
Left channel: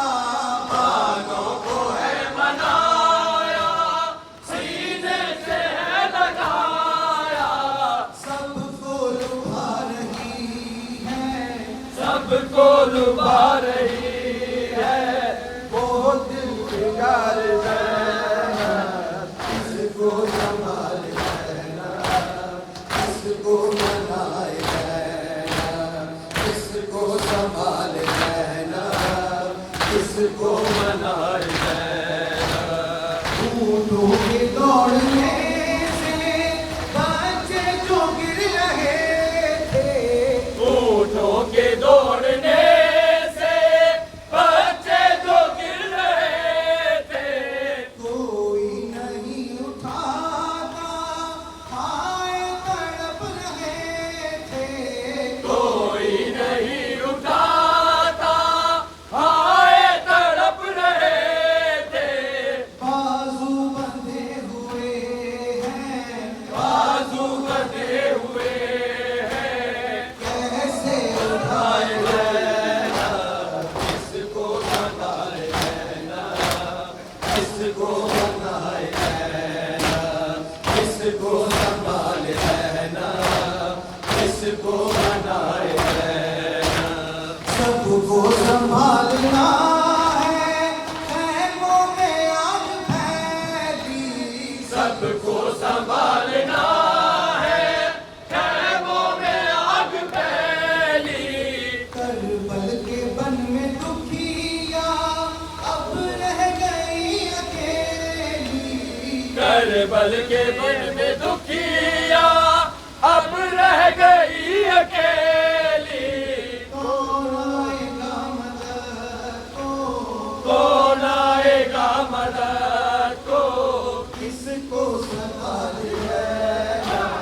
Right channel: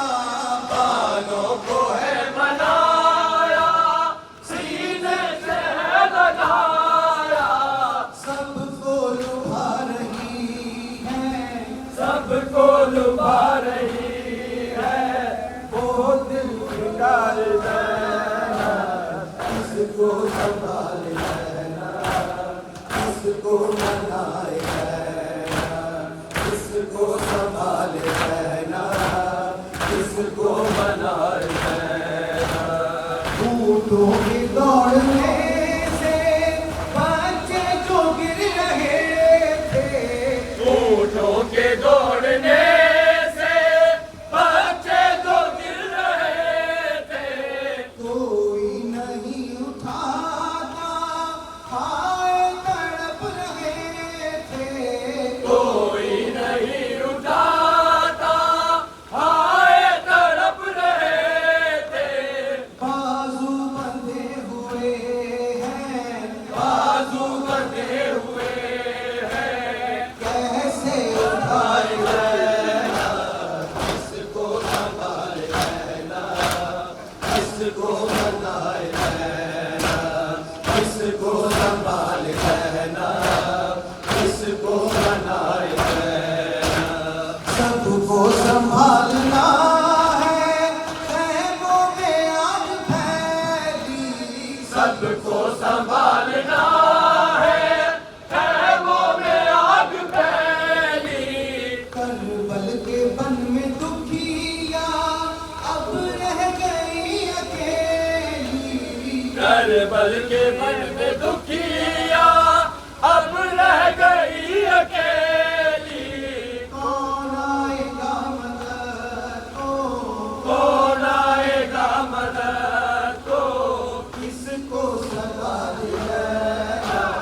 بانوں کو ہے منایا سینے سے ہے لگایا، سب کو لبھا رہی ہے، سب کو لبھا رہی ہے وہ دل بگار زینب، کس کو سنبھال زینب، کس کو منائے زینب، کس کو سنبھال زینب، کس کو منائے زینب. اونٹوں کے دوڑنے سے بچے جو گر رہے تھے، اونٹوں کے دوڑنے سے بچے جو گر رہے تھے، کوئی نہیں اٹھاتا ہائے تڑپ رہے تھے، کوئی نہیں اٹھاتا ہائے تڑپ رہے تھے، بازو بندھے ہوئے ہیں، بازو بندھے ہوئے ہیں، کیسے اٹھائے زینب، کس کو منائے زینب، کس کو منائے زینب، کس کو سنبھال زینب، کس کو منائے زینب. سب کو سنبھالنا ہے، خیموں میں آگ پھیلی، سب کو سنبھالنا ہے، خیموں میں آگ پھیلی، کربل کے بن میں دکھیا اب رہ گئی اکیلی، کربل کے بن میں دکھیا اب رہ گئی اکیلی، کون آئے گا مدد کو، کون آئے گا مدد کو، کس کو سنبھال زینب،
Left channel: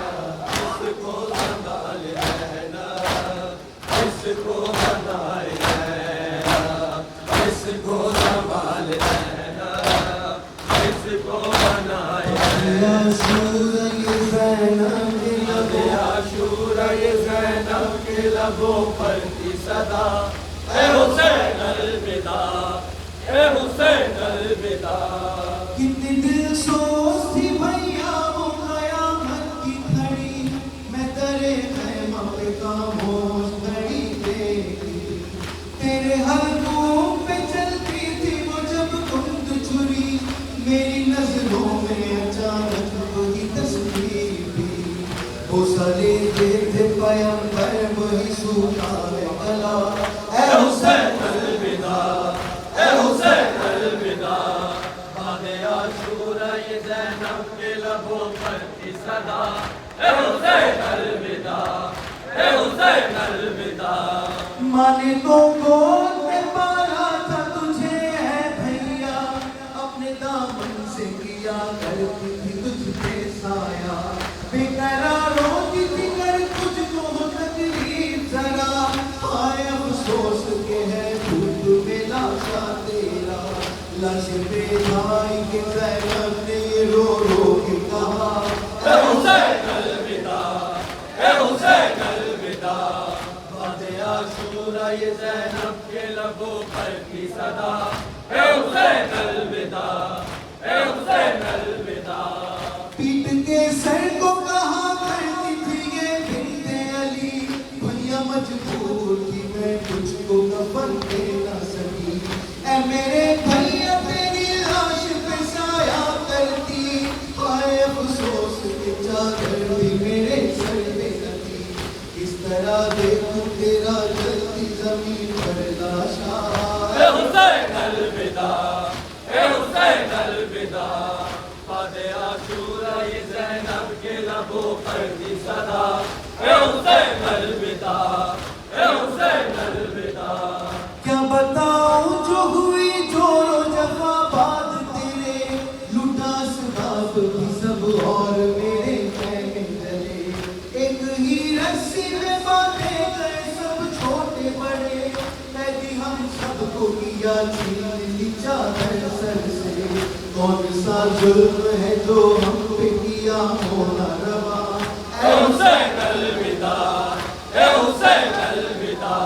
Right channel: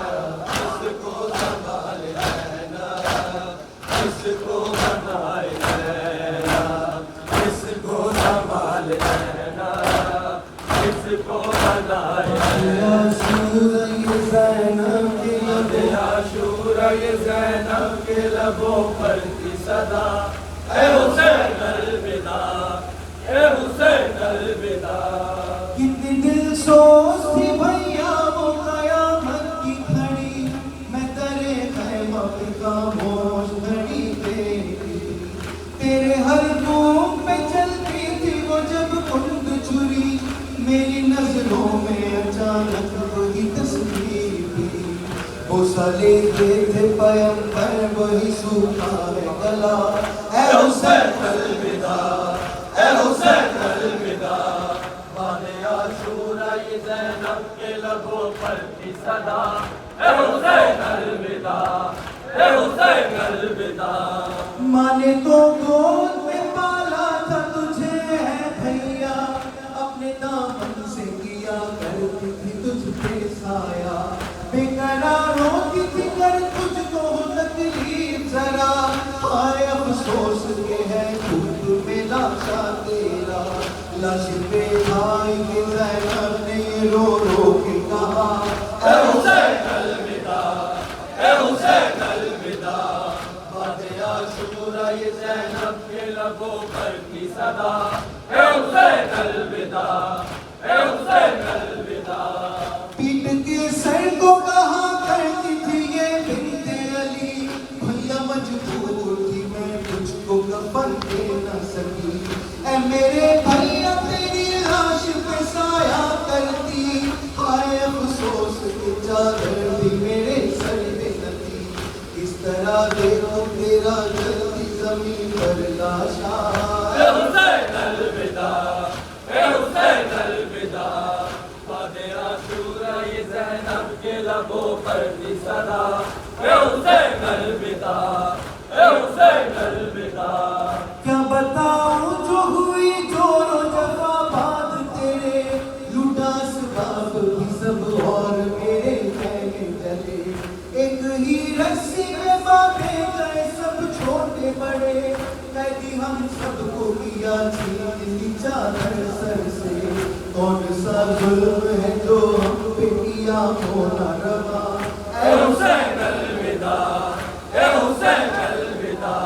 کس کو سنبھال زینب، کس کو منائے زینب، کس کو سنبھال زینب، زینب کے لبوں پر کی صدا اے حسین الوداع اے حسین الوداع کتنی دل سوز تھی بھیا وہ قیامت کی گھڑی میں تیرے خیمہ پہ خاموش گھڑی دیکھی تیرے حلقوں پہ چلتی تھی وہ جب کند چھری میری نظروں میں اچانک وہی تصویر بھی بوسہ لیتے تھے پیمبر وہی سوکھا ہے گلا اے حسین الوداع اے حسین الوداع بعد عاشورہ یہ زینب کے لبوں پر کی صدا اے حسین الوداع اے حسین الوداع ماں نے تو گود میں پالا تھا تجھے ہے بھیا اپنے دامن سے کیا کرتی تھی تجھ پہ سایہ بے قرار ہوتی تھی کر تجھ کو تکلیف ذرا ہائے افسوس کے ہے خود میں لاشا تیرا لاش پہ بھائی کے زینب نے رو رو کے کہا اے حسین الوداع اے حسین الوداع بعد عاشورہ یہ زینب کے لبوں پر کی صدا اے حسین الوداع اے حسین الوداع پیٹ کے سر کو کہاں کرتی تھی یہ بنت علی بھیا مجبور تھی میں تجھ کو کفن دے نہ سکی اے میرے بھیا تیری لاش پہ سایہ کرتی ہائے افسوس کہ چادر بھی میرے سر پہ نہ تھی اس طرح دیکھو تیرا جلتی زمین پر لاشا اے حسین الوداع اے حسین الوداع بعد عاشورہ یہ زینب کے لبوں پر کی صدا اے حسین الوداع اے حسین الوداع کیا بتاؤں جو ہوئی جو جفا بات تیرے لوٹا سباب بھی سب اور میرے کہنے چلے ایک ہی رسی میں باندھے گئے سب چھوٹے بڑے قیدی ہم سب کو کیا چھین لی چادر سر سے کون سا ظلم ہے جو ہم پہ کیا ہونا روا اے حسین الوداع اے حسین الوداع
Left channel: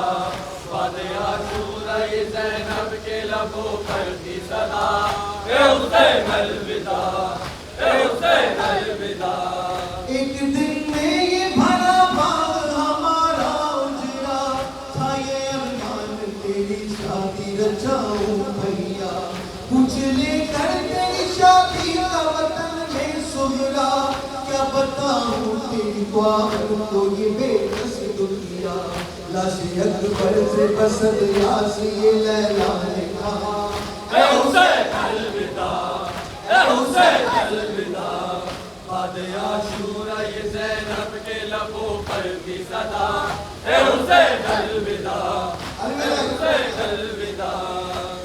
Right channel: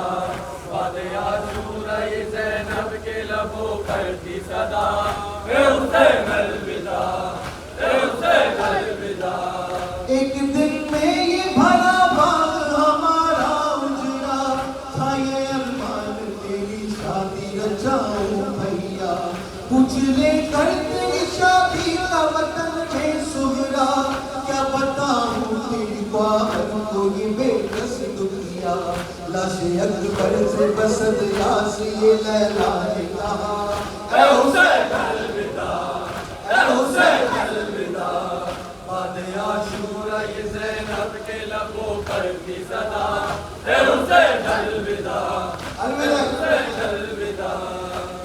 بعد عاشورہ یہ زینب کے لبوں پر کی صدا اے حسین الوداع اے حسین الوداع ایک دن میں یہ بھلا باغ ہمارا اجڑا تھا یہ ارمان تیری شادی رچاؤں بھیا کچھ لے کر تیری شادی کا وطن میں سہرا کیا بتاؤں تیری باہر کو یہ بے کس دنیا لاش اکبر سے بسد یاسی یہ لیلا نے کہا اے حسین الوداع اے حسین الوداع بعد عاشورہ یہ زینب کے لبوں پر کی صدا اے حسین الوداع اے حسین الوداع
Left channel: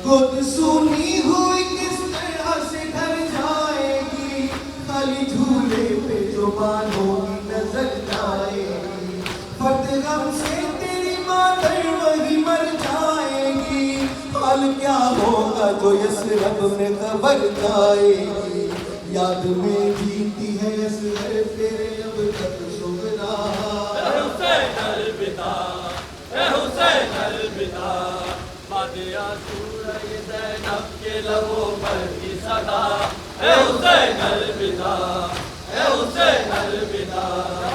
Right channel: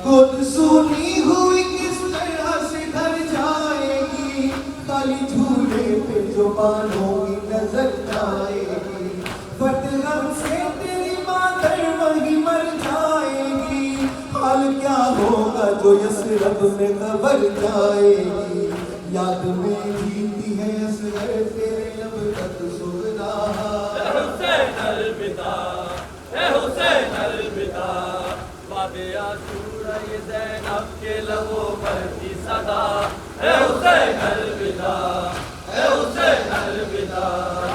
گود سونی ہوئی کس طرح سے ڈر جائے گی خالی جھولے پہ جو باندھوگی نظر جائے گی فٹ غم سے تیری مادر وہی مر جائے گی حال کیا ہوگا جو یسرب میں خبر جائے گی یاد میں جیتی ہے اصغر تیرے اب تک سغرا اے حسین الوداع اے حسین الوداع بعد عاشورہ یہ زینب کے لبوں پر کی صدا اے حسین الوداع اے حسین الوداع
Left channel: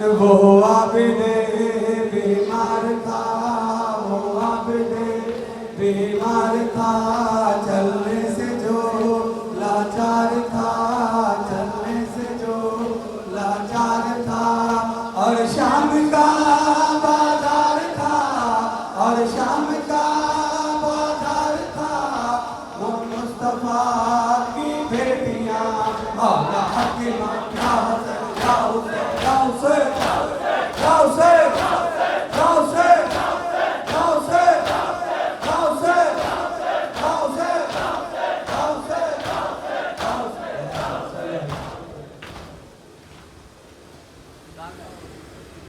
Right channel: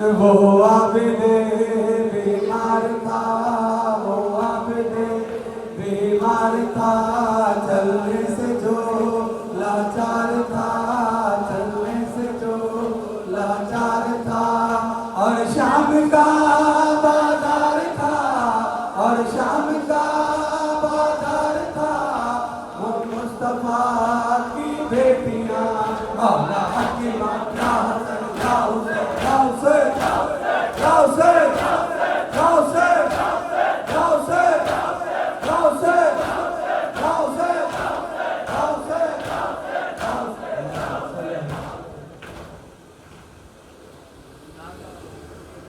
وہ عابد بے